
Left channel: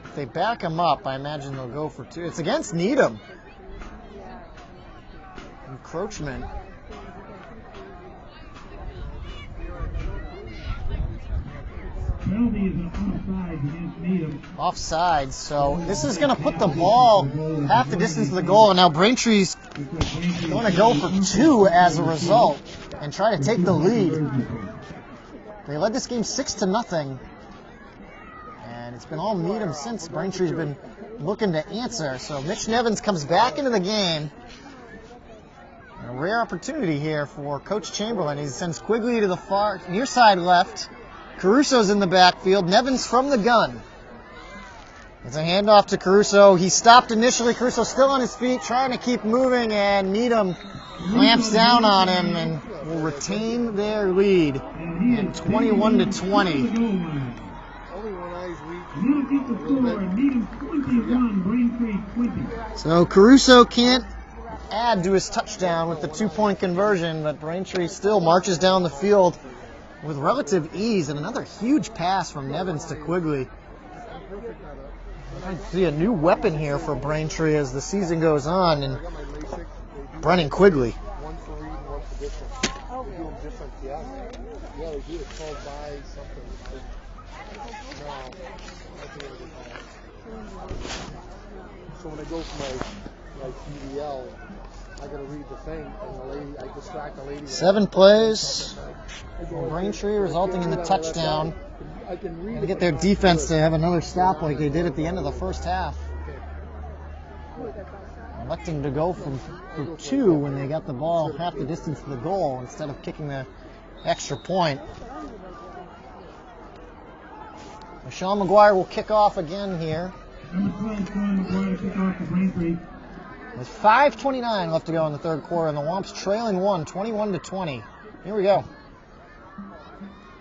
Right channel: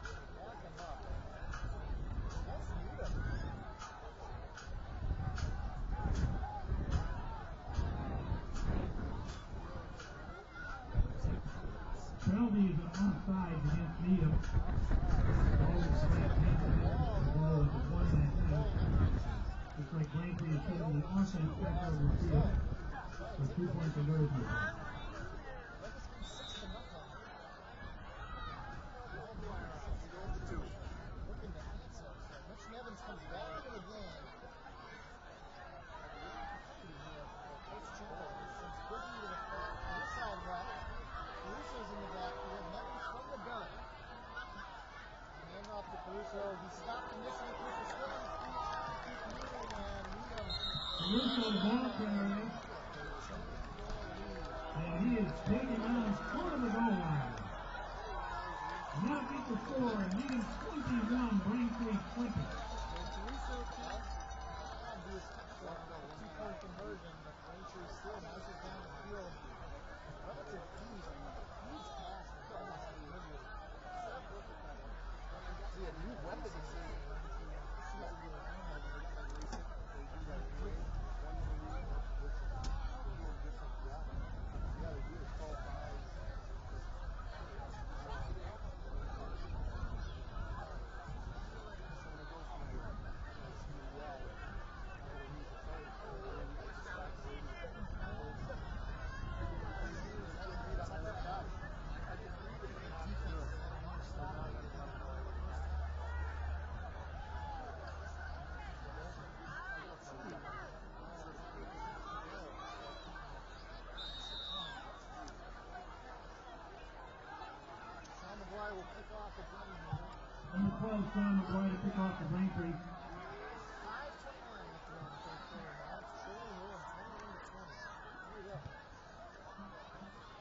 If they back him up, I imagine they'll go for 2. It's against Needham. Encroachment. Penalty is an offside against Needham. Offside, so this is going to put the ball half the distance to the goal, and now Braintree's going to go for 2 as a result and try to take the lead. They led this game 6-0, and it's been all Needham since. Braintree's been looking to answer, so Mitch Nevins comes back into the game. A rare opportunity here for Coach Chamberlain. He sends Quigley to the far near side left. Caruso's in the backfield. Nevins from the gun. It's a handoff to Caruso. He stopped initially. Caruso still on his feet, trying to keep moving, and Needham clamps down on him and will retain their lead at 21-20. So Caruso can't add to his touchdown with the 2-point conversion, but Braintree still marches down the field with relative ease, and another huge pass from Nevins to Quigley. I see a new weapon here for Braintree as the season goes on, and Brennan Quigley. One for reading, one for different. They do them different, yeah. Yeah, they do. It's called by something. No, I think it was so when I go for my PDL, I gotta read the thing, and the lady, I distract the lady. 7 plays. Braintree resulting in the touchdown. And get their defense to have another stop like they did at the end of the first half. Electing to go for 2 when they got the ball half the distance to the goal instead of kicking the extra point. Sean McGuire will kick off again here. With 5:29 left to go in the third quarter, and the Womps trailing 21-20. Here we go.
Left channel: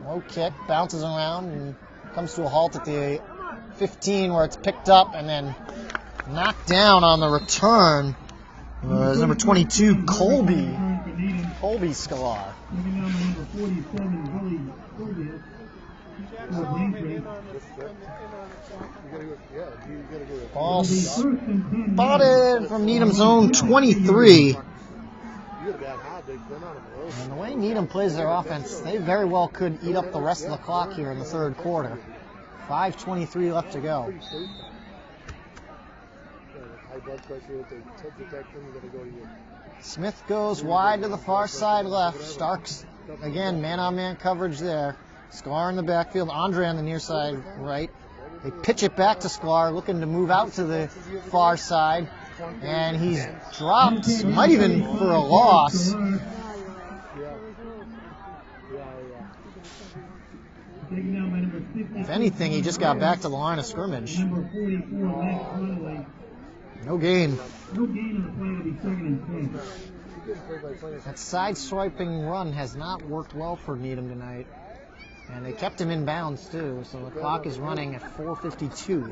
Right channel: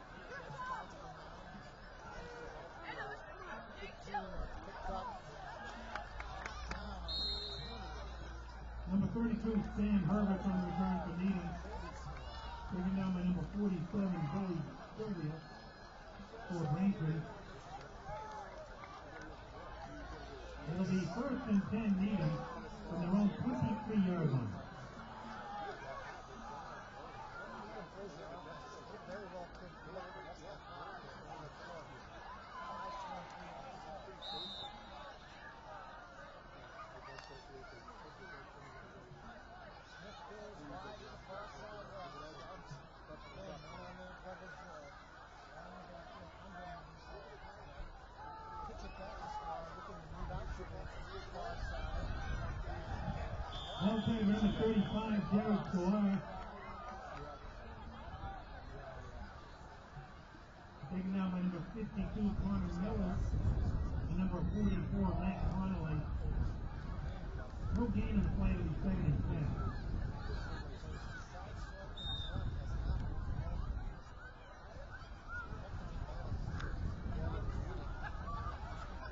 Low kick, bounces around, and comes to a halt at the 15 where it's picked up and then knocked down on the return. Number 22, Colby Scalar. Ball spotted from Needham's own 23. And the way Needham plays their offense, they very well could eat up the rest of the clock here in the third quarter. 5:23 left to go. Smith goes wide to the far side left. Starks, again, man-on-man coverage there. Sklar in the backfield. Andre on the near side right. They pitch it back to Sklar, looking to move out to the far side. And he's dropped, might even for a loss. If anything, he just got back to the line of scrimmage. No gain. That side-swiping run has not worked well for Needham tonight. And they kept him in bounds, too, so the clock is running at 4:52.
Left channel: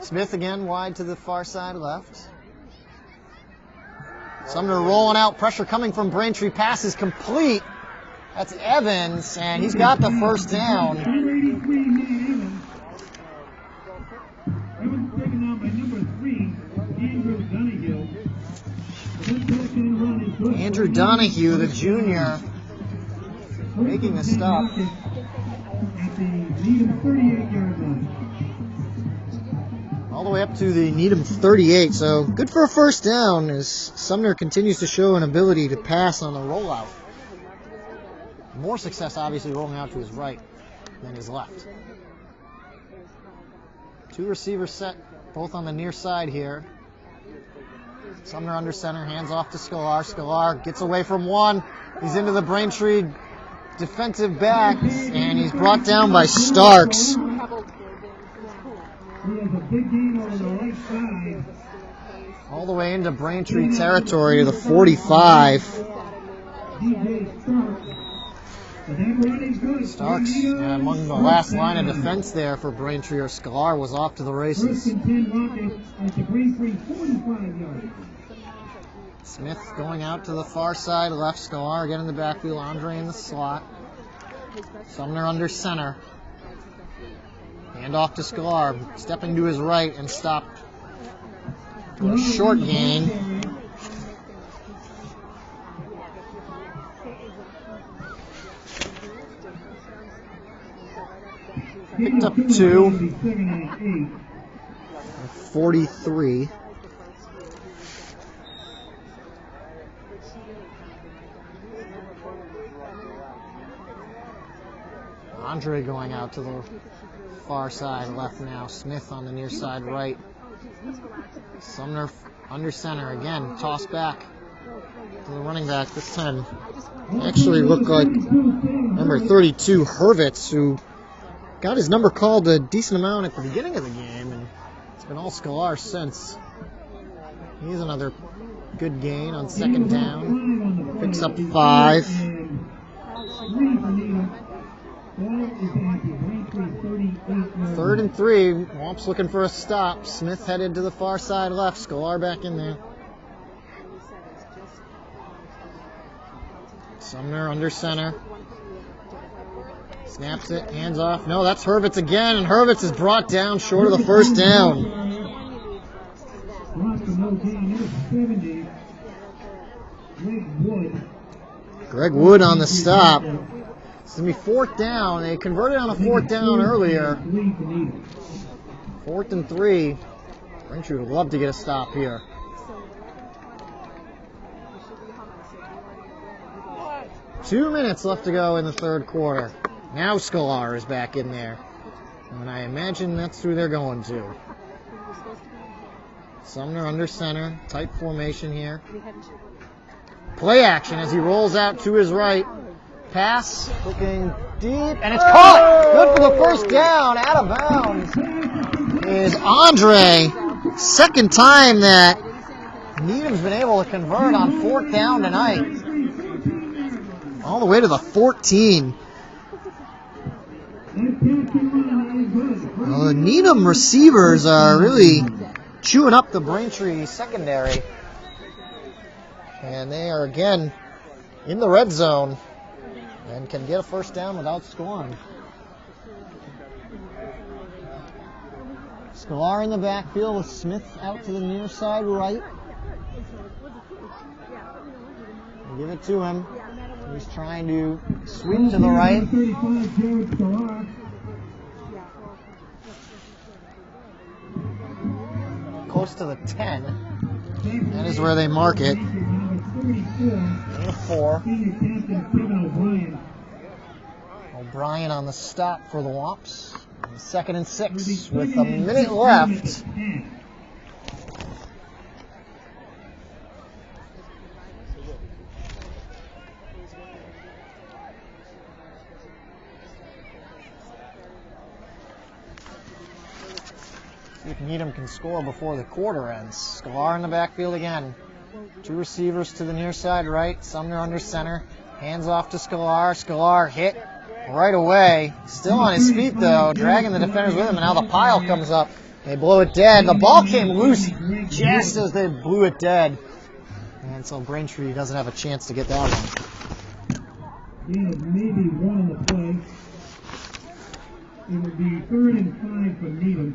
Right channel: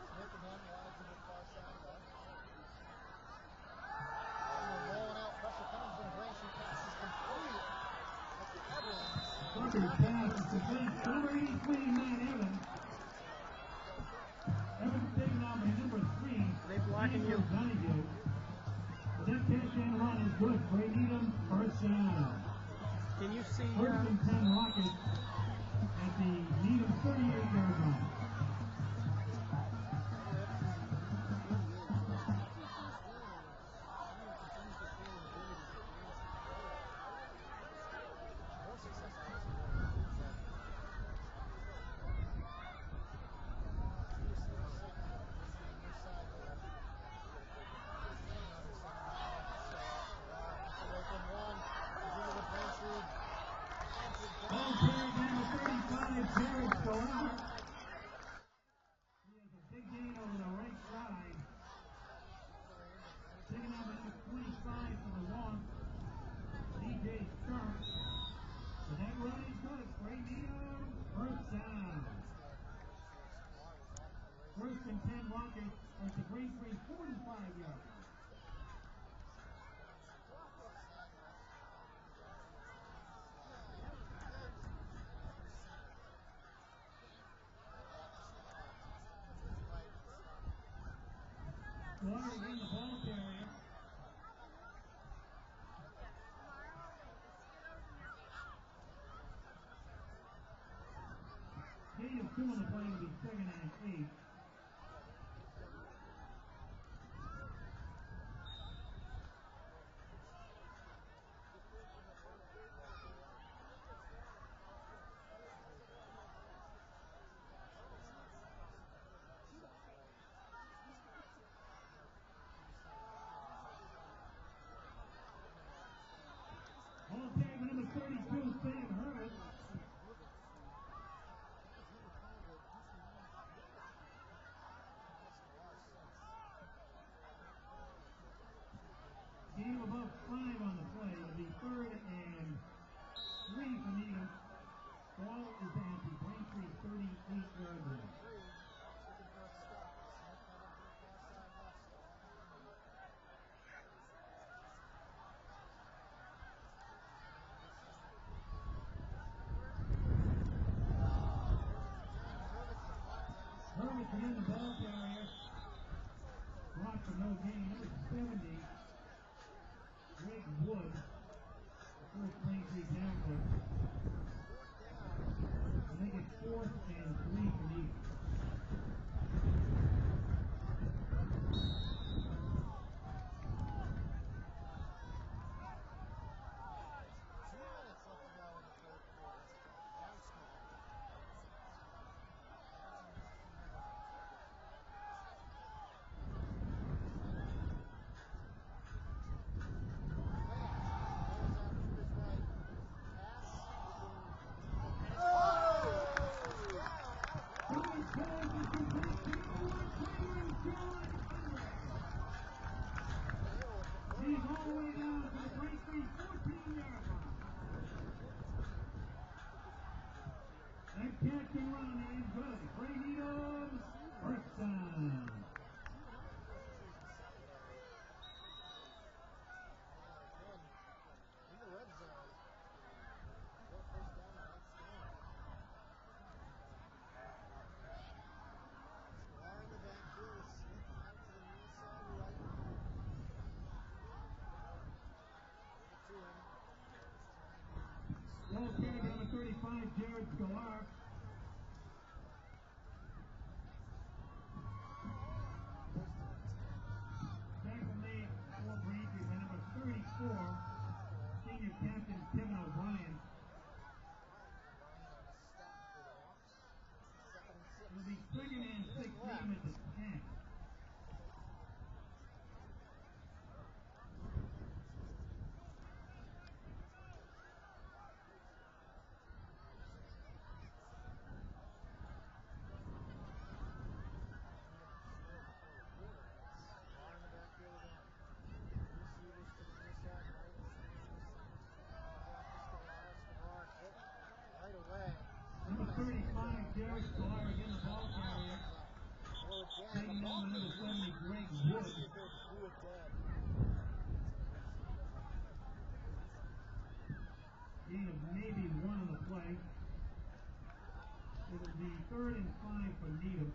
Smith again wide to the far side left. Sumner rolling out, pressure coming from Braintree. Pass is complete. That's Evans, and he's got the first down. Andrew Donahue, the junior, making the stop. All the way up to the Needham 38, so good for a first down as Sumner continues to show an ability to pass on the rollout. More success, obviously, rolling out to his right than his left. 2 receivers set, both on the near side here. Sumner under center, hands off to Sklar. Sklar gets away from one. He's into the Braintree defensive back, and he's brought down by Starks. All the way into Braintree territory to the 45. Starks, among the last line of defense there for Braintree or Sklar, was off to the races. Smith going out to the far side, left. Sklar again in the backfield, Andre in the slot. Sumner under center. Hand off to Sklar, stepping to his right and stopped. A short gain. Picked up 2. 43. Andre going out to the far side left now. Smith on the near side right. Sumner under center again. Toss back to the running back. This time actually looked like number 32, Hurwitz, who got his number called a decent amount at the beginning of the game, and it's been all Sklar since. Here's another good gain on second down. Picks up 5. Third and 3. Womps looking for a stop. Smith headed to the far side left. Sklar back in there. Sumner under center. Snaps it, hands off. No, that's Hurwitz again, and Hurwitz is brought down short of the first down. Brought for no gain, number 70, Greg Wood. Greg Wood on the stop. It's going to be 4th down. They converted on a 4th down earlier. 4th and 3. Braintree would love to get a stop here. Two minutes left to go in the third quarter. Now Scalar is back in there. And I imagine that's who they're going to. Sumner under center. Tight formation here. Play action as he rolls out to his right. Pass, looking deep, and it's caught! Good for the first down, out of bounds is Andre. Second time that Needham's been able to convert on 4th down tonight. All the way to the 14. Well, the Needham receivers are really chewing up the Braintree secondary. And they are again in the red zone and can get a first down without scoring. Scalar in the backfield with Smith out to the near side right. They give it to him. He's trying to sweep to the right. Close to the 10. That is where they mark it. 4. O'Brien on the stop for the Wops. 2nd and 6 with a minute left. See if Needham can score before the quarter ends. Scalar in the backfield again. 2 receivers to the near side right. Sumner under center. Hands off to Scalar. Scalar hit right away. Still on his feet though, dragging the defenders with him, and now the pile comes up. They blow it dead. The ball came loose just as they blew it dead. And so Braintree doesn't have a chance to get that one. Maybe one on the play. It would be 3rd and 5 for Needham.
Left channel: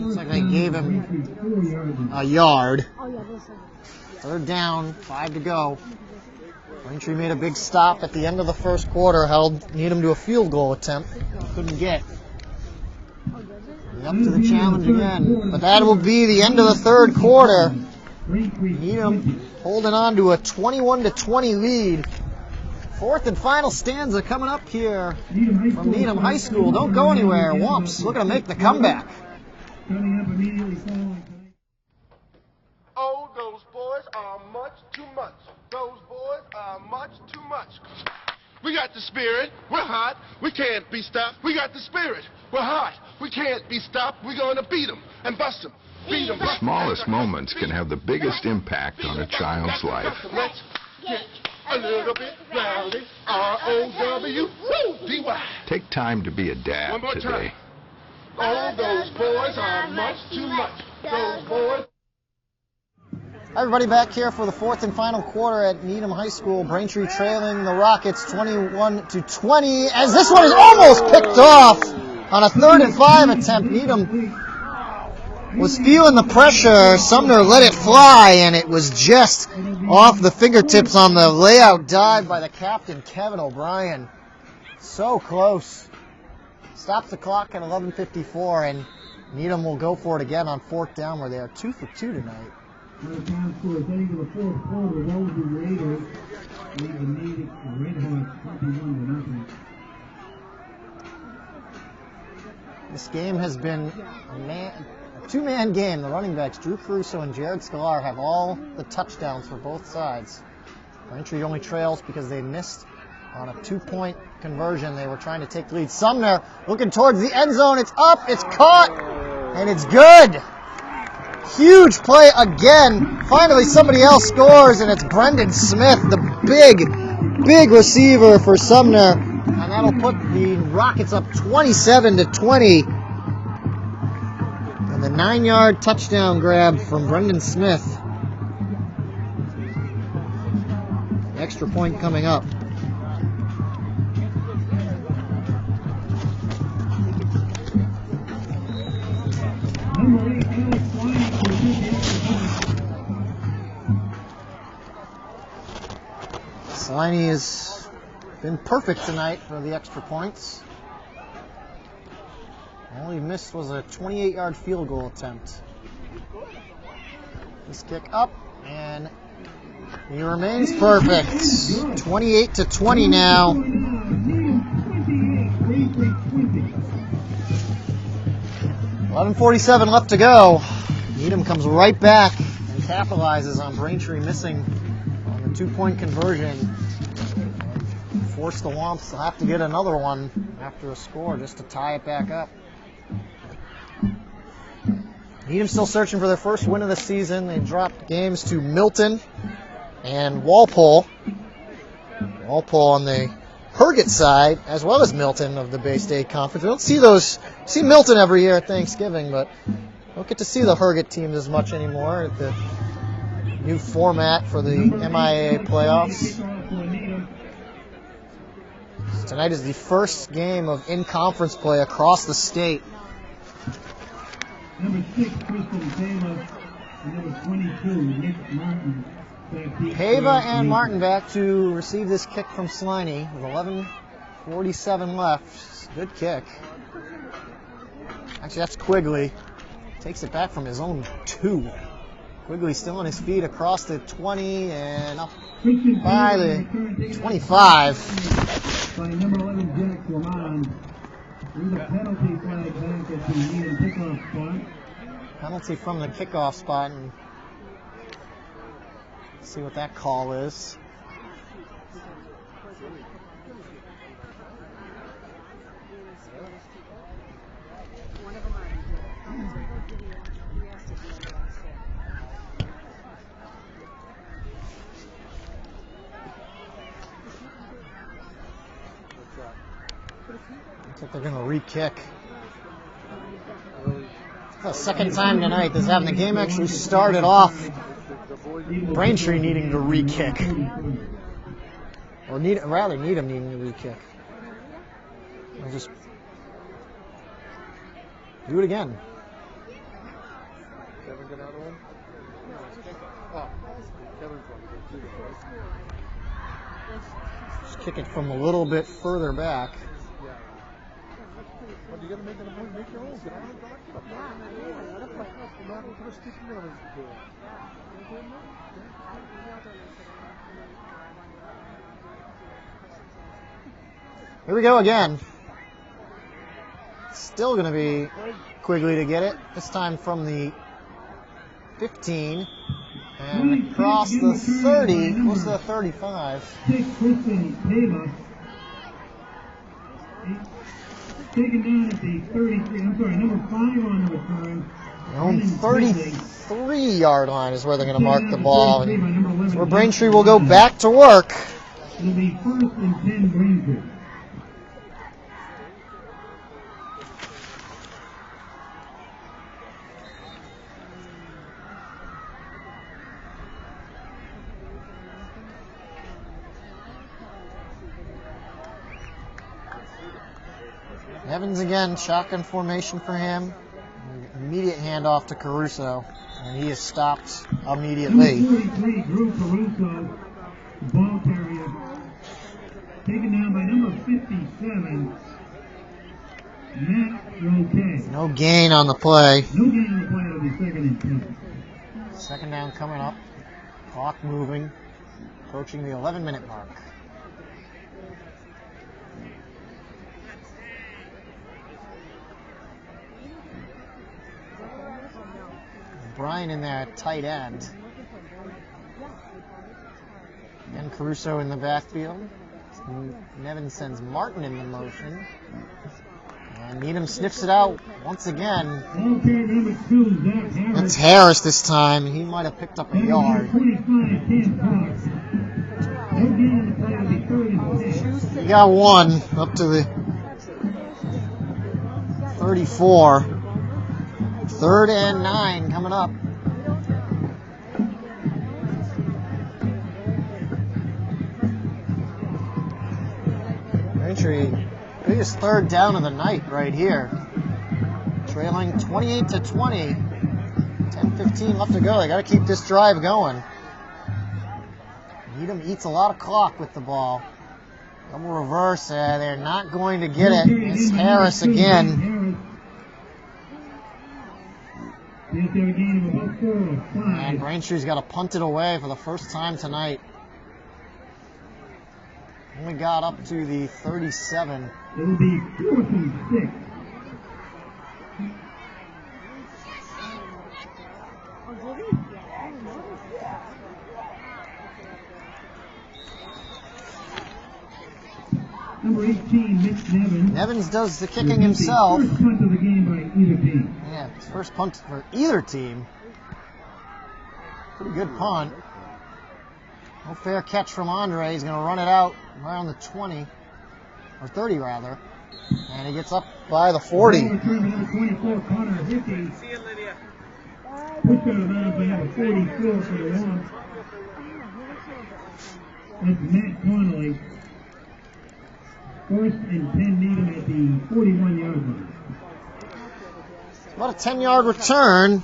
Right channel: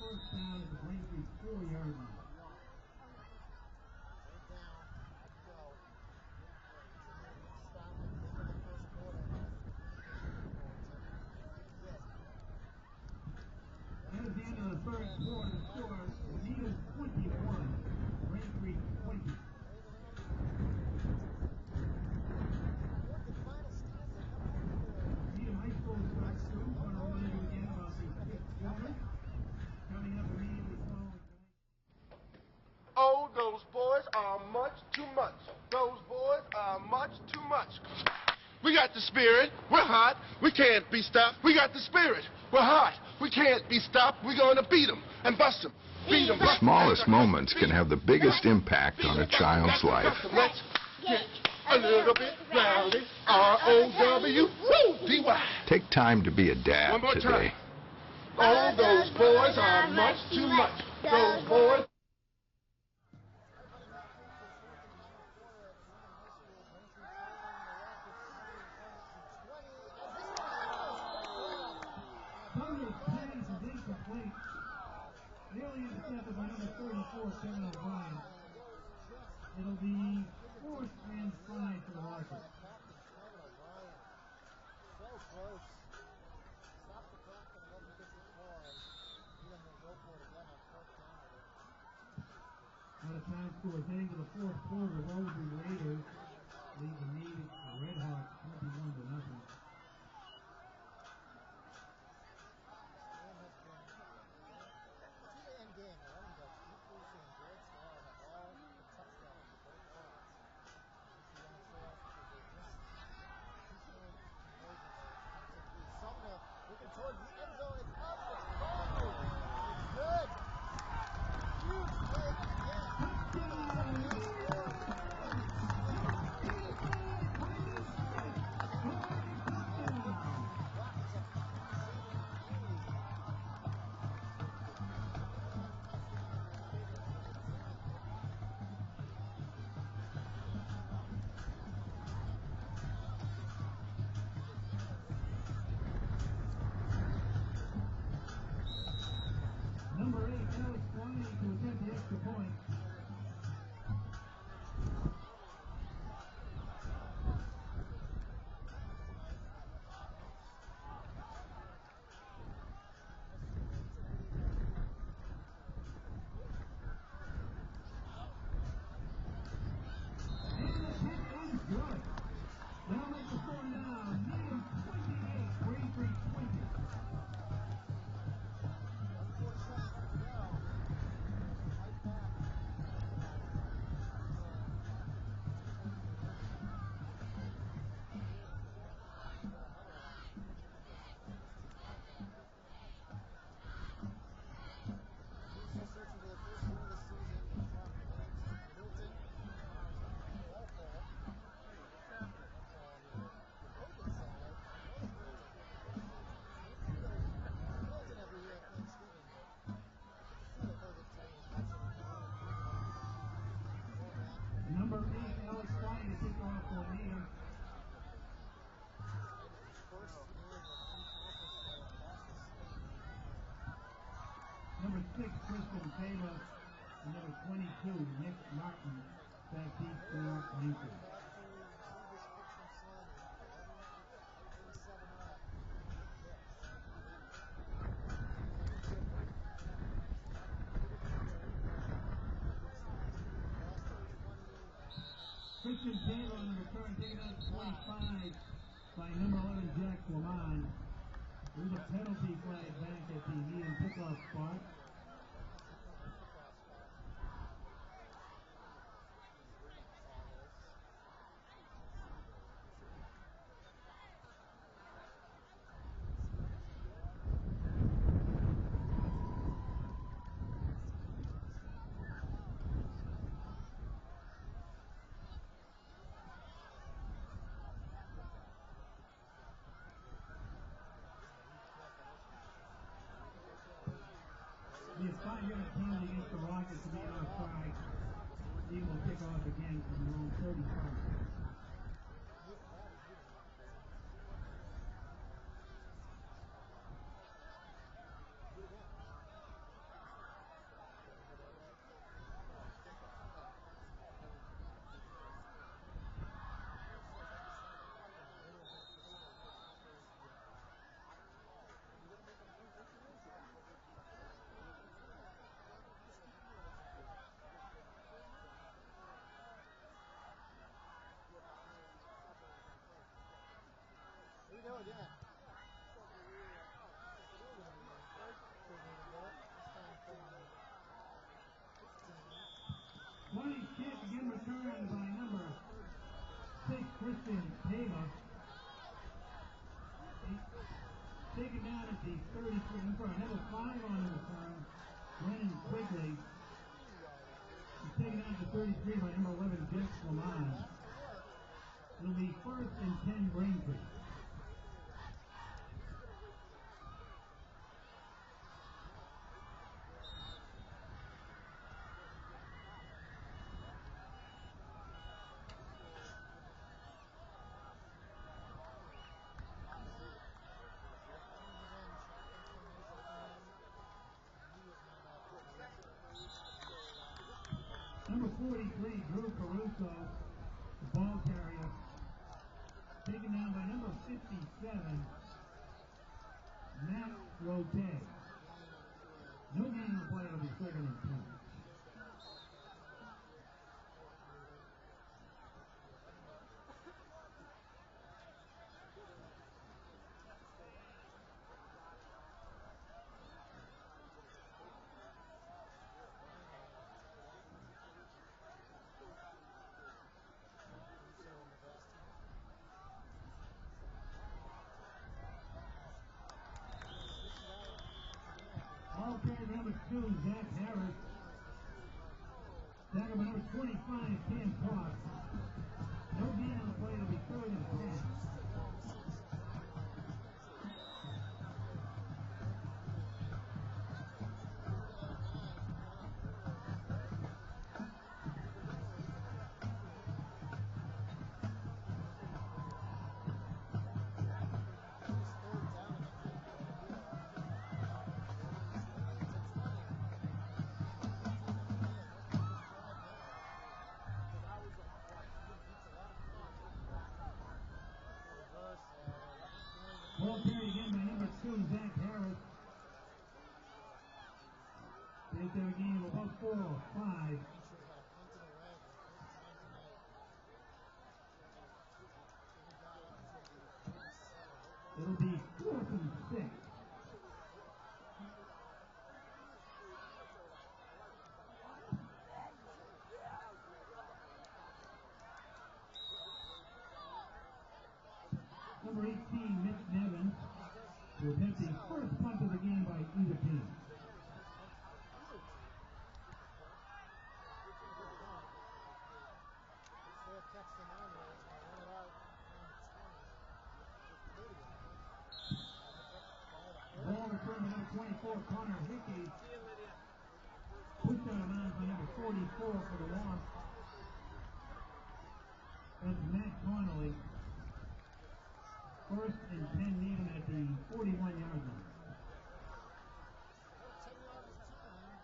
Looks like they gave him a yard. 3rd down, 5 to go. Braintree made a big stop at the end of the first quarter, held Needham to a field goal attempt. Couldn't get. Up to the challenge again. But that will be the end of the third quarter. Needham holding on to a 21-20 lead. 4th and final stanza coming up here from Needham High School. Don't go anywhere. Womps looking to make the comeback. Oh, those boys are much too much. Those boys are much too much. We got the spirit. We're hot. We can't be stopped. We got the spirit. We're hot. We can't be stopped. We're going to beat them and bust them. Beat them. The smallest moments can have the biggest impact on a child's life. Let's get a little bit rowdy. R-O-W-D-Y. Take time to be a dad One more today. time. Oh, those boys are much too much. Those boys. Everybody back here for the 4th and final quarter at Needham High School. Braintree trailing the Rockets 21-20 as this one is almost picked off on a 3rd and 5 attempt. Needham was feeling the pressure. Sumner let it fly, and it was just off the fingertips on the layout dive by the captain, Kevin O'Brien. So close. Stops the clock at 11:54, and Needham will go for it again on 4th down, where they are 2 for 2 tonight. This game has been a two-man game. The running backs, Drew Caruso and Jared Scalar, have all the touchdowns for both sides. Braintree only trails because they missed on a 2-point conversion. They were trying to take the lead. Sumner looking towards the end zone. It's up, it's caught, and it's good. Huge play again. Finally, somebody else scores, and it's Brendan Smith, the big receiver for Sumner. And that'll put the Rockets up 27-20. And the 9-yard touchdown grab from Brendan Smith. Extra point coming up. Sliney has been perfect tonight for the extra points. All he missed was a 28-yard field goal attempt. This kick up, and he remains perfect. 28-20 now. 11:47 left to go. Needham comes right back and capitalizes on Braintree missing on the two-point conversion. Force the Womps to have to get another one after a score just to tie it back up. Needham still searching for their first win of the season. They dropped games to Milton and Walpole. Walpole on the Herget side, as well as Milton of the Bay State Conference. We don't see Milton every year at Thanksgiving, but don't get to see the Herget teams as much anymore at the new format for the MIAA playoffs. Tonight is the first game of in-conference play across the state. Number 6, Crystal Pava, and number 22, Nick Martin. Pava and Martin back to receive this kick from Sliney with 11:47 left. Good kick. Actually, that's Quigley. Takes it back from his own 2. Quigley still on his feet across the 20 and up by the 25. By number 11, Jack Lamont. With a penalty flag back at the Needham kickoff spot. Penalty from the kickoff spot. And see what that call is. Looks like they're going to re-kick. The second time tonight this happened. The game actually started off Braintree needing to re-kick. Or Needham needing to re-kick. I'll just do it again. Just kick it from a little bit further back. Here we go again. Still going to be Quigley to get it. This time from the 15 and across the 30, close to the 35. Taken down at the 33, I'm sorry, number 5 on the return. Their own 33-yard line is where they're going to mark the ball. And where Braintree will go back to work. It'll be 1st and 10 Braintree. Evans again, shotgun formation for him. Immediate handoff to Caruso, and he is stopped immediately. 43, Drew Caruso, ball carrier. Taken down by number 57, Matt Roque. No gain on the play. No gain on the play, it'll be 2nd and 10. Second down coming up. Clock moving, approaching the 11-minute mark. Brian in there at tight end. And Caruso in the backfield. Nevin sends Martin in the motion. And Needham sniffs it out once again. It's Harris this time. He might have picked up a yard. He got one up to the 34. 3rd and 9 coming up. Braintree, biggest 3rd down of the night right here. Trailing 28-20. 10-15 left to go. They got to keep this drive going. Needham eats a lot of clock with the ball. Double reverse. They're not going to get it. It's Harris again. And Braintree's got to punt it away for the first time tonight. Only got up to the 37. It will be 4th and 6. Number 18, Mitch Nevins. Nevins does the kicking himself. First punt of the game by either team. Yeah, it's first punt for either team. Pretty good punt. No fair catch from Andre. He's going to run it out around the 20, or 30 rather. And he gets up by the 40. See you, Lydia. Pushed out of bounds by number 44 for the loss. That's Matt Connolly. First and 10 Needham at the 41-yard line. About a 10-yard return.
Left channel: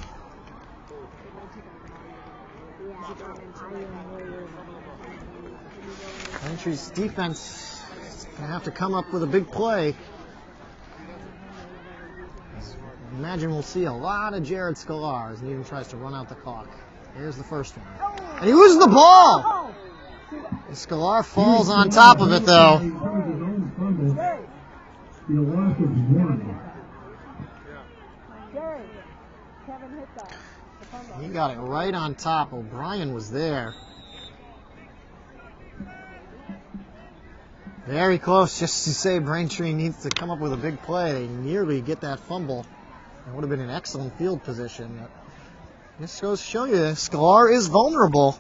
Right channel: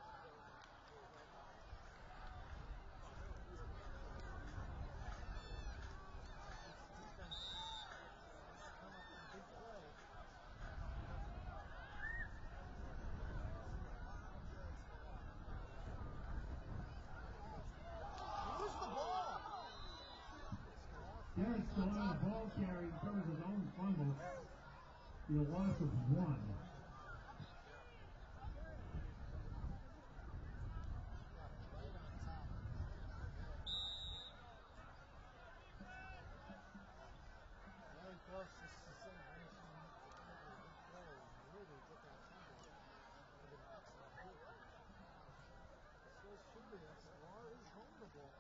Braintree's defense is going to have to come up with a big play. I imagine we'll see a lot of Jared Scalar as Needham tries to run out the clock. Here's the first one. And he loses the ball! And Scalar falls on top of it, though. The loss of 1. He got it right on top. O'Brien was there. Very close, just to say Braintree needs to come up with a big play. They nearly get that fumble. It would have been an excellent field position. This goes to show you, Scalar is vulnerable.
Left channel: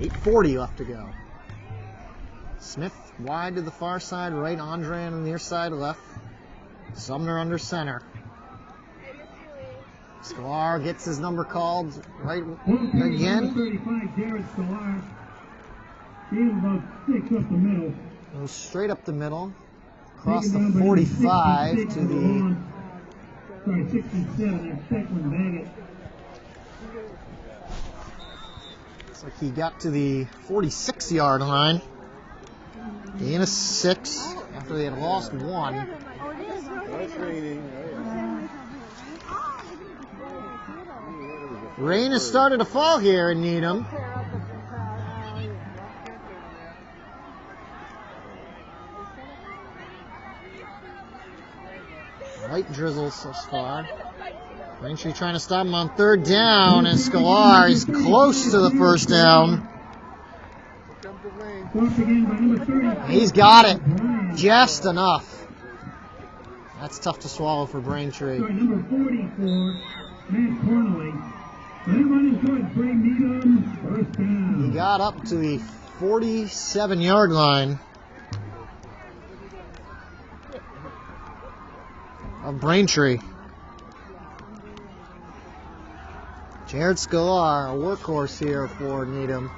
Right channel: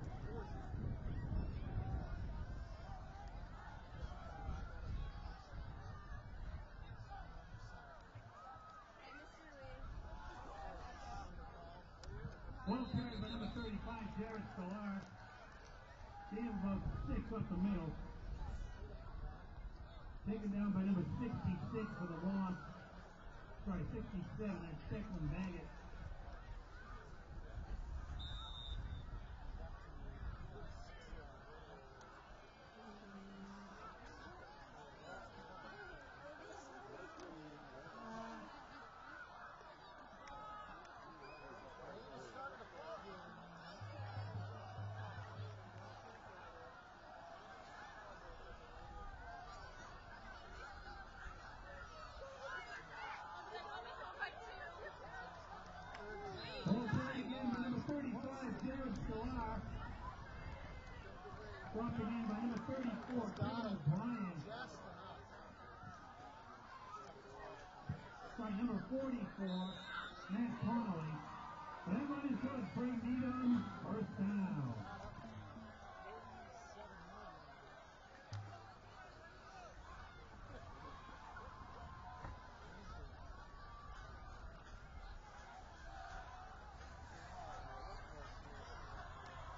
8:40 left to go. Smith wide to the far side, right Andre on the near side, left. Sumner under center. Scalar gets his number called right again. 35, Jared Scalar. He's about 6 up the middle. Goes straight up the middle. Across the 45 to the... Sorry, 67, that's Declan Baggett. Looks like he got to the 46-yard line. Gain of 6 after they had lost 1. Rain has started to fall here in Needham. Light drizzles so far. Braintree trying to stop him on 3rd down, and Scalar is close to the first down. He's got it. Just enough. That's tough to swallow for Braintree. Number 44, Matt Connolly. Running towards Bray Needham, first down. He got up to the 47-yard line of Braintree. Jared Scalar, a workhorse here for Needham,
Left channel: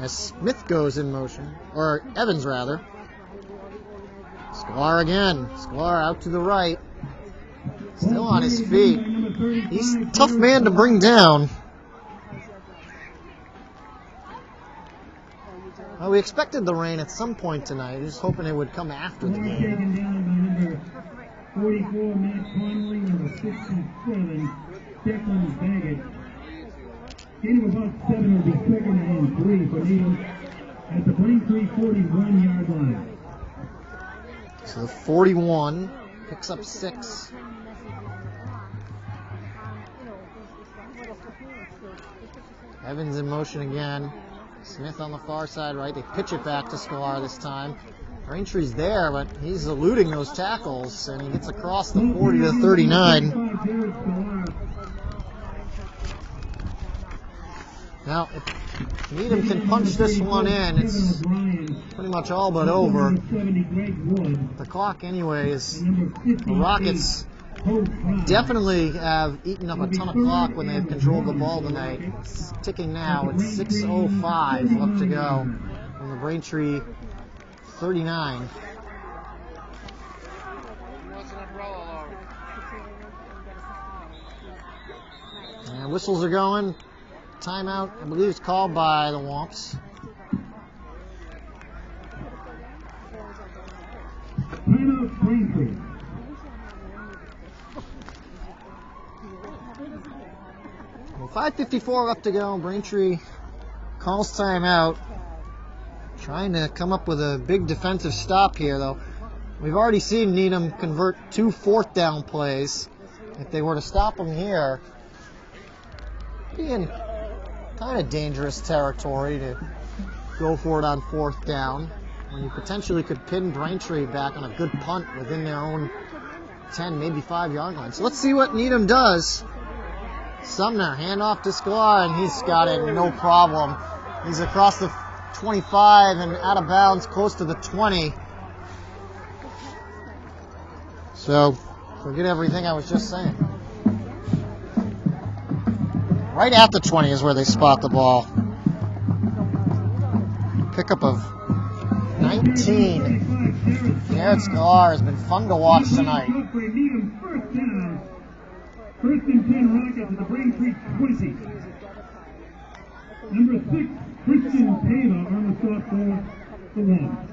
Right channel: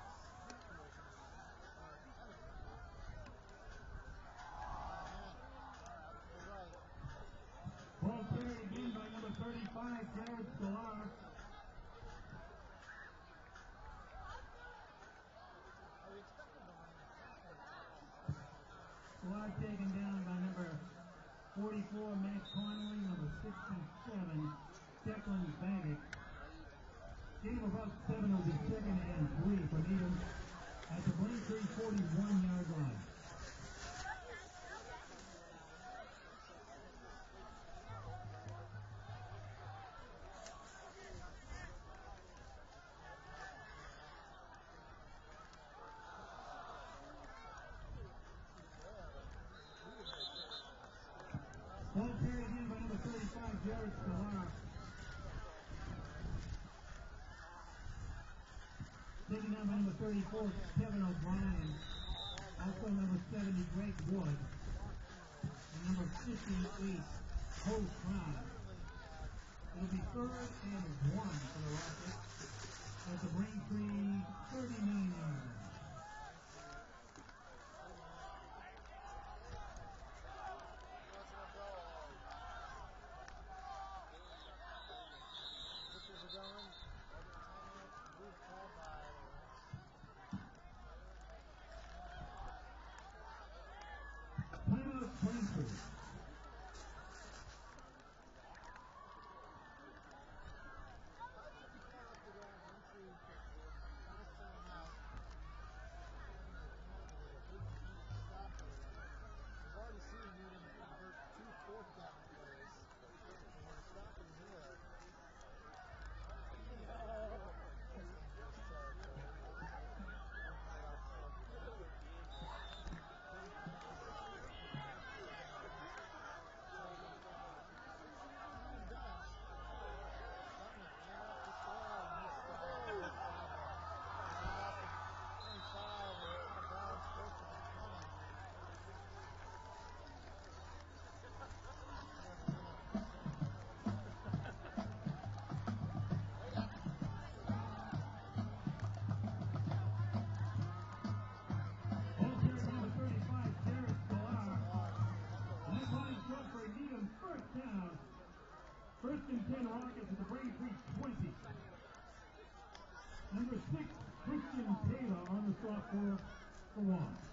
as Smith goes in motion, or Evans rather. Scalar again. Scalar out to the right. Still on his feet. He's a tough man to bring down. Well, we expected the rain at some point tonight. Just hoping it would come after the game. Taken down by number 44, Matt Connolly, number 67, Declan Baggett. Gain of about 7 will be 2nd and 3 for Needham at the Braintree 41-yard line. So the 41 picks up 6. Evans in motion again. Smith on the far side, right? They pitch it back to Scalar this time. Braintree's there, but he's eluding those tackles, and he gets across the 40 to 39. Now, if Needham can punch this one in, it's pretty much all but over. The clock, anyways, the Rockets definitely have eaten up a ton of clock when they've controlled the ball tonight. It's ticking now. It's 6:05 left to go from the Braintree 39. And whistles are going. Timeout, I believe, is called by the Womps. Timeout, Braintree. Well, 5:54 left to go. Braintree calls timeout. Trying to come up with a big defensive stop here, though. We've already seen Needham convert 2 fourth down plays. If they were to stop them here, be in kind of dangerous territory to go for it on 4th down, when you potentially could pin Braintree back on a good punt within their own 10, maybe 5-yard line. So let's see what Needham does. Sumner, handoff to Sklar, and he's got it, no problem. He's across the 25 and out of bounds close to the 20. So, forget everything I was just saying. Right at the 20 is where they spot the ball. Pickup of 19. Garrett Sklar has been fun to watch tonight. First and 10 Rockets at the Braintree 20. Number 6, Christian Taylor on the stop for the Womps.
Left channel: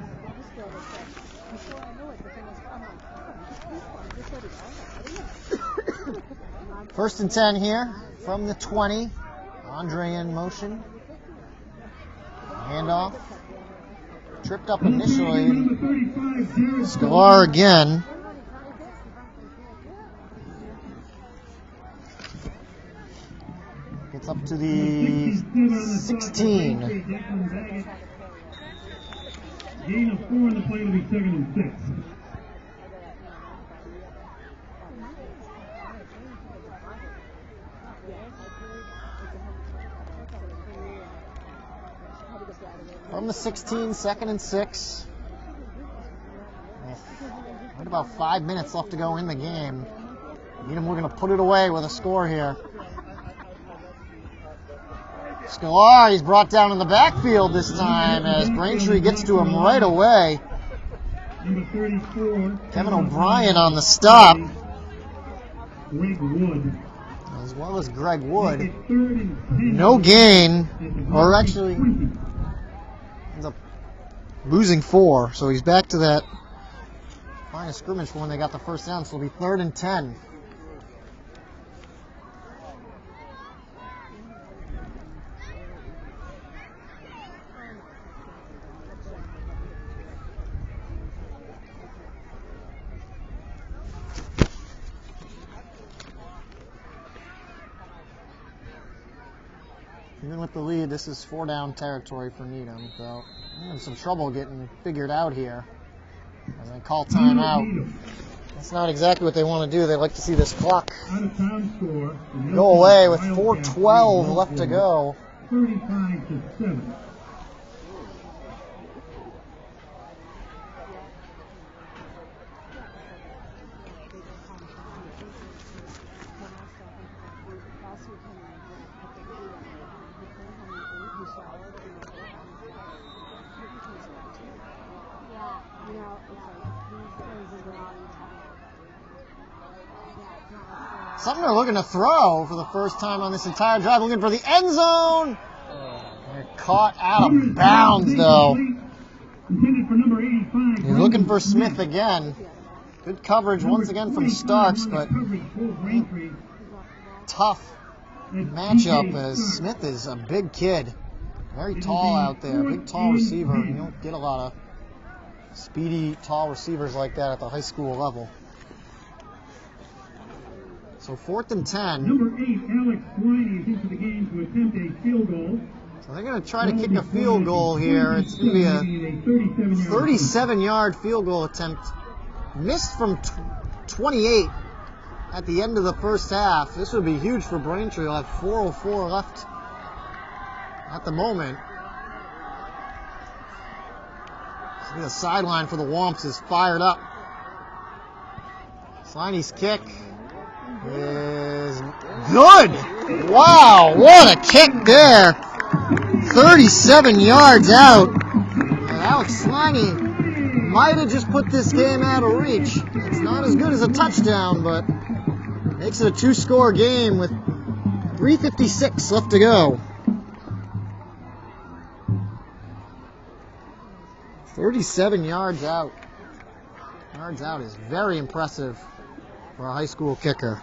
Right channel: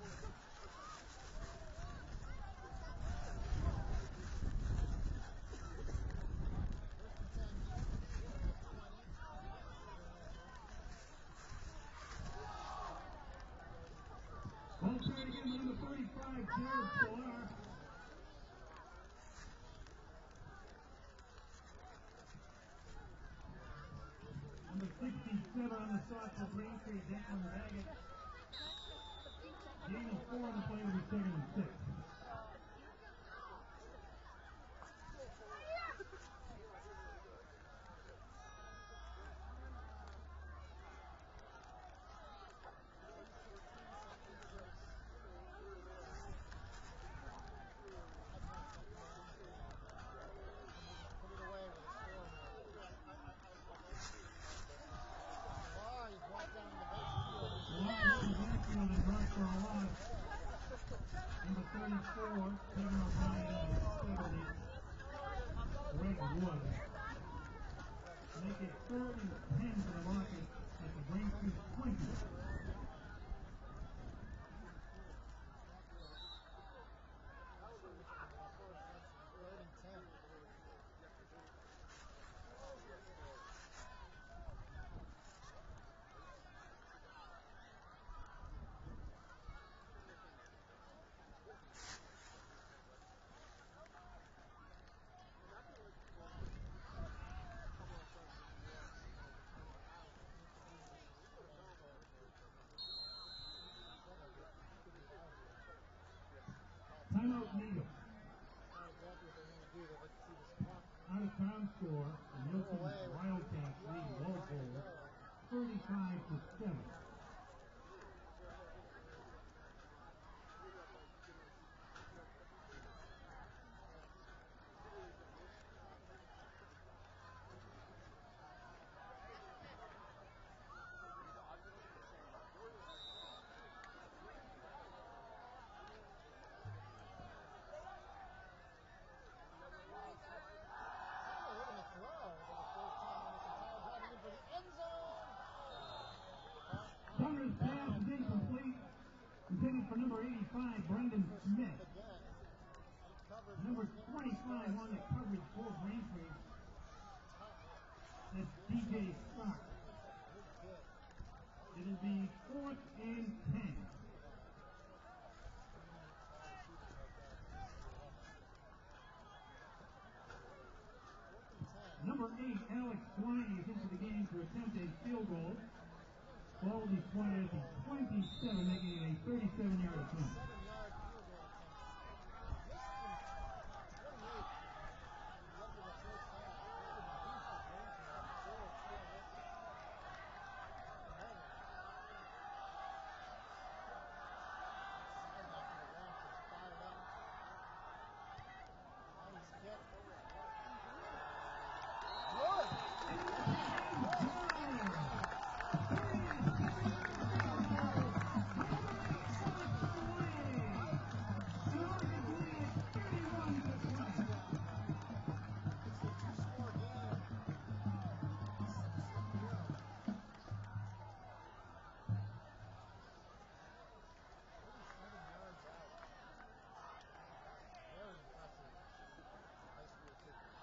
First and 10 here from the 20. Andre in motion. Handoff. Tripped up initially. Sklar again. Gets up to the 16. Gain of 4 on the play will be 2nd and 6. From the 16, 2nd and 6. Right about 5 minutes left to go in the game. Needham, we're going to put it away with a score here. Sklar, he's brought down in the backfield this time as Braintree gets to him right away. Kevin O'Brien on the stop. Greg Wood. As well as Greg Wood. No gain, or actually ends up losing 4, so he's back to that line of scrimmage for when they got the first down, so it'll be 3rd and 10. Even with the lead, this is 4-down territory for Needham, so I'm having some trouble getting figured out here. As I call timeout. That's not exactly what they want to do. They like to see this clock go away with 4:12 left to go. 35-7. Sumner looking to throw for the first time on this entire drive, looking for the end zone. They're caught out of bounds, though. He's looking for Smith again. Good coverage once again from Starks, but tough matchup as Smith is a big kid. Very tall out there, big tall receiver. You don't get a lot of speedy, tall receivers like that at the high school level. So 4th and 10. Number 8, Alex Swiney is into the game to attempt a field goal. So they're going to try to kick a field goal here. It's going to be a 37-yard field goal attempt. Missed from 28 at the end of the first half. This would be huge for Braintree. They'll have 4:04 left at the moment. See, the sideline for the Womps is fired up. Swiney's kick is good. Wow, what a kick there. 37 yards out. And Alex Swiney might have just put this game out of reach. It's not as good as a touchdown, but makes it a 2-score game with 3:56 left to go. 37 yards out. Yards out is very impressive for a high school kicker.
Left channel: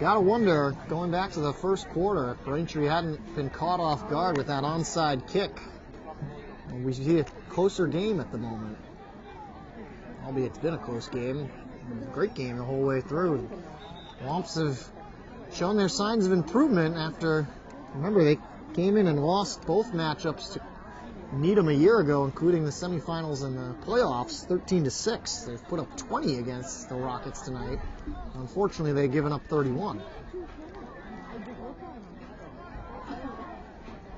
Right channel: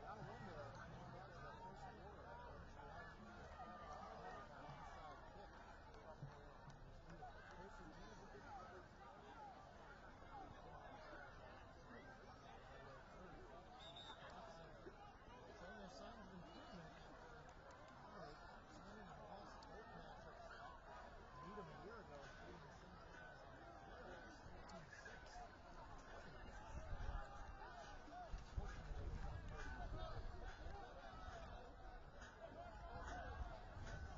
Gotta wonder, going back to the first quarter, if Braintree hadn't been caught off guard with that onside kick. We see a closer game at the moment. Albeit it's been a close game. A great game the whole way through. Womps have shown their signs of improvement after, remember, they came in and lost both matchups to Needham a year ago, including the semifinals and the playoffs, 13-6. They've put up 20 against the Rockets tonight. Unfortunately, they've given up 31.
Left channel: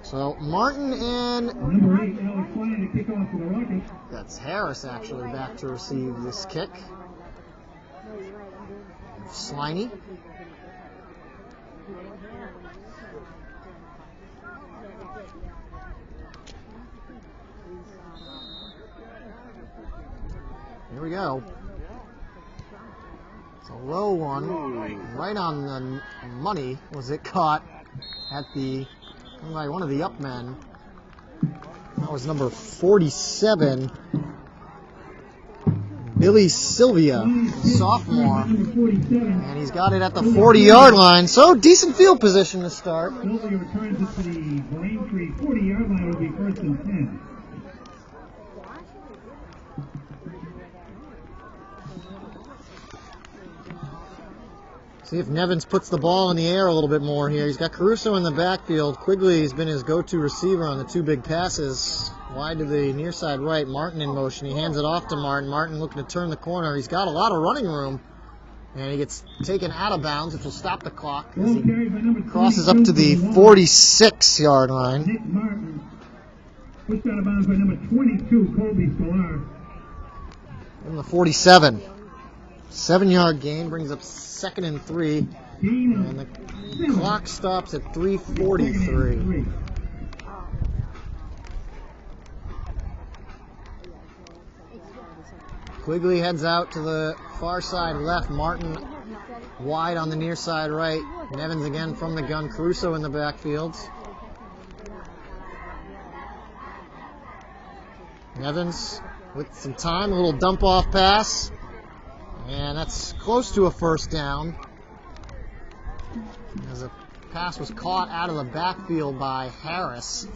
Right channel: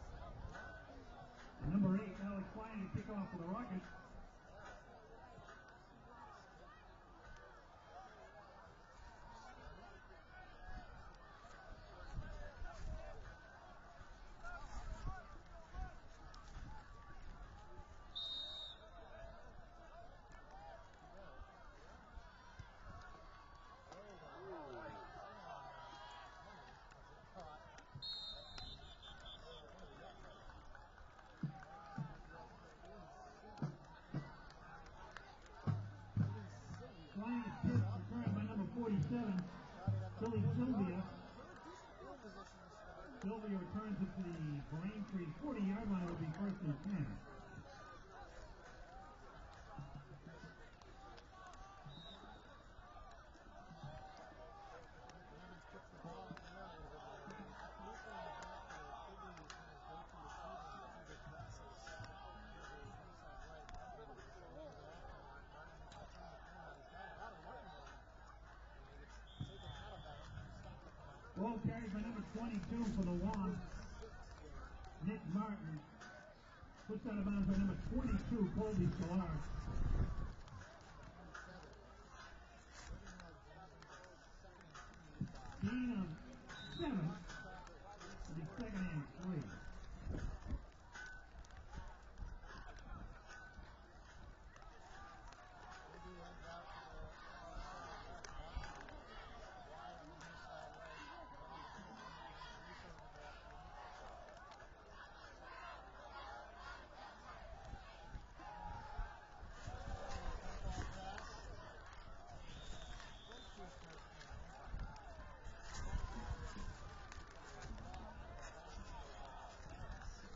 So Martin and Number 8, Alex Ryan to kick off for the Rockets. that's Harris actually back to receive this kick. Sliney. Here we go. It's a low one, right on the money. Was it caught at the by one of the up men? That was number 47, Billy Sylvia, sophomore, and he's got it at the 40-yard line. So decent field position to start. Sylvia returns it to the Braintree 40-yard line. Will be first and 10. See if Nevins puts the ball in the air a little bit more here. He's got Caruso in the backfield. Quigley has been his go-to receiver on the two big passes. Wide to the near side right. Martin in motion. He hands it off to Martin. Martin looking to turn the corner. He's got a lot of running room. And he gets taken out of bounds, which will stop the clock as he crosses up to the 46-yard line. Nick Martin pushed out of bounds by number 22, Colby Sklar. From the 47. 7-yard gain brings up 2nd and 3. And the clock stops at 3:43. Quigley heads out to the far side left. Martin wide on the near side right. Nevins again from the gun. Caruso in the backfield. Nevins with some time. A little dump off pass. And that's close to a first down. As a pass was caught out of the backfield by Harris.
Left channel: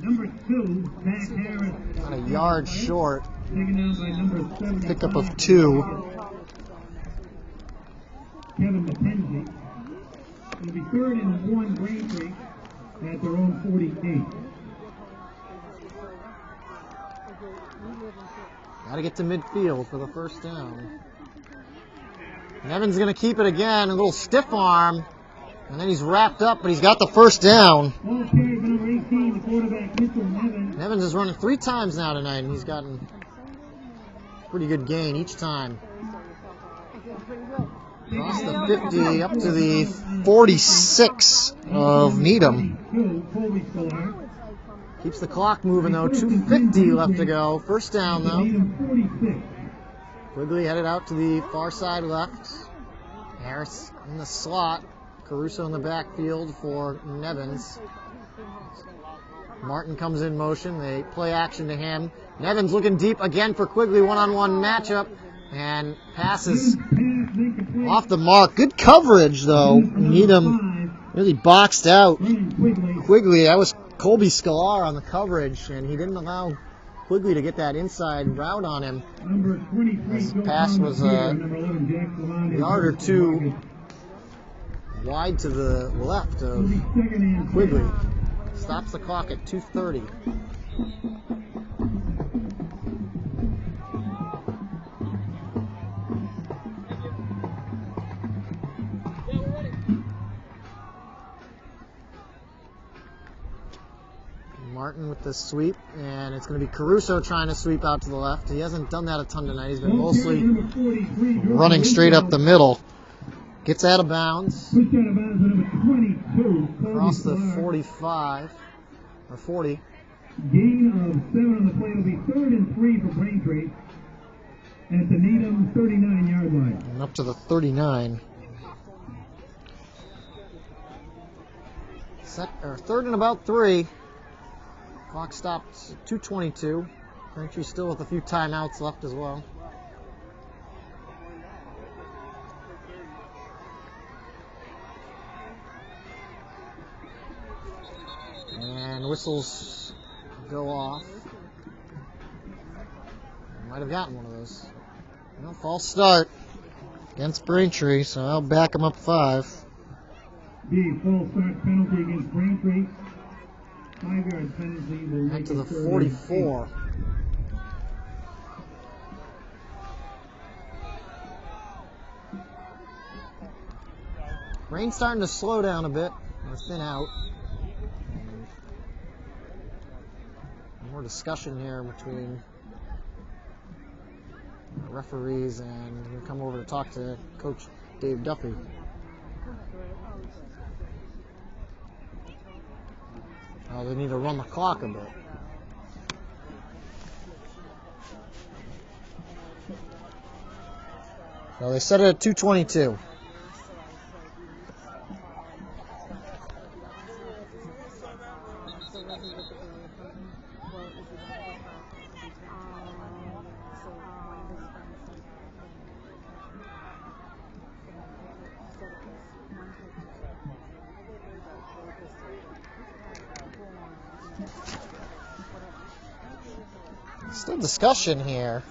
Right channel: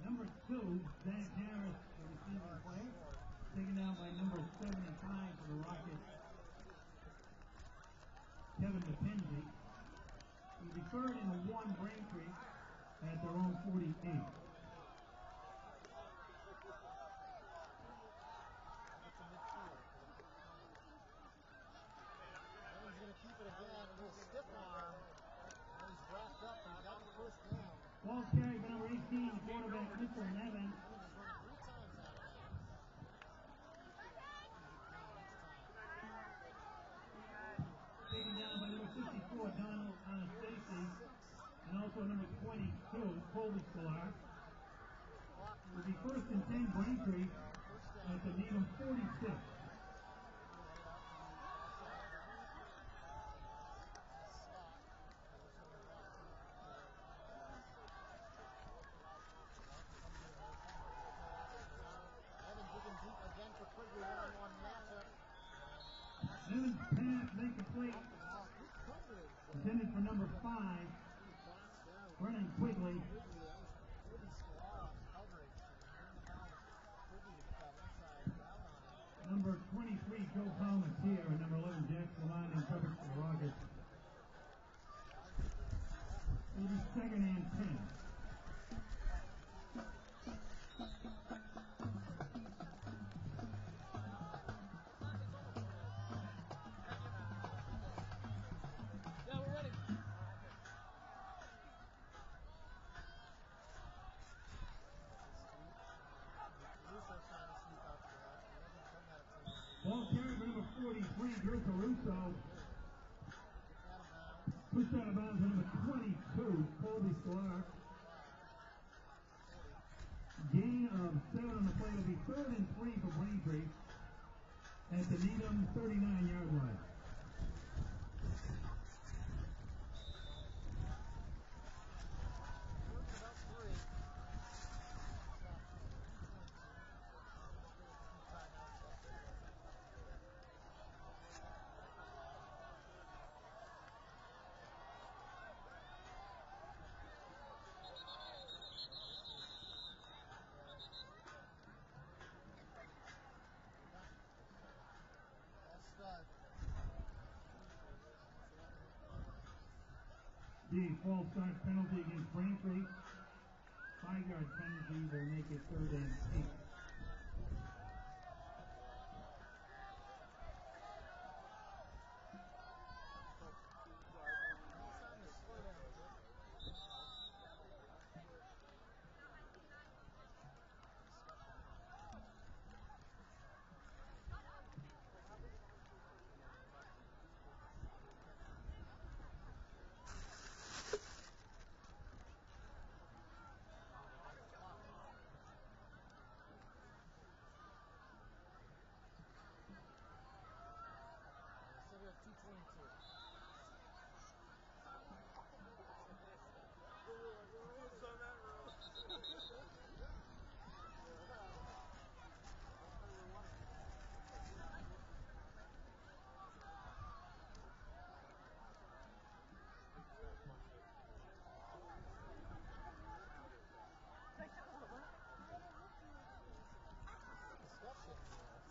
Number 2, Matt Harris. About a yard short. Taken down by number 7. Pickup of 2. Kevin McKenzie. It'll be 3rd and 1 Braintree at their own 48. Got to get to midfield for the first down. Nevins going to keep it again. A little stiff arm. And then he's wrapped up, but he's got the first down. Ball carried by number 18, the quarterback, Mitchell Nevins. Nevins is running 3 times now tonight, and he's gotten pretty good gain each time. Across the 50, up to the 46 of Needham. Colby Sklar. Keeps the clock moving, though. 2:50 left to go. First down, though. Needham 46. Quigley headed out to the far side left. Harris in the slot. Caruso in the backfield for Nevins. Martin comes in motion. They play action to him. Nevins looking deep again for Quigley. One-on-one matchup. And passes off the mark. Good coverage, though. Needham really boxed out Quigley. That was Colby Sklar on the coverage, and he didn't allow Quigley to get that inside route on him. His pass was a yard or 2 wide to the left of Quigley. Stops the clock at 2:30. Martin with the sweep, and it's going to be Caruso trying to sweep out to the left. He hasn't done that a ton tonight. He's been mostly running straight up the middle. Gets out of bounds. Pushed out of bounds with number 22. Across the 45 or 40. Gain of 7 on the play will be 3rd and 3 for Braintree at the Needham 39-yard line. And up to the 39. 3rd and about 3. Clock stopped 2:22. Braintree still with a few timeouts left as well. And whistles go off. Might have gotten one of those. No, false start against Braintree, so I'll back him up 5. The false start penalty against Braintree. 5-yard penalty will Back make to the it 3rd and 44. Rain's starting to slow down a bit, or thin out. More discussion here between the referees, and we'll come over to talk to Coach Dave Duffy. Oh, they need to run the clock a bit. So they set it at 2:22. Still discussion here.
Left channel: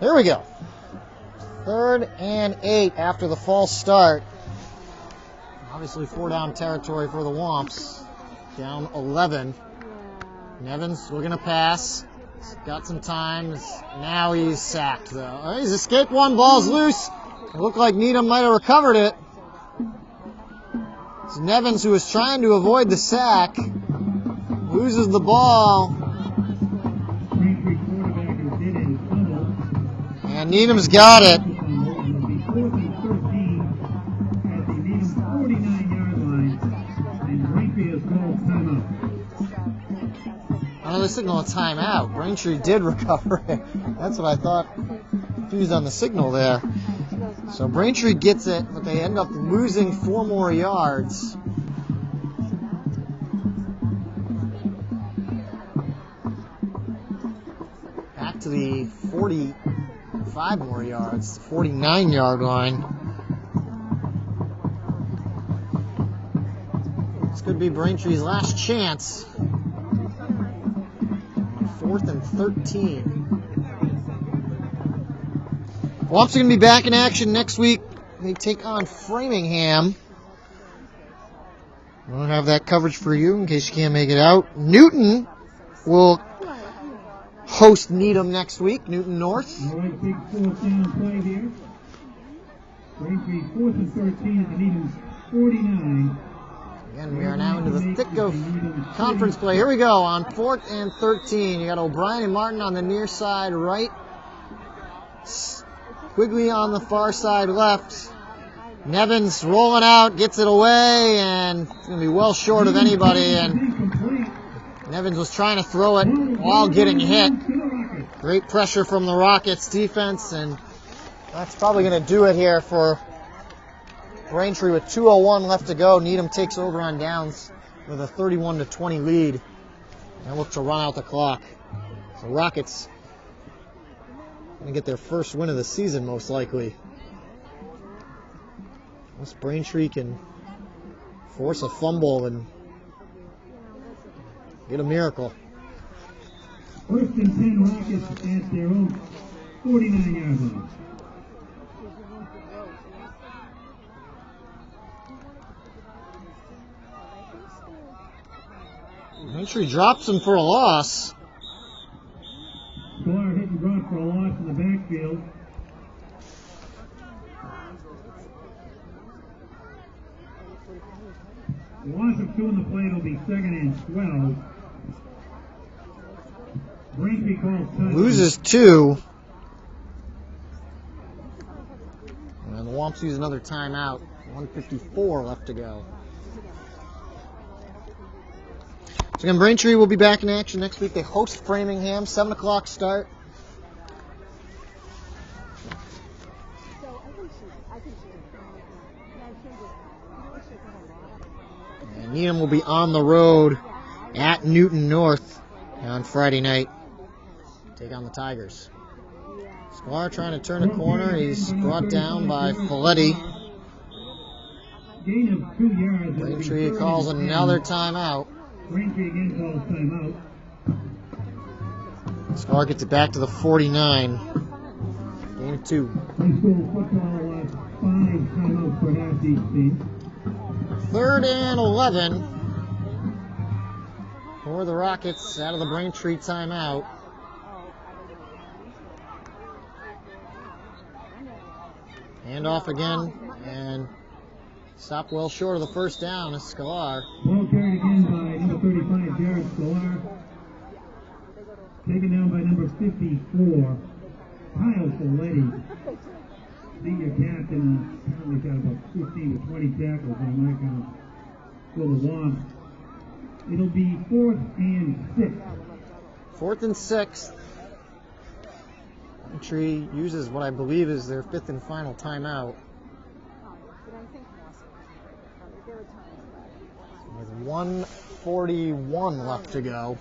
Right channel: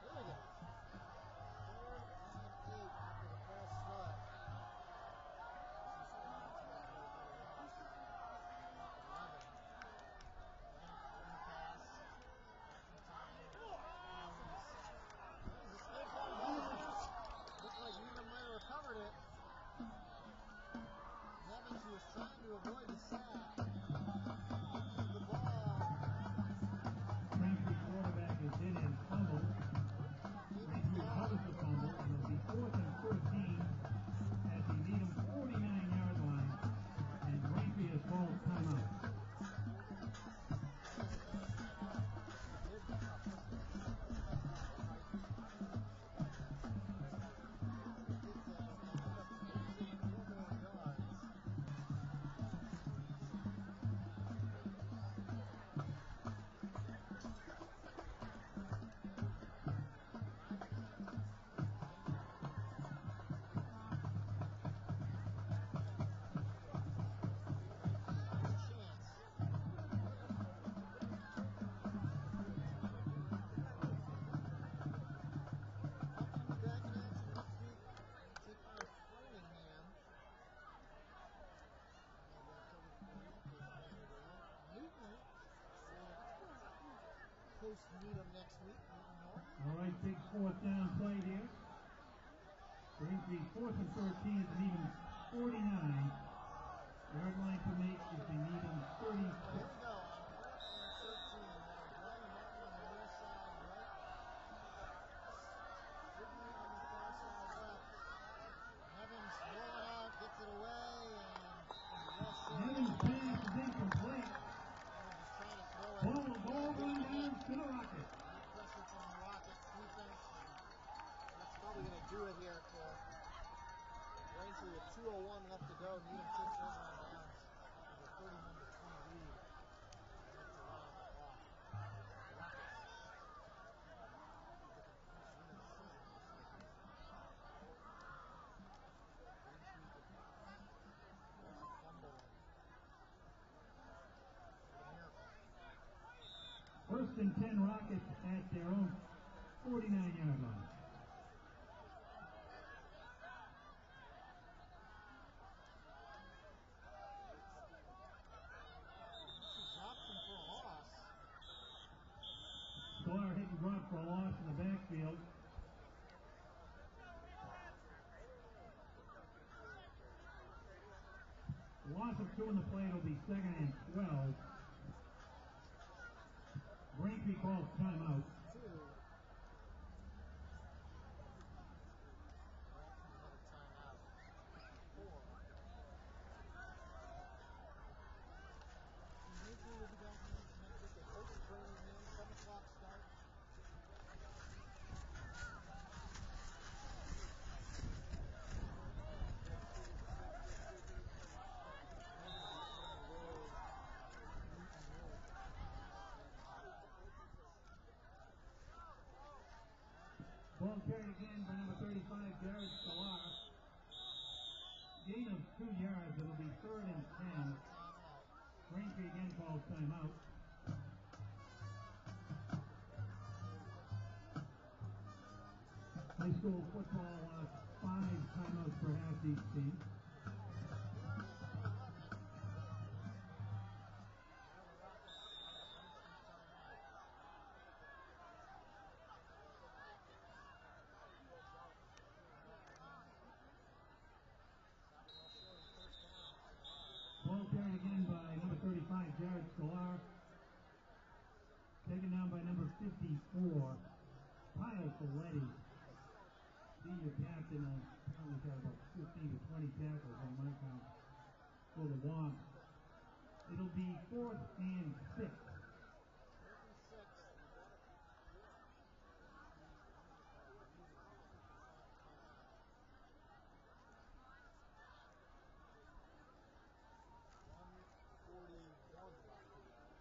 Here we go. 3rd and 8 after the false start. Obviously 4-down territory for the Womps. Down 11. Nevins looking to pass. He's got some time. Now he's sacked, though. He's escaped one. Ball's loose. It looked like Needham might have recovered it. It's Nevins, who was trying to avoid the sack, loses the ball. And Needham's got it. They signal a timeout. Braintree did recover it. That's what I thought. Confused on the signal there. So Braintree gets it, but they end up losing 4 more yards. Back to the 45 more yards, 49-yard line. This could be Braintree's last chance. 4th and 13. Womps are going to be back in action next week. They take on Framingham. We'll have that coverage for you in case you can't make it out. Newton will host Needham next week, Newton North. All right, big 4th down play here. Braintree 4th and 13 at the Needham's 49. Again, we are now into the thick of conference play. Here we go on 4th and 13. You got O'Brien and Martin on the near side right. Quigley on the far side left. Nevins rolling out, gets it away, and it's going to be well short of anybody. And Nevins was trying to throw it while getting hit. Great pressure from the Rockets defense, and that's probably going to do it here for Braintree with 2:01 left to go. Needham takes over on downs with a 31-20 lead and look to run out the clock. So Rockets going to get their first win of the season, most likely. Unless Braintree can force a fumble and get a miracle. 1st and 10 Rockets at their own 49-yard line. Braintree drops him for a loss. Sklar hit and run for a loss in the backfield. 2 in the play. It'll be 2nd and 12. Braintree calls time. Loses 2. And the Womps use another timeout. 1:54 left to go. So again, Braintree will be back in action next week. They host Framingham, 7 o'clock start. And Needham will be on the road at Newton North on Friday night. Take on the Tigers. Sklar trying to turn a corner. He's brought down by Folletti. Gain of 2 yards. Braintree calls another timeout. Braintree again calls timeout. Sklar gets it back to the 49. Gain of 2. High school football, 5 timeouts for half each team. 3rd and 11 for the Rockets out of the Braintree timeout. Hand off again, and stopped well short of the first down is Sklar. Ball carried again by number 35, Jared Sklar. Taken down by number 54, Kyle Folletti. Senior captain, apparently got about 15 to 20 tackles on that count for the Womps. It'll be 4th and 6. 4th and 6. Braintree uses what I believe is their 5th and final timeout. With 1:41 left to go.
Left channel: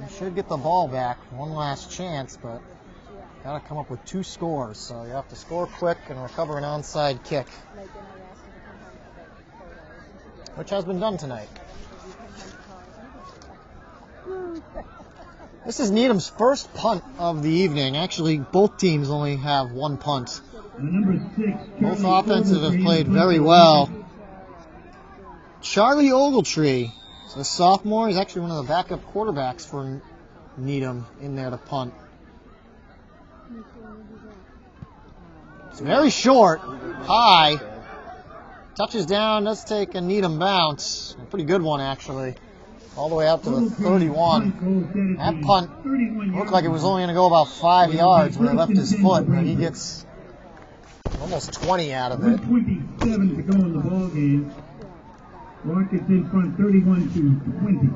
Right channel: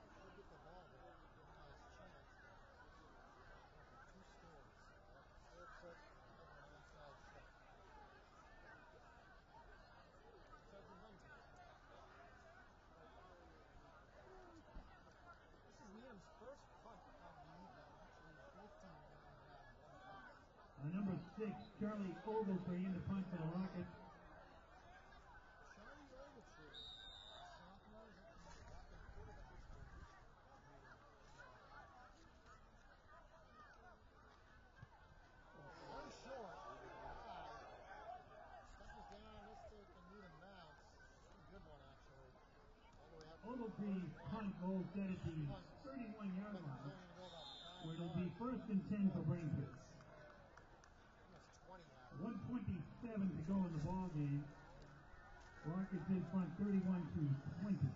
They should get the ball back. One last chance, but got to come up with 2 scores. So you have to score quick and recover an onside kick, which has been done tonight. This is Needham's first punt of the evening. Actually, both teams only have 1 punt. Number 6, Both offensive have played very well. Charlie Ogletree, a sophomore, he's actually one of the backup quarterbacks for Needham in there to punt. It's very short, high, touches down, does take a Needham bounce. A pretty good one, actually. All the way out to the 31. That punt looked like it was only going to go about 5 yards when he left his foot, but he gets almost 20 out of it. 1:27 to go in the ball game. Rockets in front, 31 to 20.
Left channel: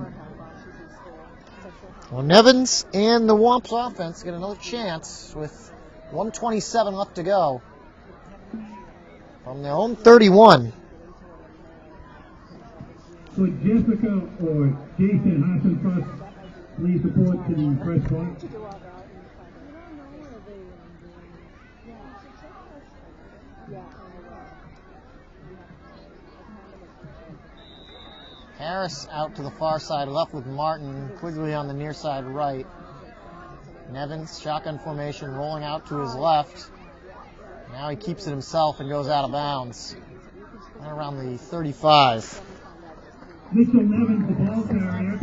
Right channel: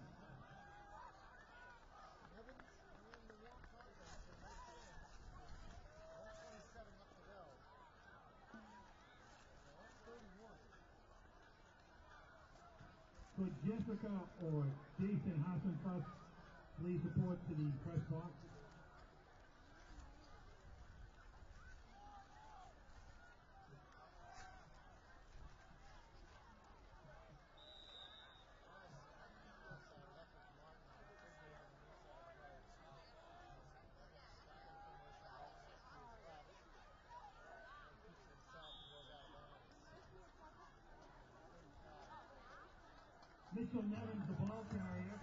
Well, Nevins and the Womps offense get another chance with 1:27 left to go from their own 31. So Jessica or Jason Hassenfuss, please report to the press box. Harris out to the far side left with Martin, Quigley on the near side right. Nevins, shotgun formation, rolling out to his left. Now he keeps it himself and goes out of bounds. Right around the 35. Mitchell Nevins, the ball carrier,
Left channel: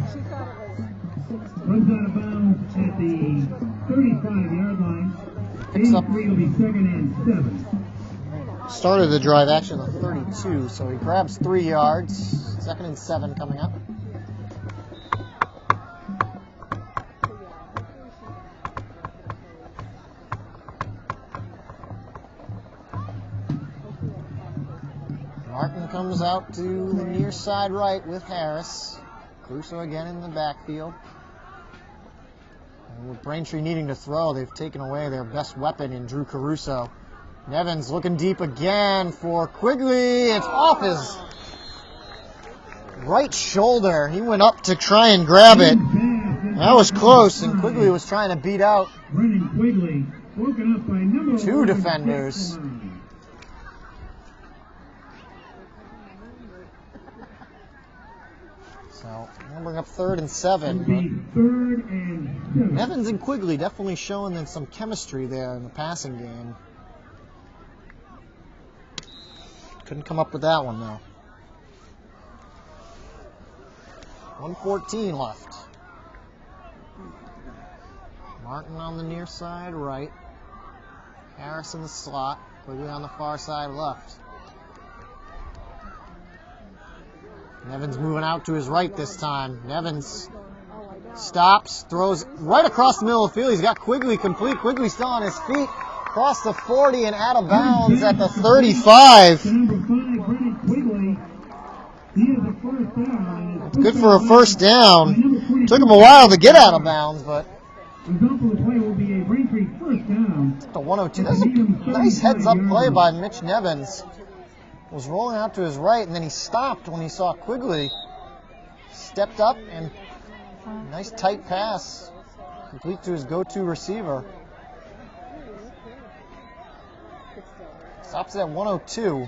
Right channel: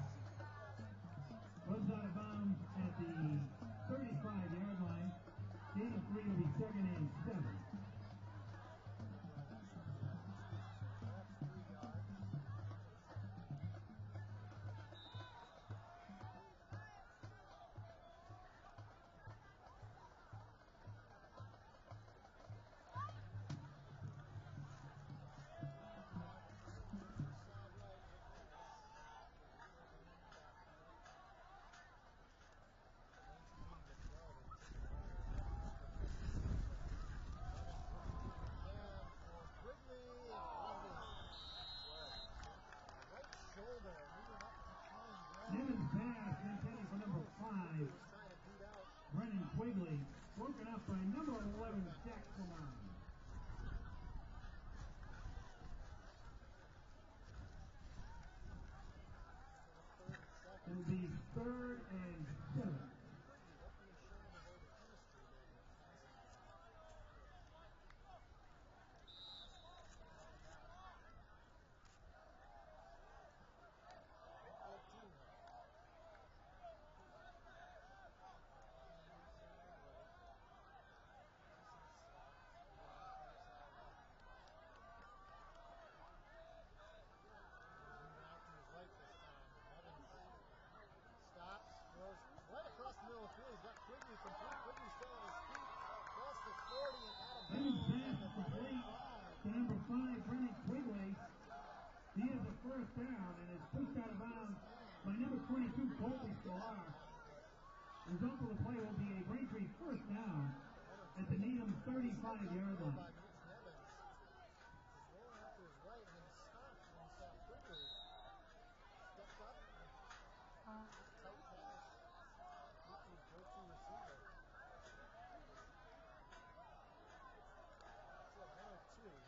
runs out of bounds at the 35-yard line. Picks up. Will be 2nd and 7. Started the drive actually on the 32, so he grabs 3 yards. 2nd and 7 coming up. Martin comes out to the near side right with Harris. Caruso again in the backfield. And with Braintree needing to throw, they've taken away their best weapon in Drew Caruso. Nevins looking deep again for Quigley. It's off his right shoulder. He went up to try and grab it. That was close, and Quigley was trying to beat out Brennan Quigley, broken up by number 2 defenders. So we'll bring up 3rd and 7. But 3rd and 7. Nevins and Quigley definitely showing them some chemistry there in the passing game. Couldn't come up with that one, though. 1:14 left. Martin on the near side right. Harris in the slot. Quigley on the far side left. Nevins moving out to his right this time. Nevins stops, throws right across the middle of the field. He's got Quigley complete. Quigley still on his feet. Across the 40 and out of bounds at the 35. Good for a first down. Took him a while to get out of bounds, but the 102. That's a nice heads-up play by Mitch Nevins. Was rolling out to his right, and then he stopped when he saw Quigley. Stepped up, and nice tight pass. Complete to his go-to receiver. Stops at 102.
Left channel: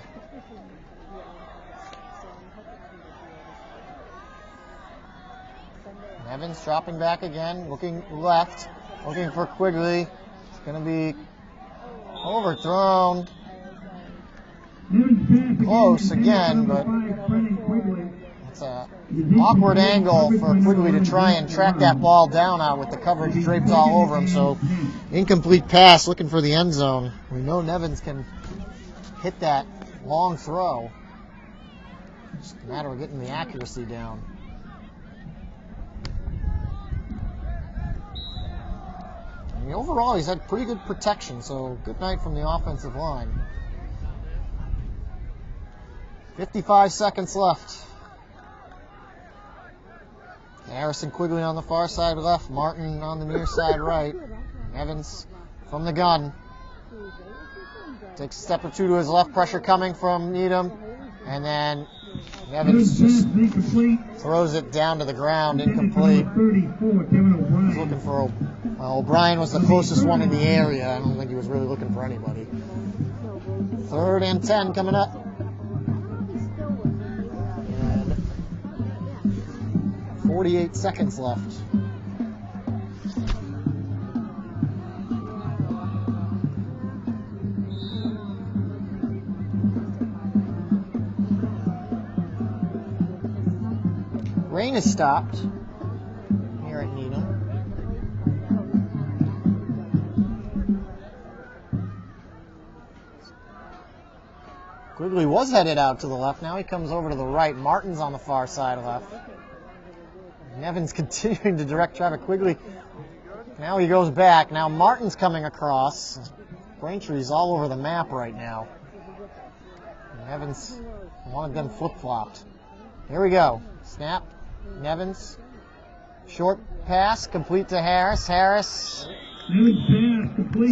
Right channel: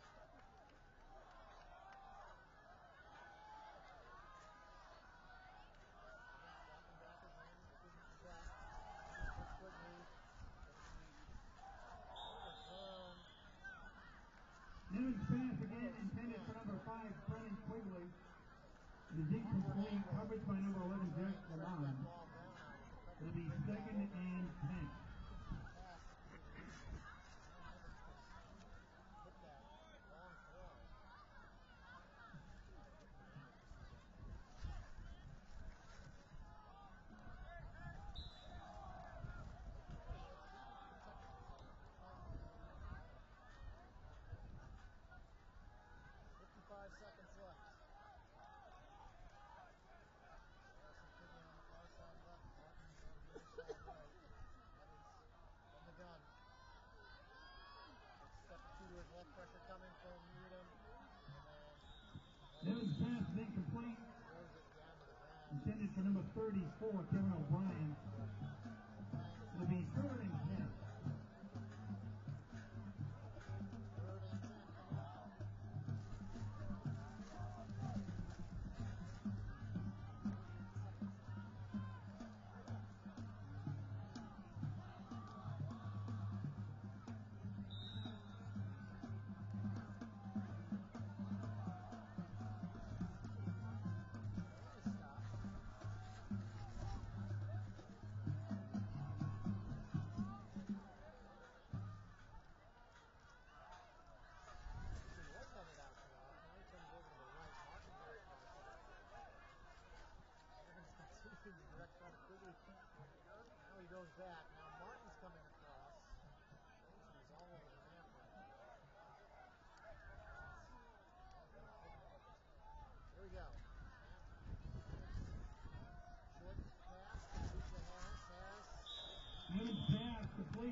Nevins dropping back again, looking left, looking for Quigley. It's going to be overthrown. Close again, but it's an awkward angle for Quigley to try and track that ball down out with the coverage draped all over him. So incomplete pass, looking for the end zone. We know Nevins can hit that long throw. Just a matter of getting the accuracy down. I mean, overall, he's had pretty good protection, so good night from the offensive line. 55 seconds left. Harrison Quigley on the far side left, Martin on the near side right. Evans from the gun. Takes a step or two to his left, pressure coming from Needham. And then Evans just throws it down to the ground, incomplete. He's looking for, well, O'Brien was the closest one in the area. I don't think he was really looking for anybody. 3rd and 10 coming up. 48 seconds left. Rain has stopped here at Needham. Quigley was headed out to the left. Now he comes over to the right. Martin's on the far side left. Nevins continuing to direct traffic. Quigley, now he goes back. Now Martin's coming across. Braintree's all over the map right now. Nevins wanted them flip-flopped. Here we go. Snap. Nevins. Short pass, complete to Harris. Harris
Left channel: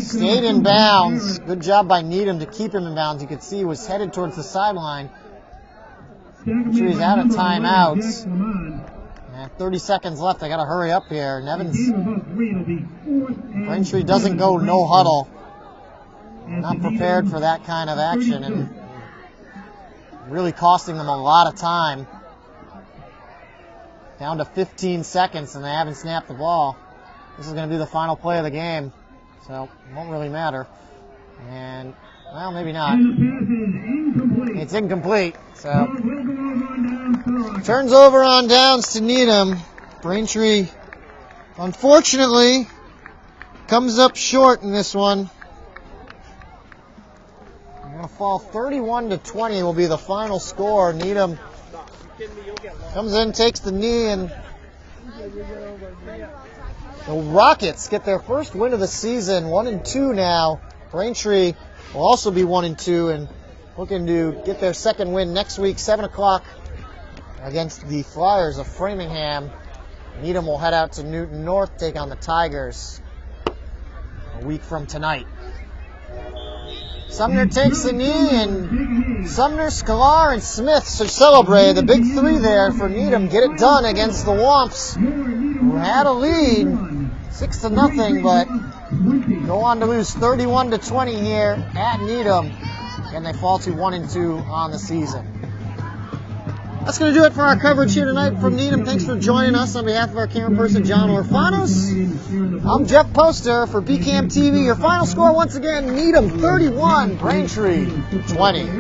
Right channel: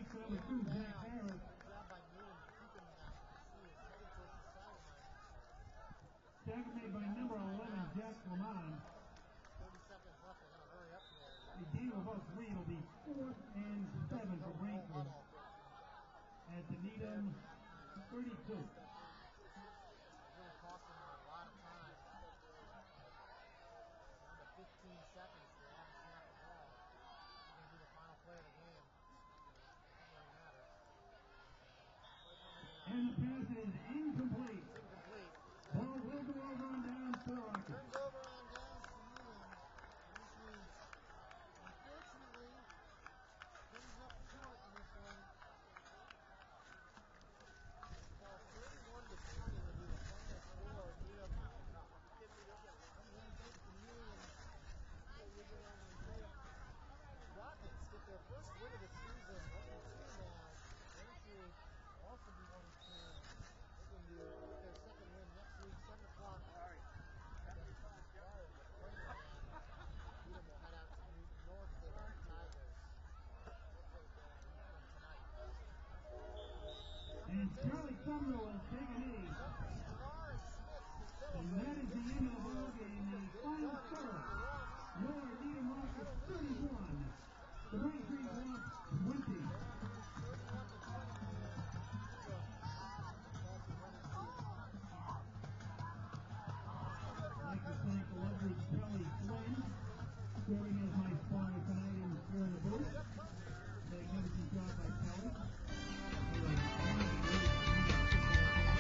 stayed in bounds. Good job by Needham to keep him in bounds. You could see he was headed towards the sideline. He's out of timeouts. And 30 seconds left. I got to hurry up here. Nevins. Braintree doesn't go no huddle. Not prepared for that kind of action, and really costing them a lot of time. Down to 15 seconds, and they haven't snapped the ball. This is going to be the final play of the game, so it won't really matter. And, well, maybe not. It's incomplete, so turns over on downs to Needham. Braintree, unfortunately, comes up short in this one. They're going to fall 31-20 will be the final score. Needham comes in, takes the knee, and the Rockets get their first win of the season, 1-2 now. Braintree will also be 1-2 and looking to get their second win next week, 7 o'clock against the Flyers of Framingham. Needham will head out to Newton North, take on the Tigers a week from tonight. Sumner takes the knee, and Sumner, Sklar, and Smith should celebrate. The big three there for Needham get it done against the Womps, who had a lead, 6-0, but go on to lose 31-20 here at Needham, and they fall to 1-2 on the season. That's going to do it for our coverage here tonight from Needham. Thanks for joining us. On behalf of our camera person, John Orfanos, I'm Jeff Poster for BCAM TV. Your final score, once again, Needham 31, Braintree 20.